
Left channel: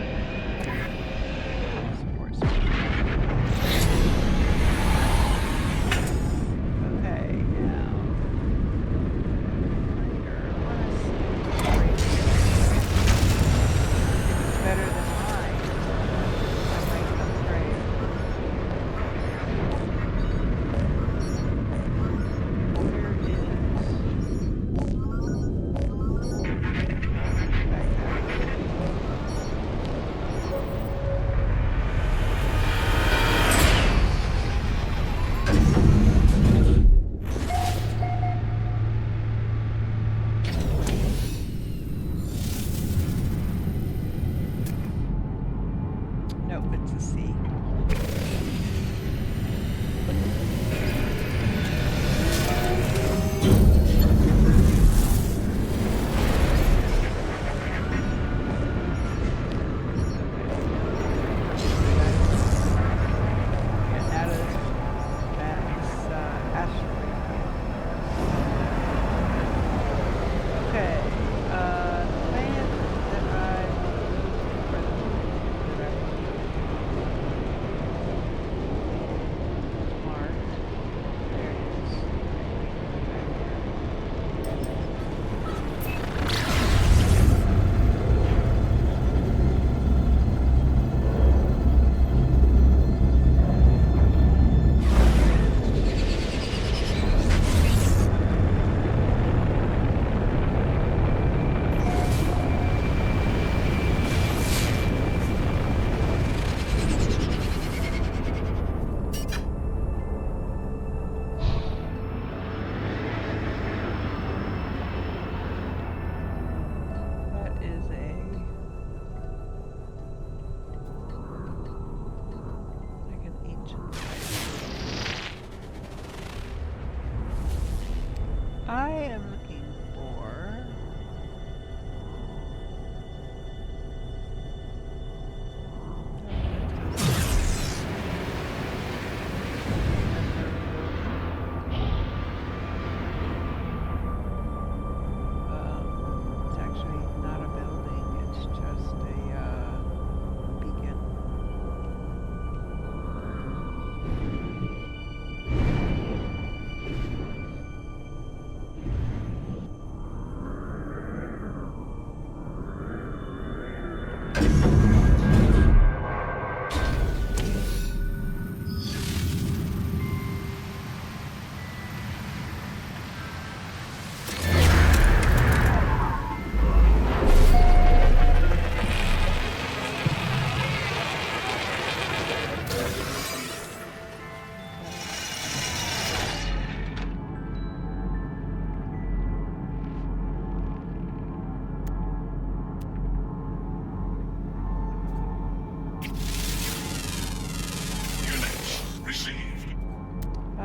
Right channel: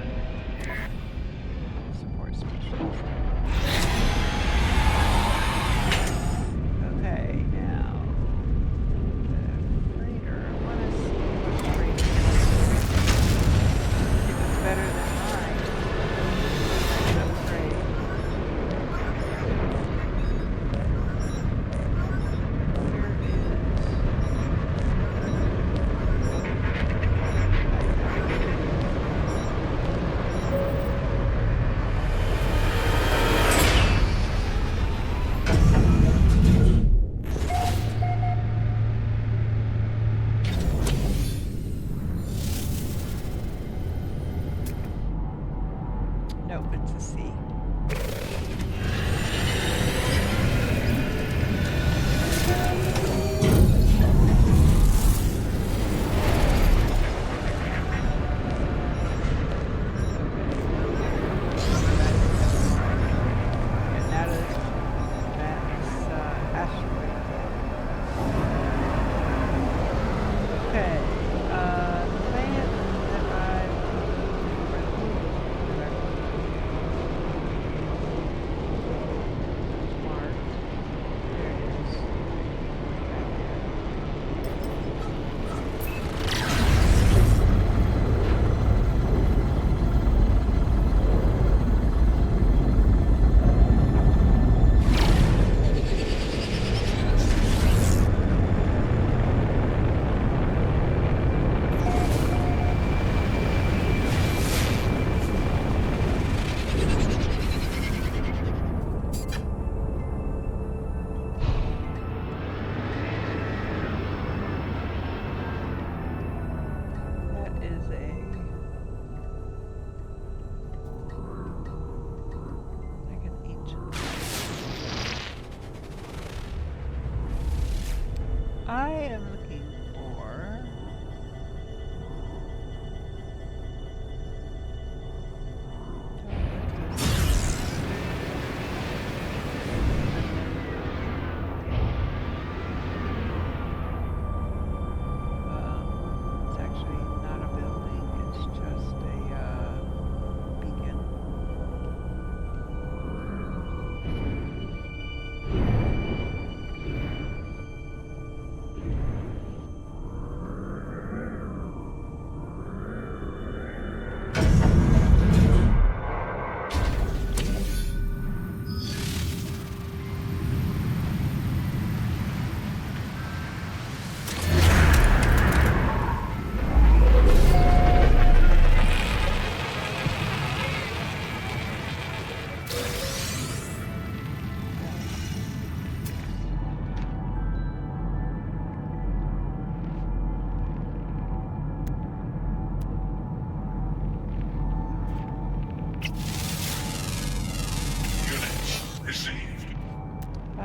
Okay, now freighter. I want to see what the freighter is. If it's better than mine, I might upgrade. Where Nope, it's a C. I am looking for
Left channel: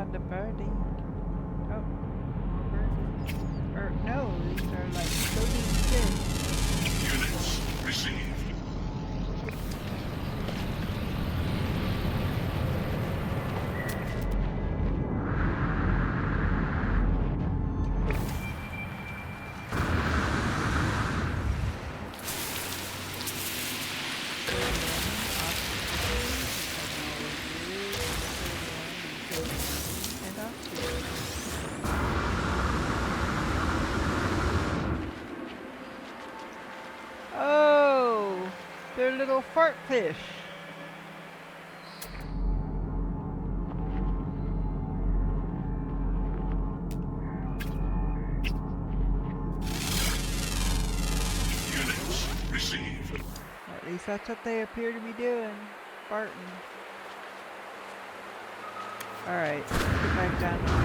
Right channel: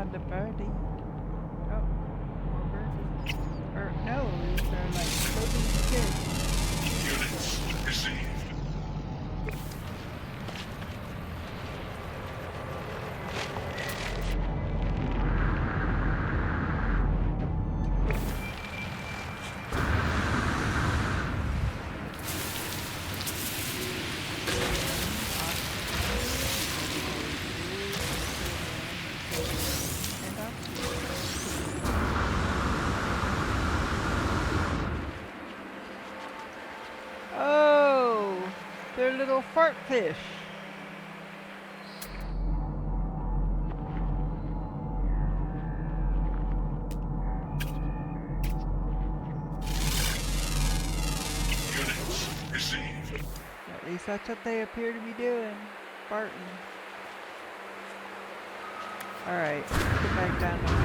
found a birdie. Oh, more birdies. Or no, these are like floating fish. Units received. And oxygen. Oh, they're little fart fish. Units received. At least that's what they appear to be doing. Farting. Alright, let's get back down to my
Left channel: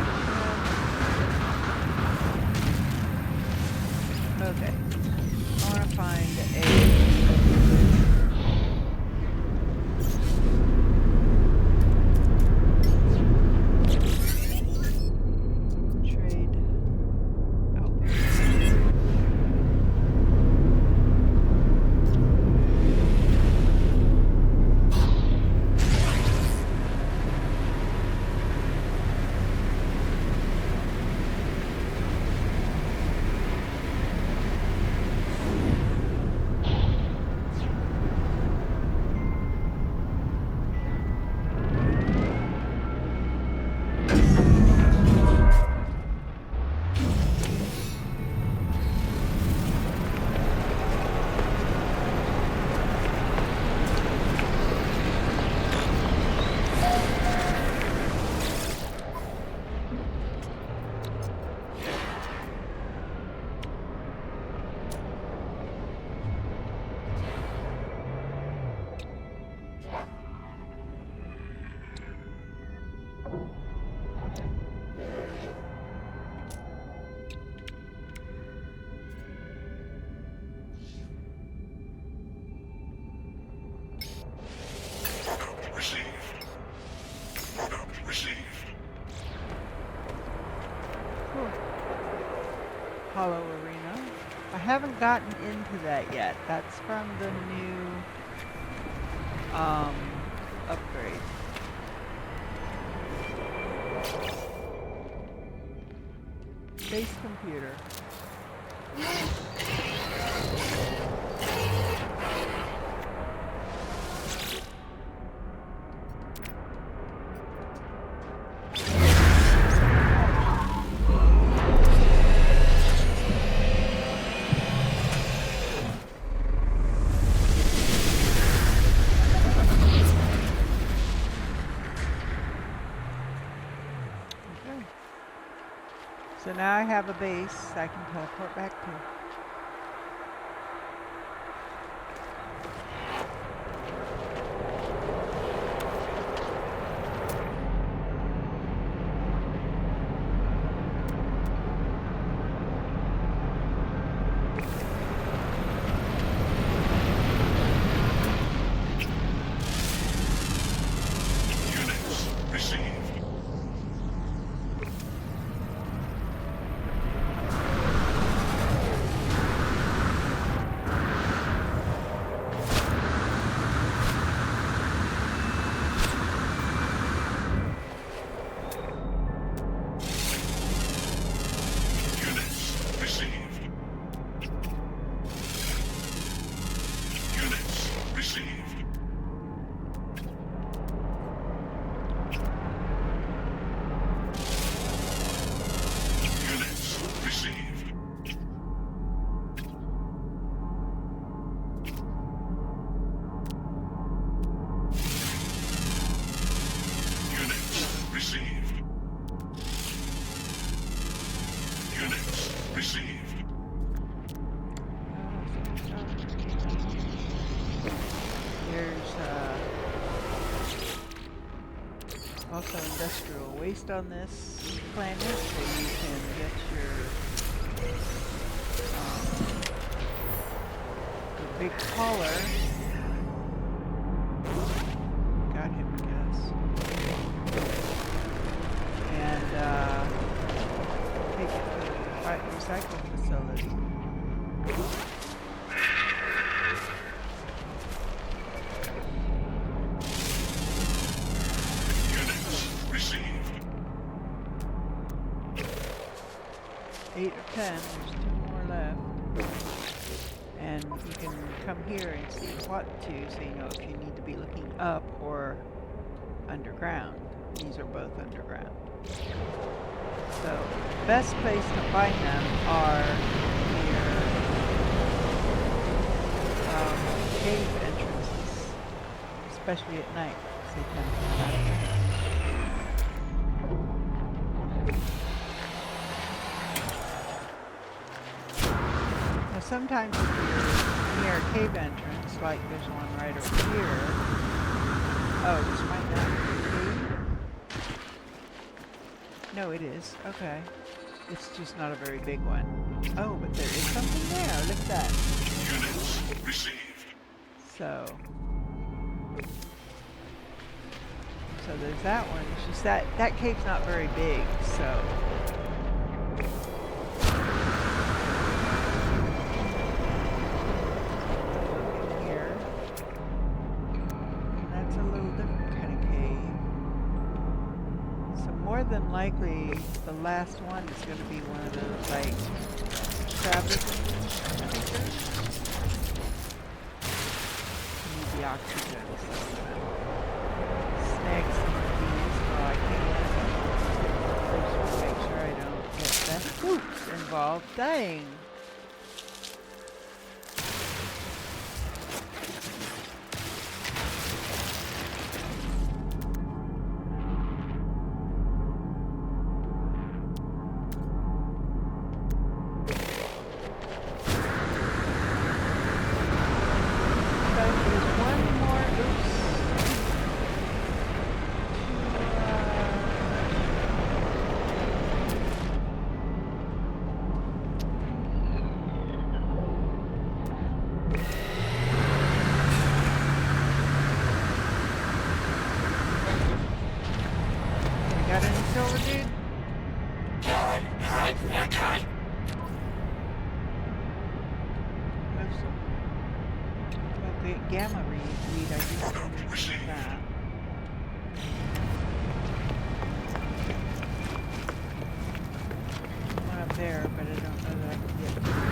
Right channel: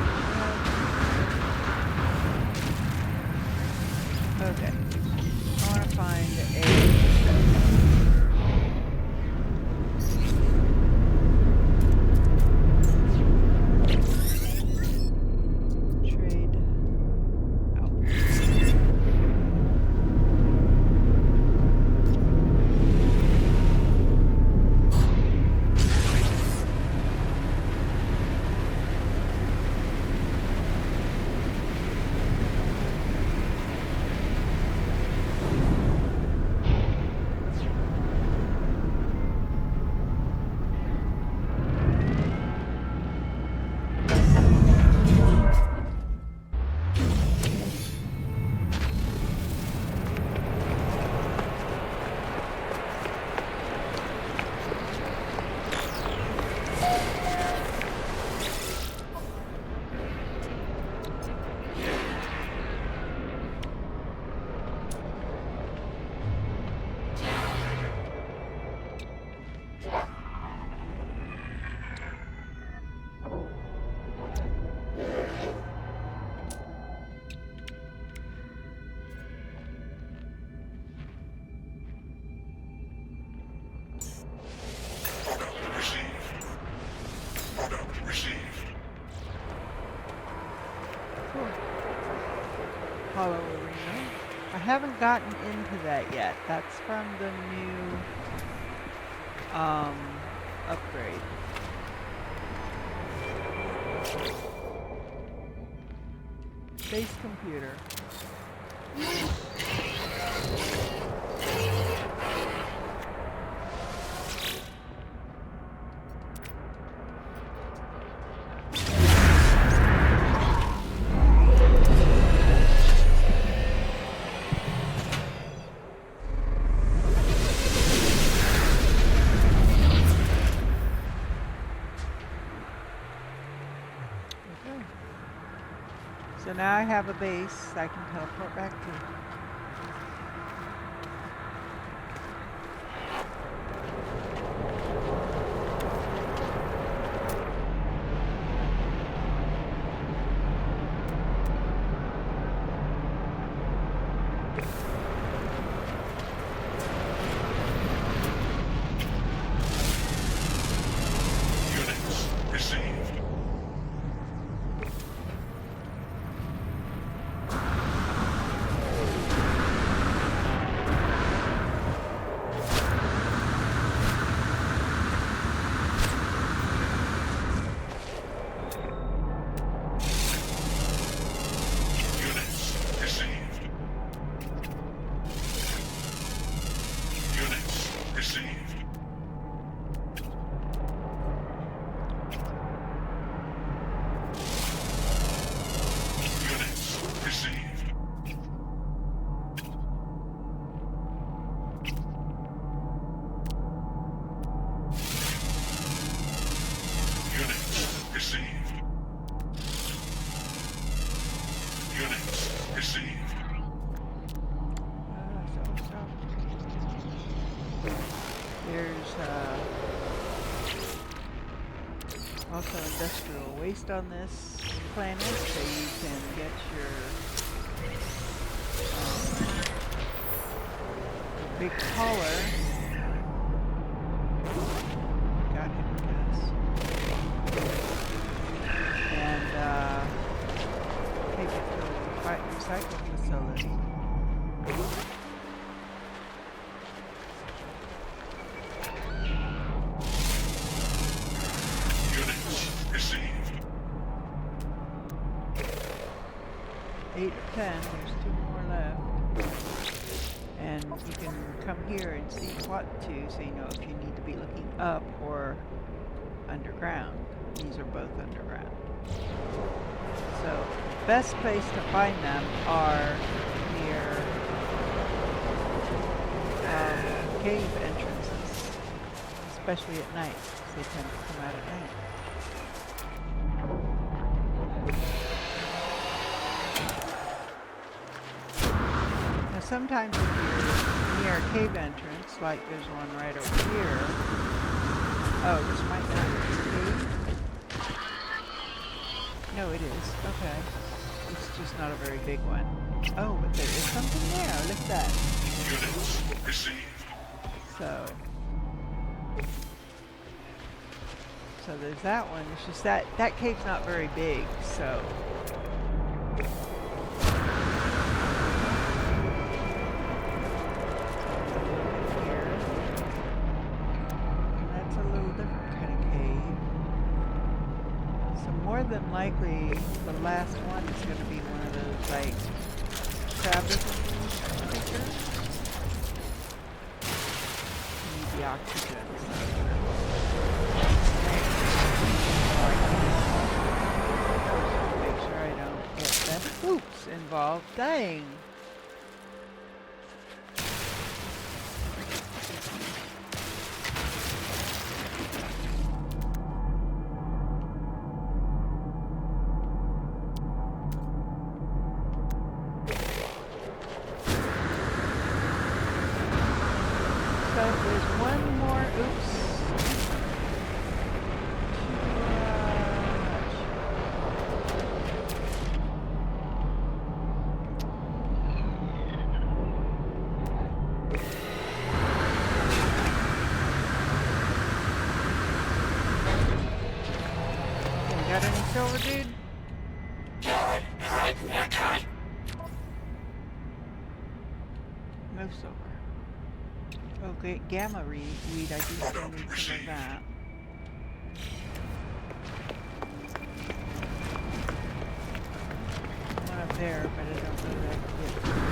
ship. Okay. I want to find a... trade outpost. Product received. Product received. Cool. Hollow Arena. I haven't gotten into that yet. That's from the new upgrade. Base computer. Okay. So now I have a base I can teleport back to. Units received. Units received. Units received. Units received. Units received. Units received. There's also industrial waste on this planet, so you can get your the big collar. Got him, guess. recycle facility. Units received. 8 or 10. There's 2 more left. And you can come here and see what to, so you know if you need to be looking up or underground. These are both underground. So, best place to find them are near cave entrances, especially at night, because they tend to come out at night. Now sometimes if you're near a cave entrance, like there's one right over here, oh, this might not be a cave? No, it is. Okay. It's just not a very big one. Oh, but there is something there. Look at that. Units received. So there's that one. It's just that cave's not very big, so. Look in here. And that's a little different kind of cave. So more than likely, the last one is going to be one of those, like, Travis creatures. Need the oxygen, so snakes. Oh, I can't make sure I don't get them oops involved. Dang. Got any silver, dude? No silver. Okay, gamma weed. I do still need some of that. One up there, but I don't know that I can get through.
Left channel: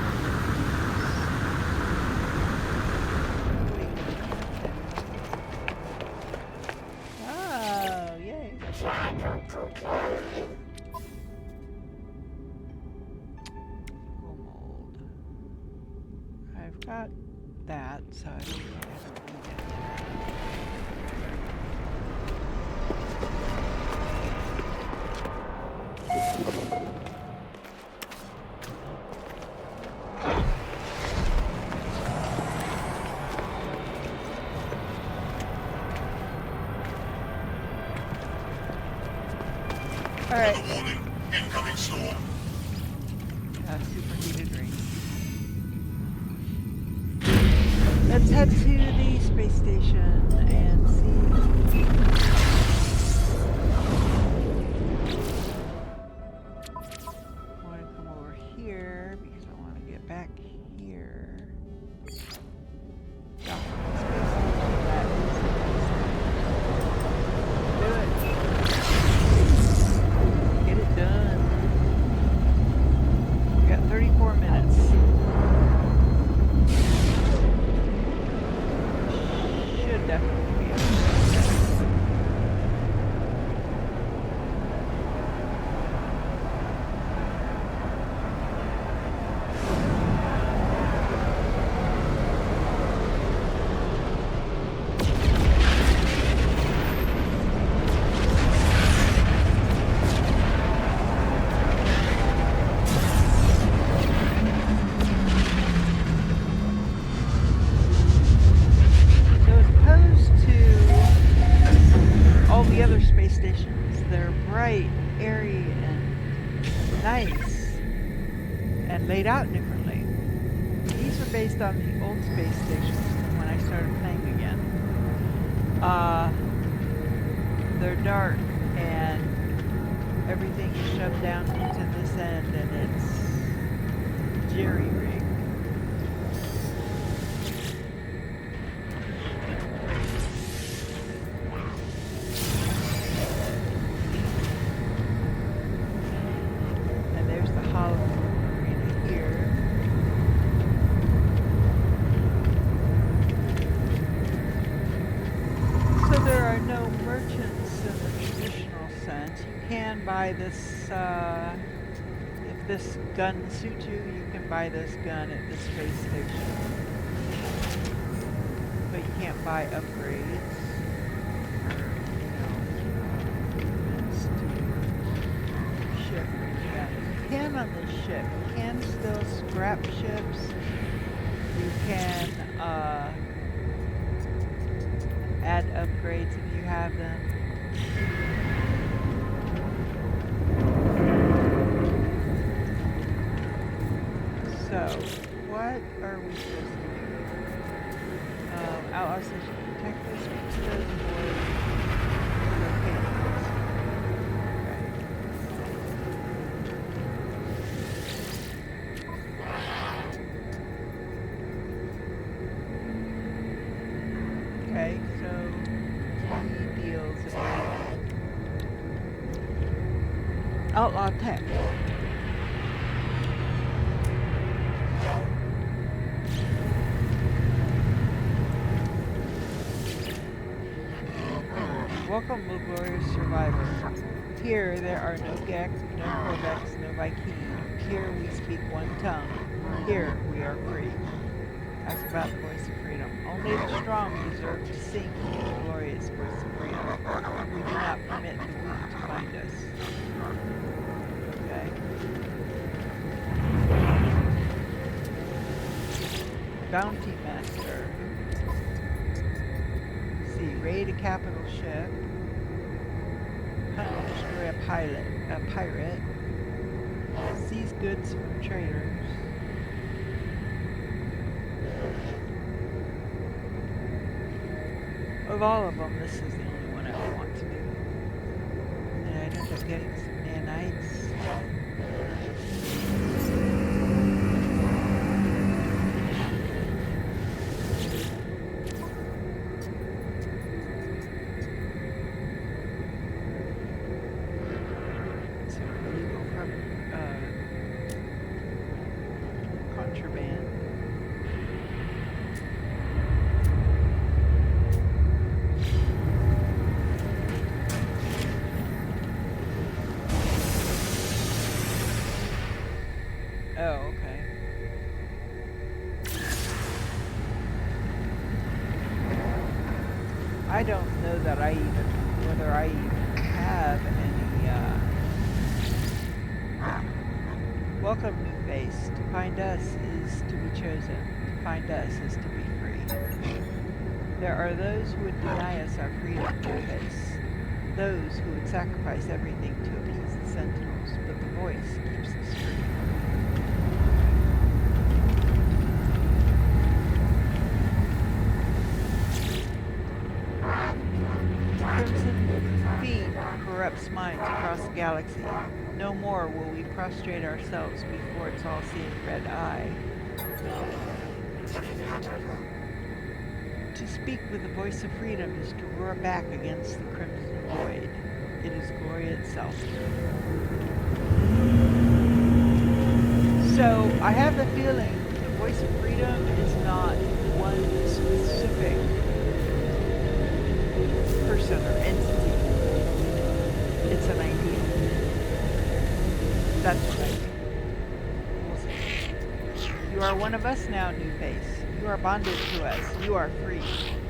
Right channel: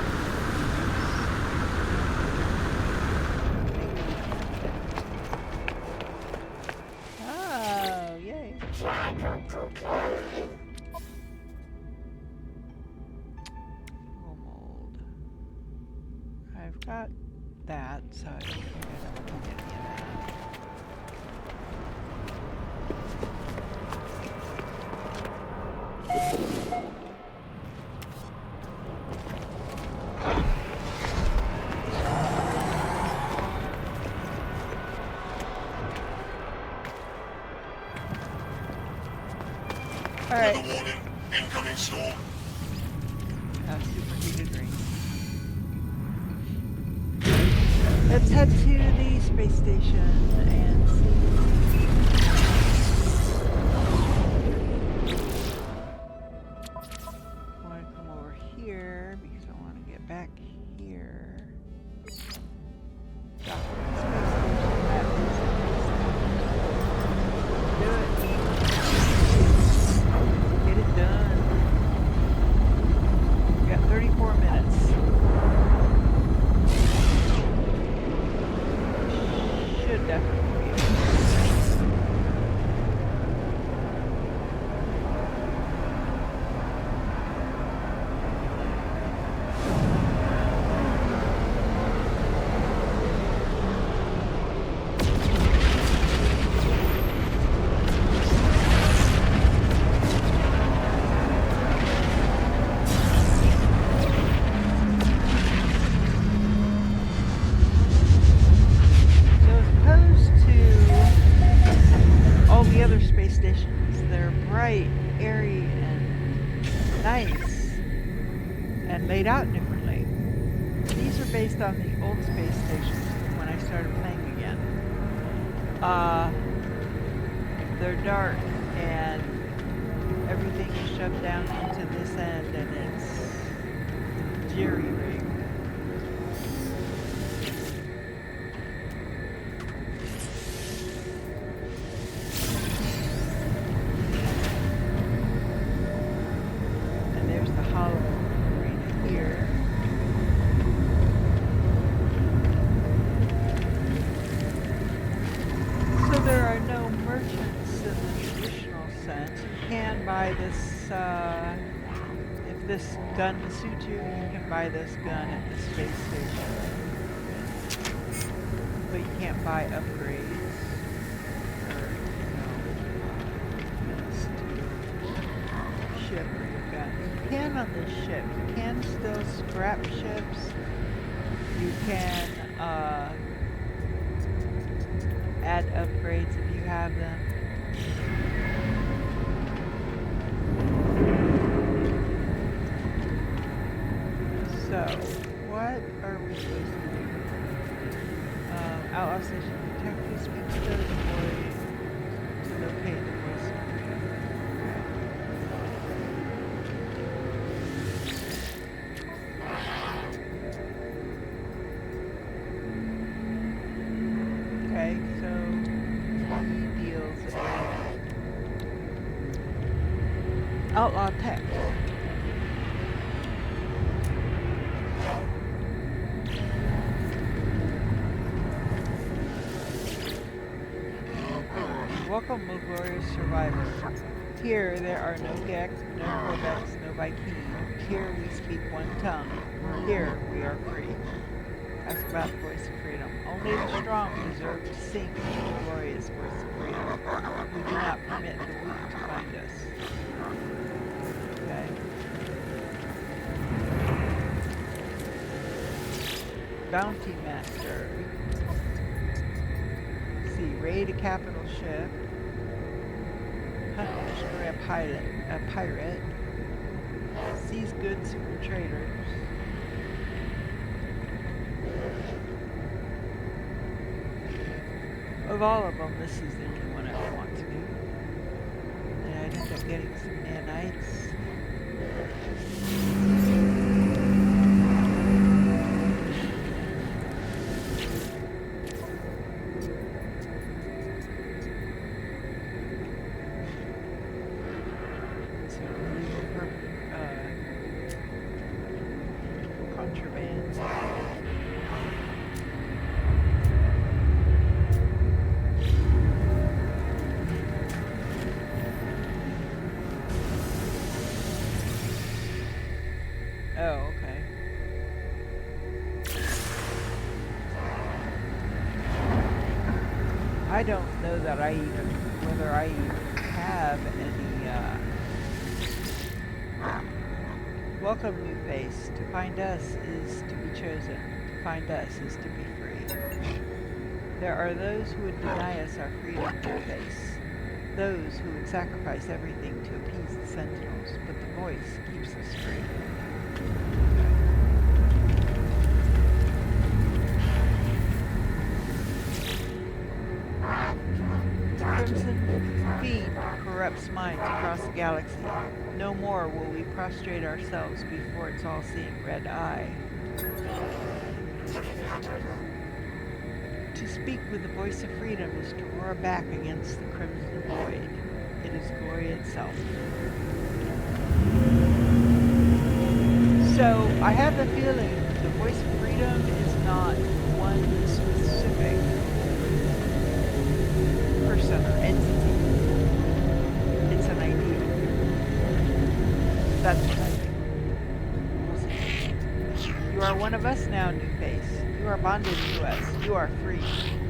Oh, yay. Mold. I've got that, so I don't think I don't need any of that. All right. Warning. Incoming storm. Superheated ring. Let's head to the space station and see. I want to come over here because I want to get back here. Dock at the space station. That is the base station. Do it. Get it done. We got 34 minutes. Should definitely be able to do that. All the other space stations, they're bright, airy, and nice, and laid out differently. These are based on the old space stations from when I started playing again. They're dark, and everything is shoved down into this end, and it's jerry-rigged. And there's the hollow arena here. So there are no merchants in the traditional sense. You can buy this, if this gun suits you, you can buy this gun at the space station. But you can't buy upgrades or, improvements to your ship or your gun. You can on this ship. You can still scrap ships. You can, add upgrades if you have them. So, what are we supposed to do? Outlaw Station Detective, speak to those boys to locate the Voice of Freedom. Okay. Okay, so he deals a outlaw tech. Welcome, O glorious survivor. Here there are no Gek, no Codex, no Vy'keen. Here we speak one tongue. Here we are free. Ask about the voice of freedom. Only the strong deserve to sing the glorious voice of freedom. We do not permit the weak to find us. Okay. Bounty Master. Let's see, raid a capital ship. Hunt and destroy a pirate. Seize goods from traders. Of all of them, this is the only one I would want to do. And I'd end up getting some nanites. Some illegal contraband. Oh, okay. I don't know that whether I even have any, welcome, New Face. To find us is to be chosen. To find us is to be free. There are those who would deny us our freedom, New Face. Those who would sacrifice everything to appease the Sentinels, but the voice keeps us free. The Crimson Fiend corrupts minds across the galaxy. No more will we prostrate ourselves before its all-seeing red eye. To speak with the voice of freedom is to roar back against the Crimson Void. It is glory itself. So, I have the feeling the voice of freedom is not one specific person or entity. It's an ideal. That's what I think. We'll see. You are one of us now, New Face. You are bonded to us. You are free.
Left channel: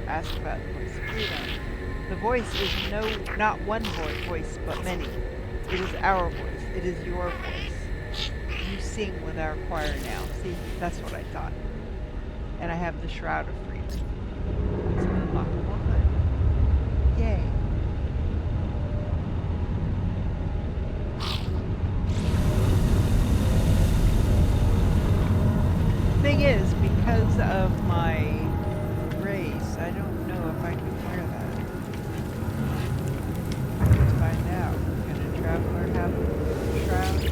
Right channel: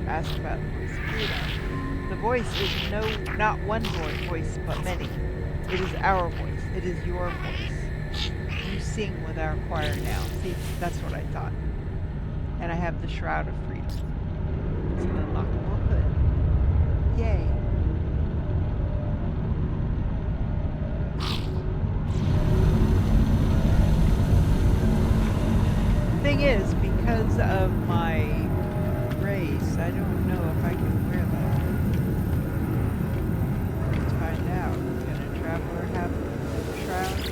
Ask about the voice of freedom. The voice is not one voice, but many. It is our voice. It is your voice. You sing with our choir now. See, that's what I thought. And I have the Shroud of Freedom. It's an unlockable hood. Yay. Thing is, because of my race, I don't know if I can wear that. Let's find out. Can a traveler have a shroud?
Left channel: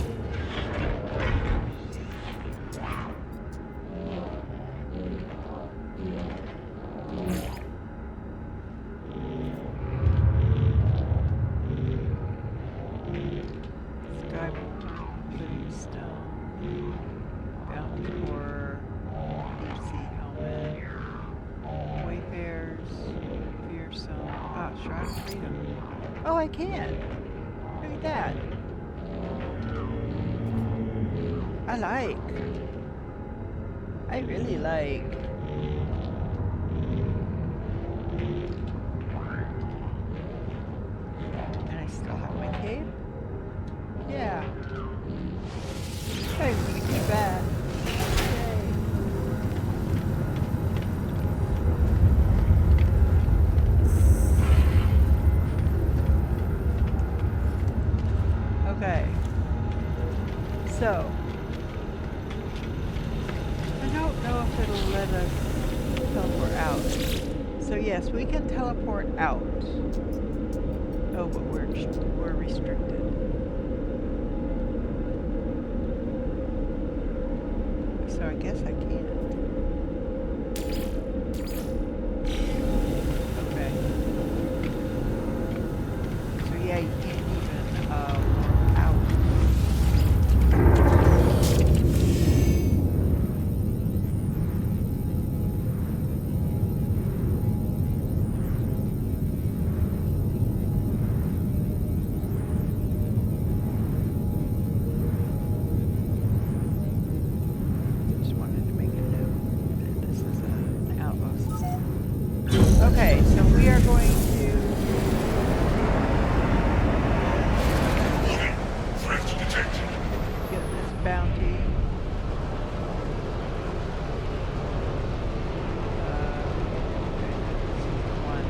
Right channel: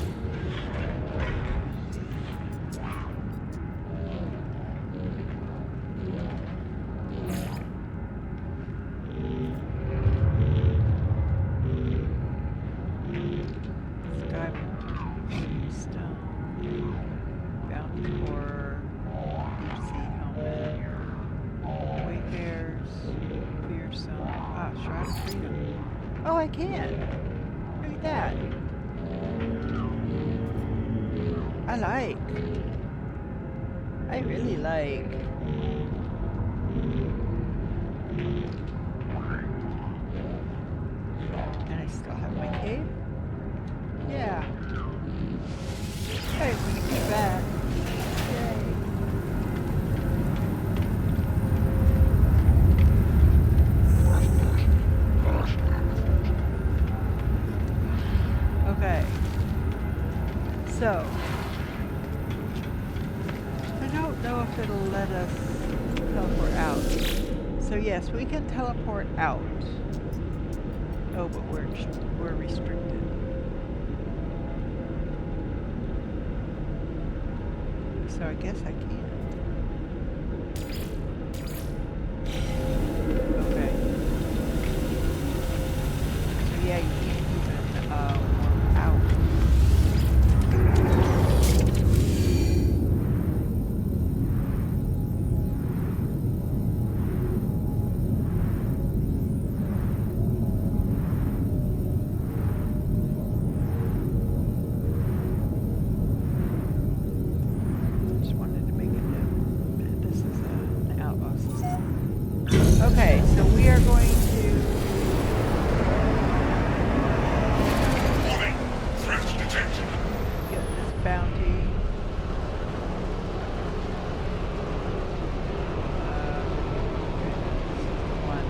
Skyborn, Livingstone, Bounty Horror, Deep Sea Helmet, Wayfarers, Fearsome. Ah, Shroud of Freedom. Oh, I can! Look at that! I like. I really like. And I still have my cape? Yeah. Hey, I'm gonna keep that. Yay. Okay. So, I don't know if it'll let us teleport out. So yes, we can teleport out. Oh, but we're restricted. So I guess I can. Okay. So yeah, you can't even warp out. Okay, so we are going to... Warning. Threat detected. Get this bounty. Okay, this is the one.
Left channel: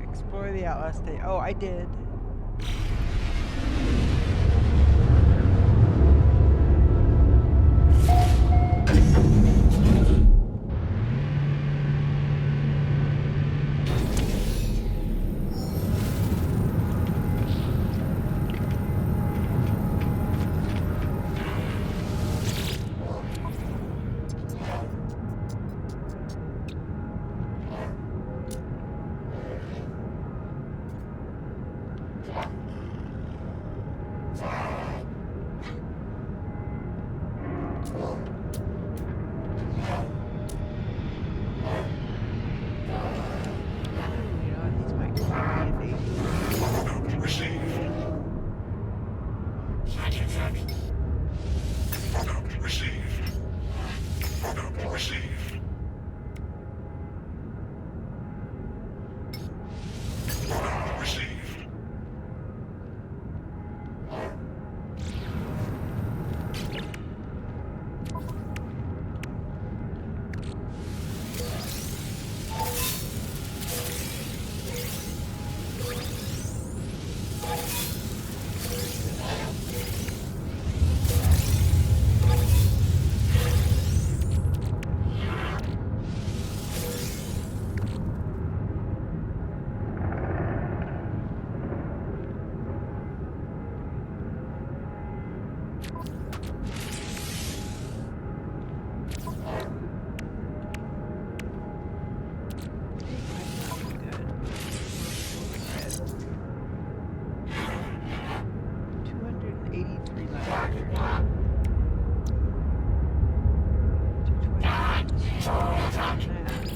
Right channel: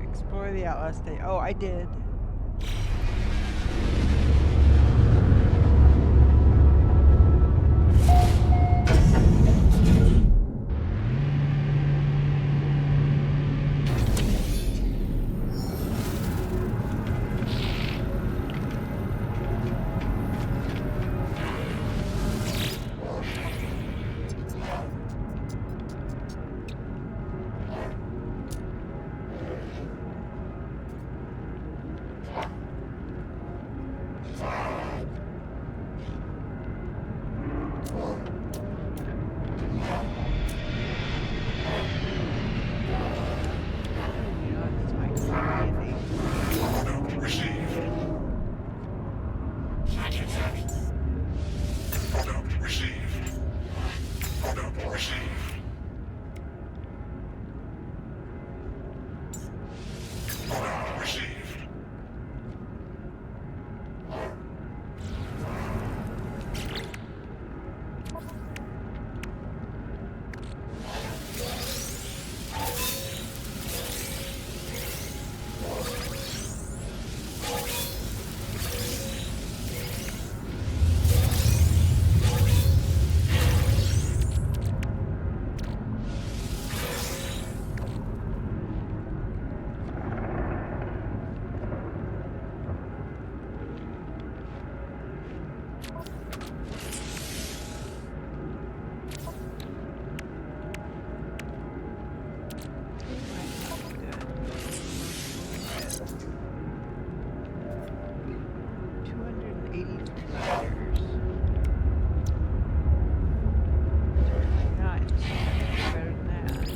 Explore the Outlast State. Oh, I did. You know what? These might come in handy. Product received. Product received. Product received. Product received. It might not be good, but we'll try it. 283 letters. 229. So better than that.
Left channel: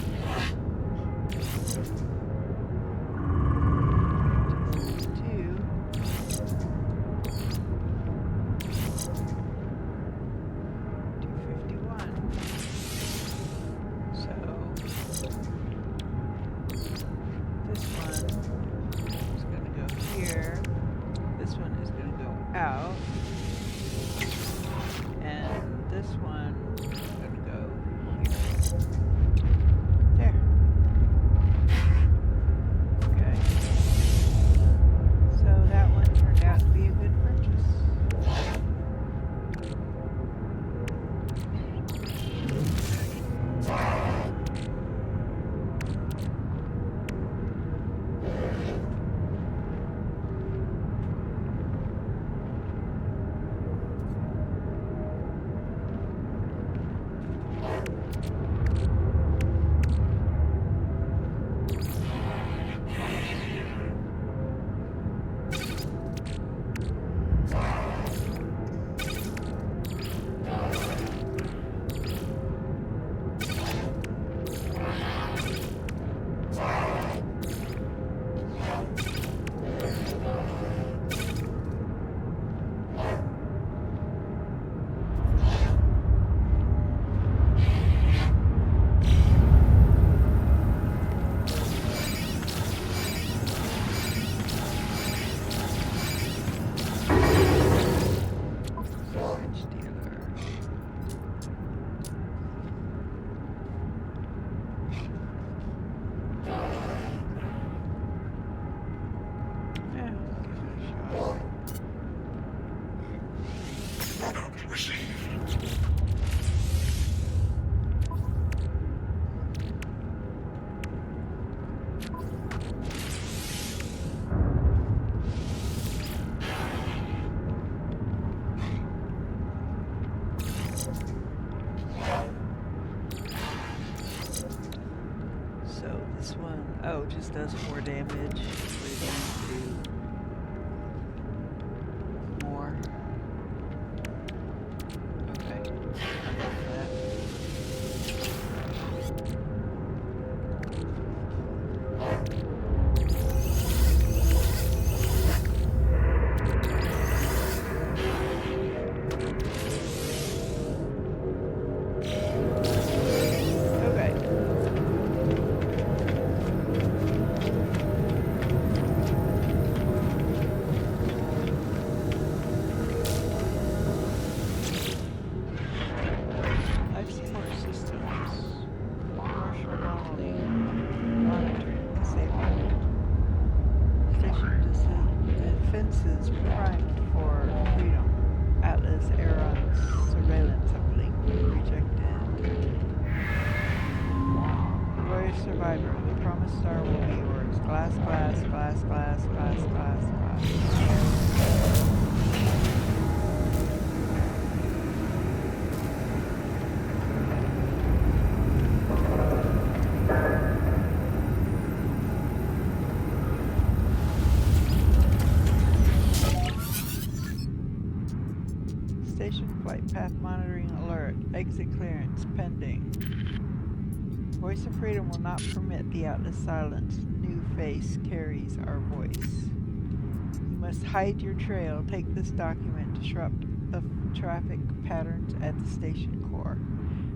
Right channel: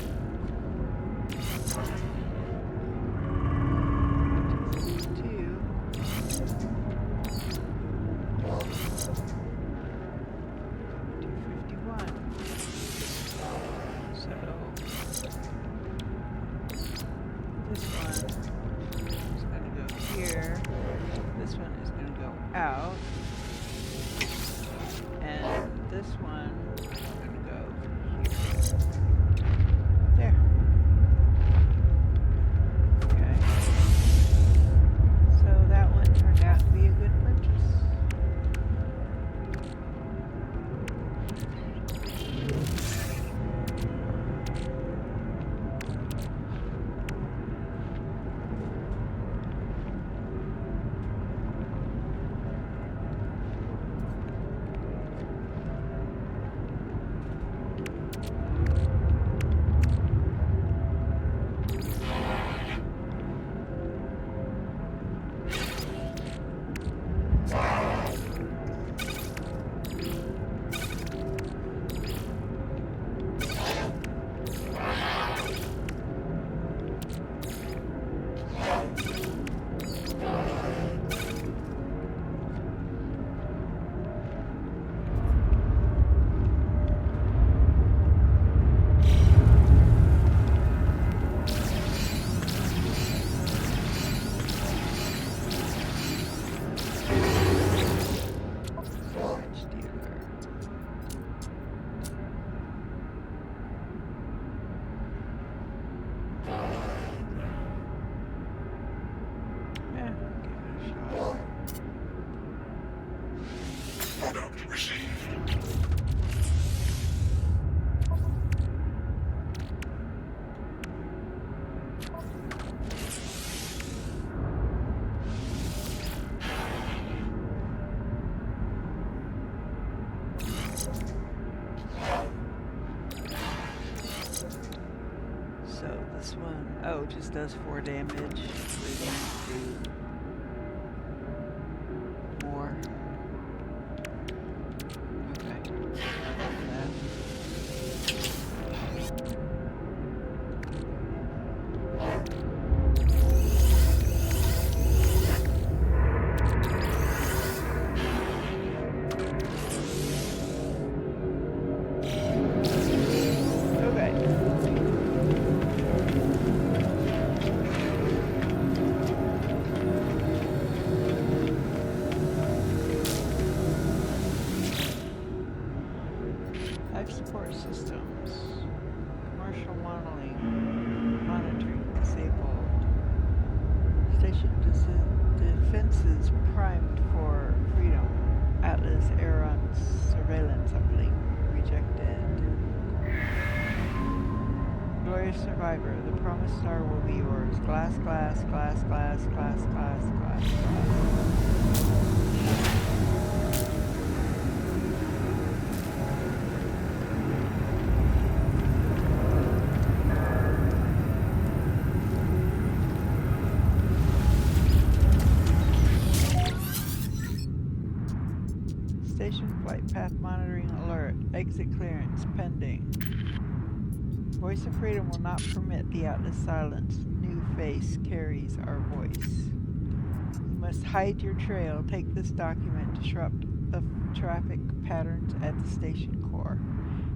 232. 251. So this one is going to go here. This one is going to go out. And this one is going to go here. There. Okay. So that one turned out to be a good purchase. French dealer. Yeah, give it a shot. Product received. So this one, oh, just does 4 damage. We're going to do more. Okay, I'll go for that. Okay. disabled. Station defenses primed for freedom. Atlas Aeron's surveillance uplink rejected. Glorious survivor, the promised star will be yours. Glass, glass, glass, glass, glass, glass, glass, glass. Station flight path monitoring alert. Exit clearance pending. Voice of Freedom will not permit the Atlas silence. New face carries our voice. You must hide your trail. Take this document. Disrupt the traffic patterns at the station core.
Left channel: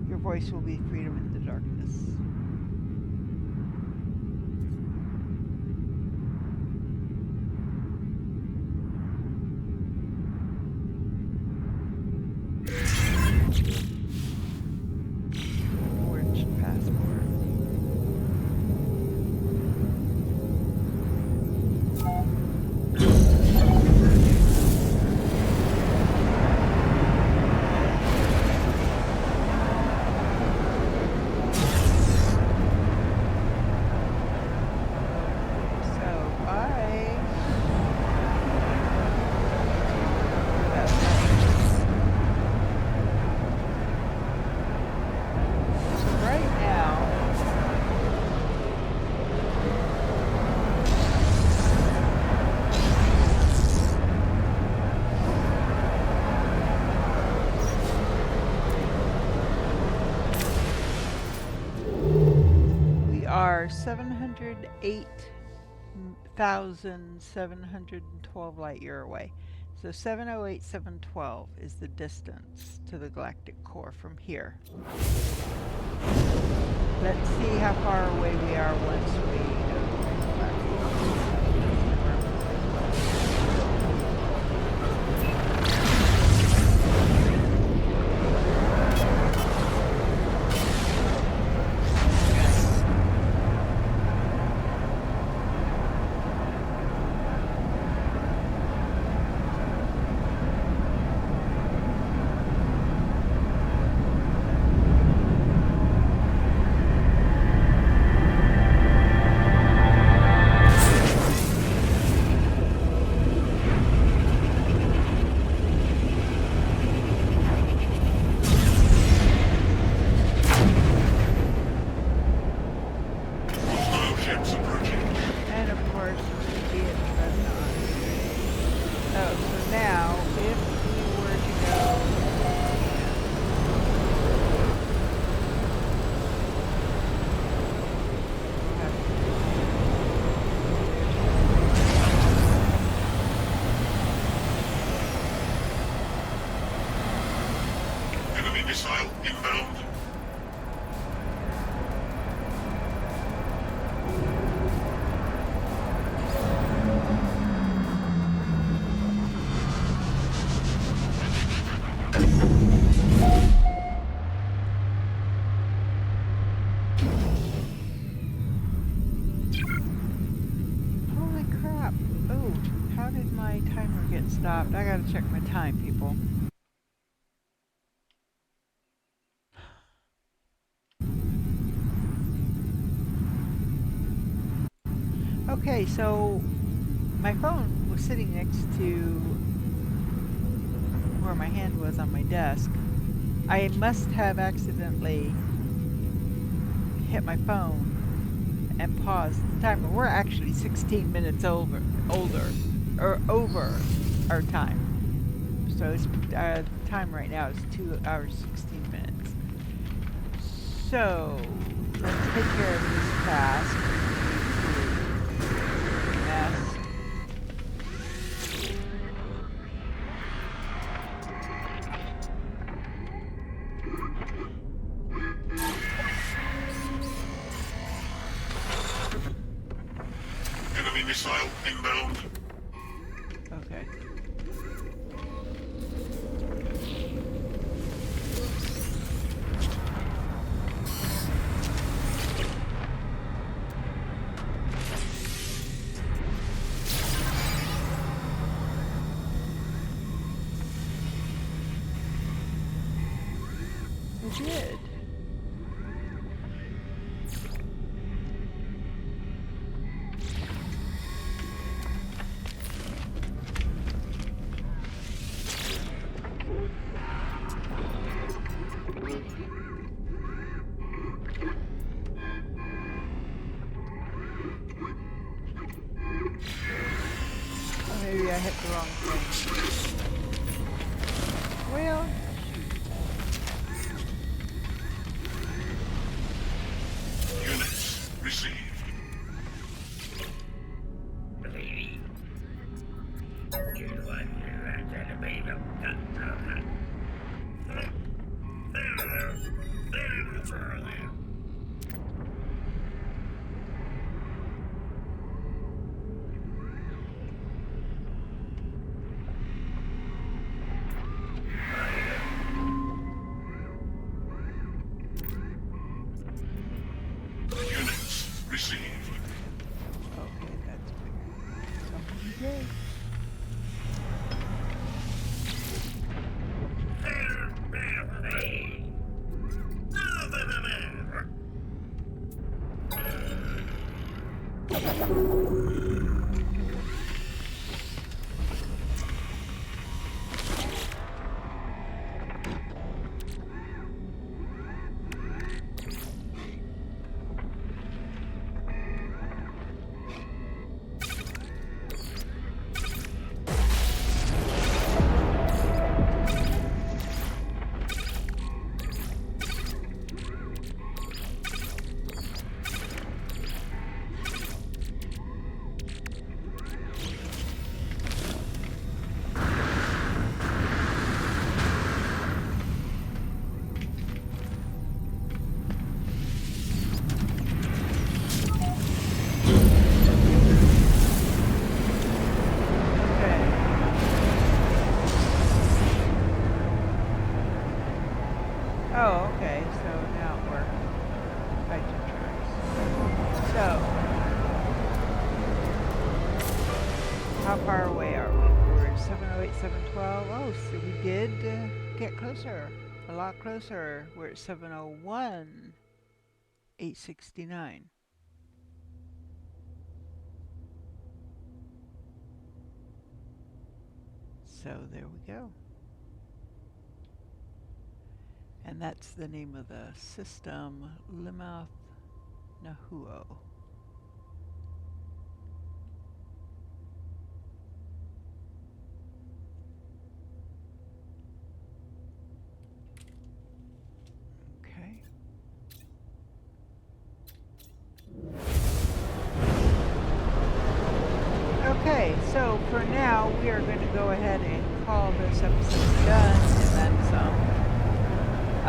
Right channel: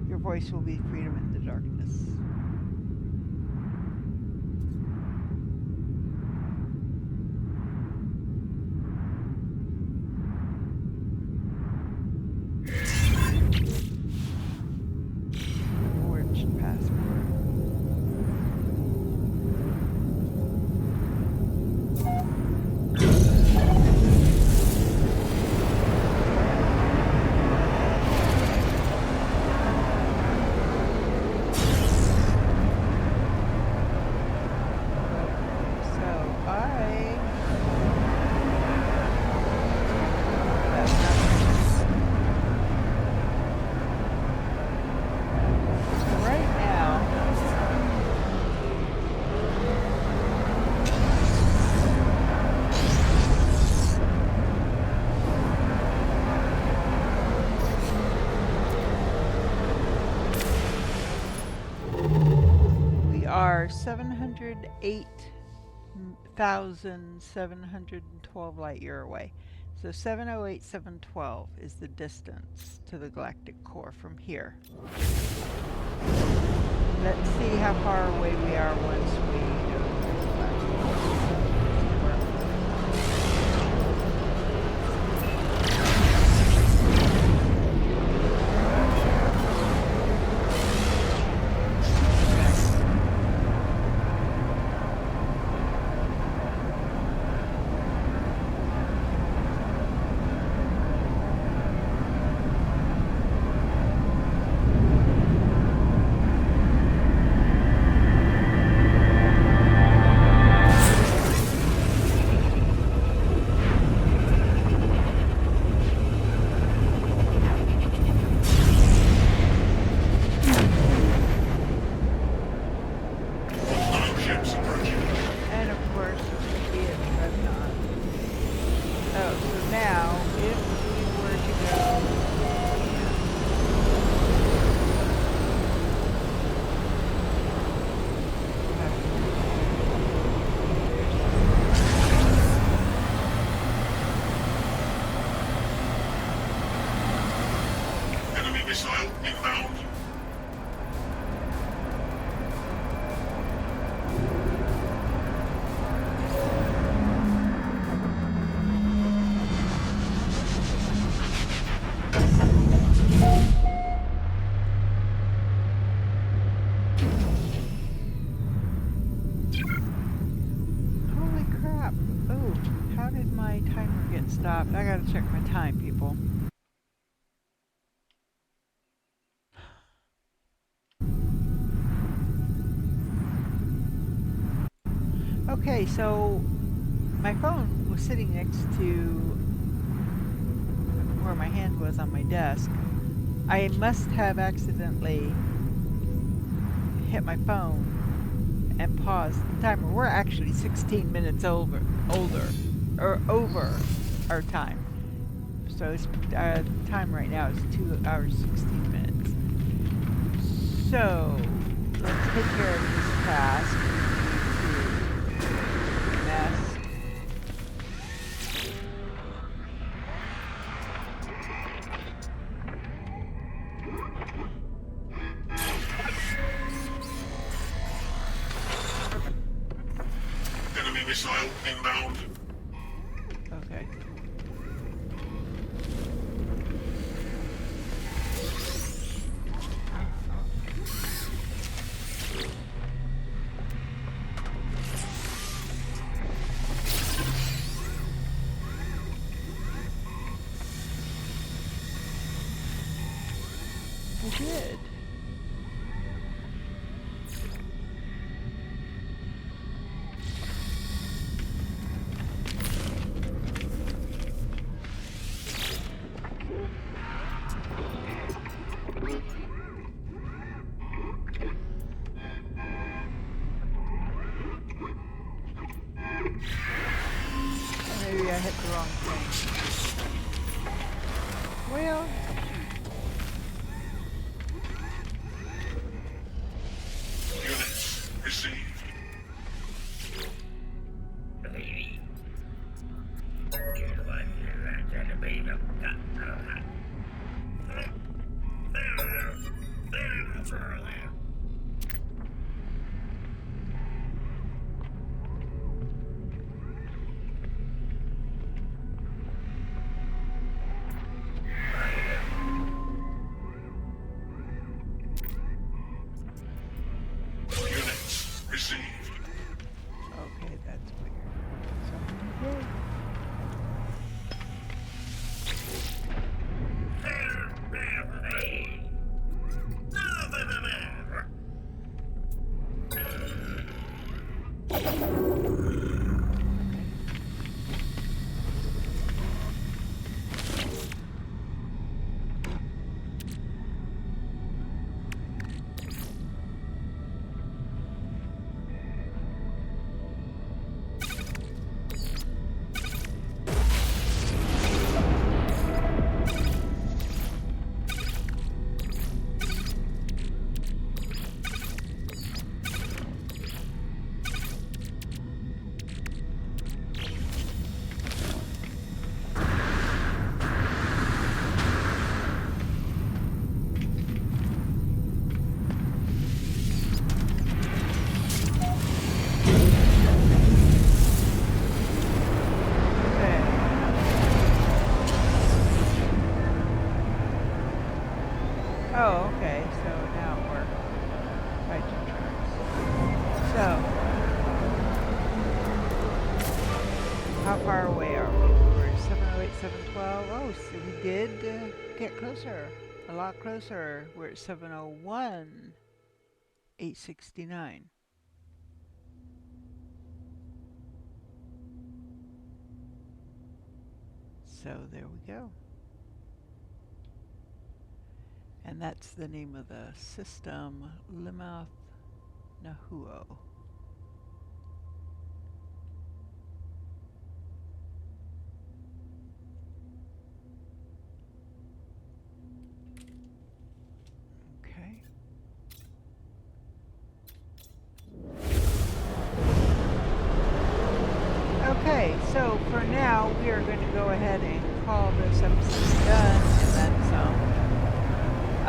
Your voice will be freedom in the darkness. Forged passport. Are 708,712 light year away. So 708,712 is the distance to the galactic core from here. Let's see how far away we are once we go through the galactic core. Stopped. I gotta check my time, people. Okay, so my phone was sitting next to where my hand was on my desk. I must have accidentally hit my phone and paused the timer. We're actually 16 minutes over our time. So it's time right now is 2 hours 16 minutes. So let's take care of this task. Mess. Enemy missile inbound. Okay. did. Or maybe I hit the wrong thing. Well, Units received. Units received. okay, that's weird. Somebody did. Okay. Oh, okay, so now it worked. Hydrogen tracks. So, how far away are we? We were at 708, 712. Oh, so we did get closer. A lot closer. We're at 701, 869. So there we go. And that's the name of the system, Limouth Nahuo. Okay. Okay, so for now we are going to go ahead and call this episode done, and then some.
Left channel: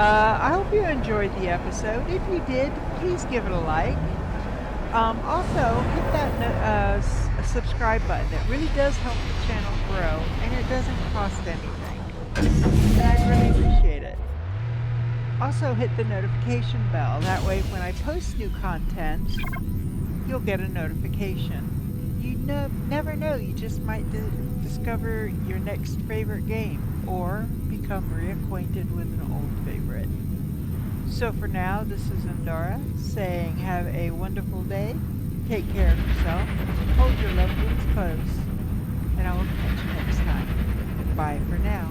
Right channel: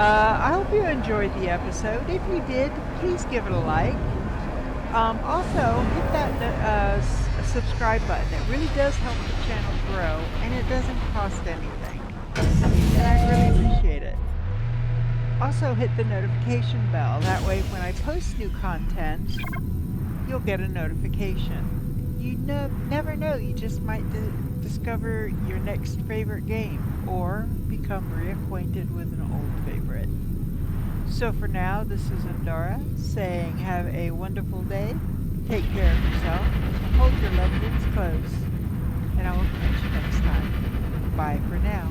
I hope you enjoyed the episode. If you did, please give it a like. Also, hit that subscribe button. It really does help the channel grow, and it doesn't cost anything. And I'd really appreciate it. Also, hit the notification bell. That way, when I post new content, you'll get a notification. You never know, you just might discover your next favorite game or become reacquainted with an old favorite. So for now, this is Andara saying have a wonderful day, take care of yourself, hold your loved ones close, and I will catch you next time. Bye for now.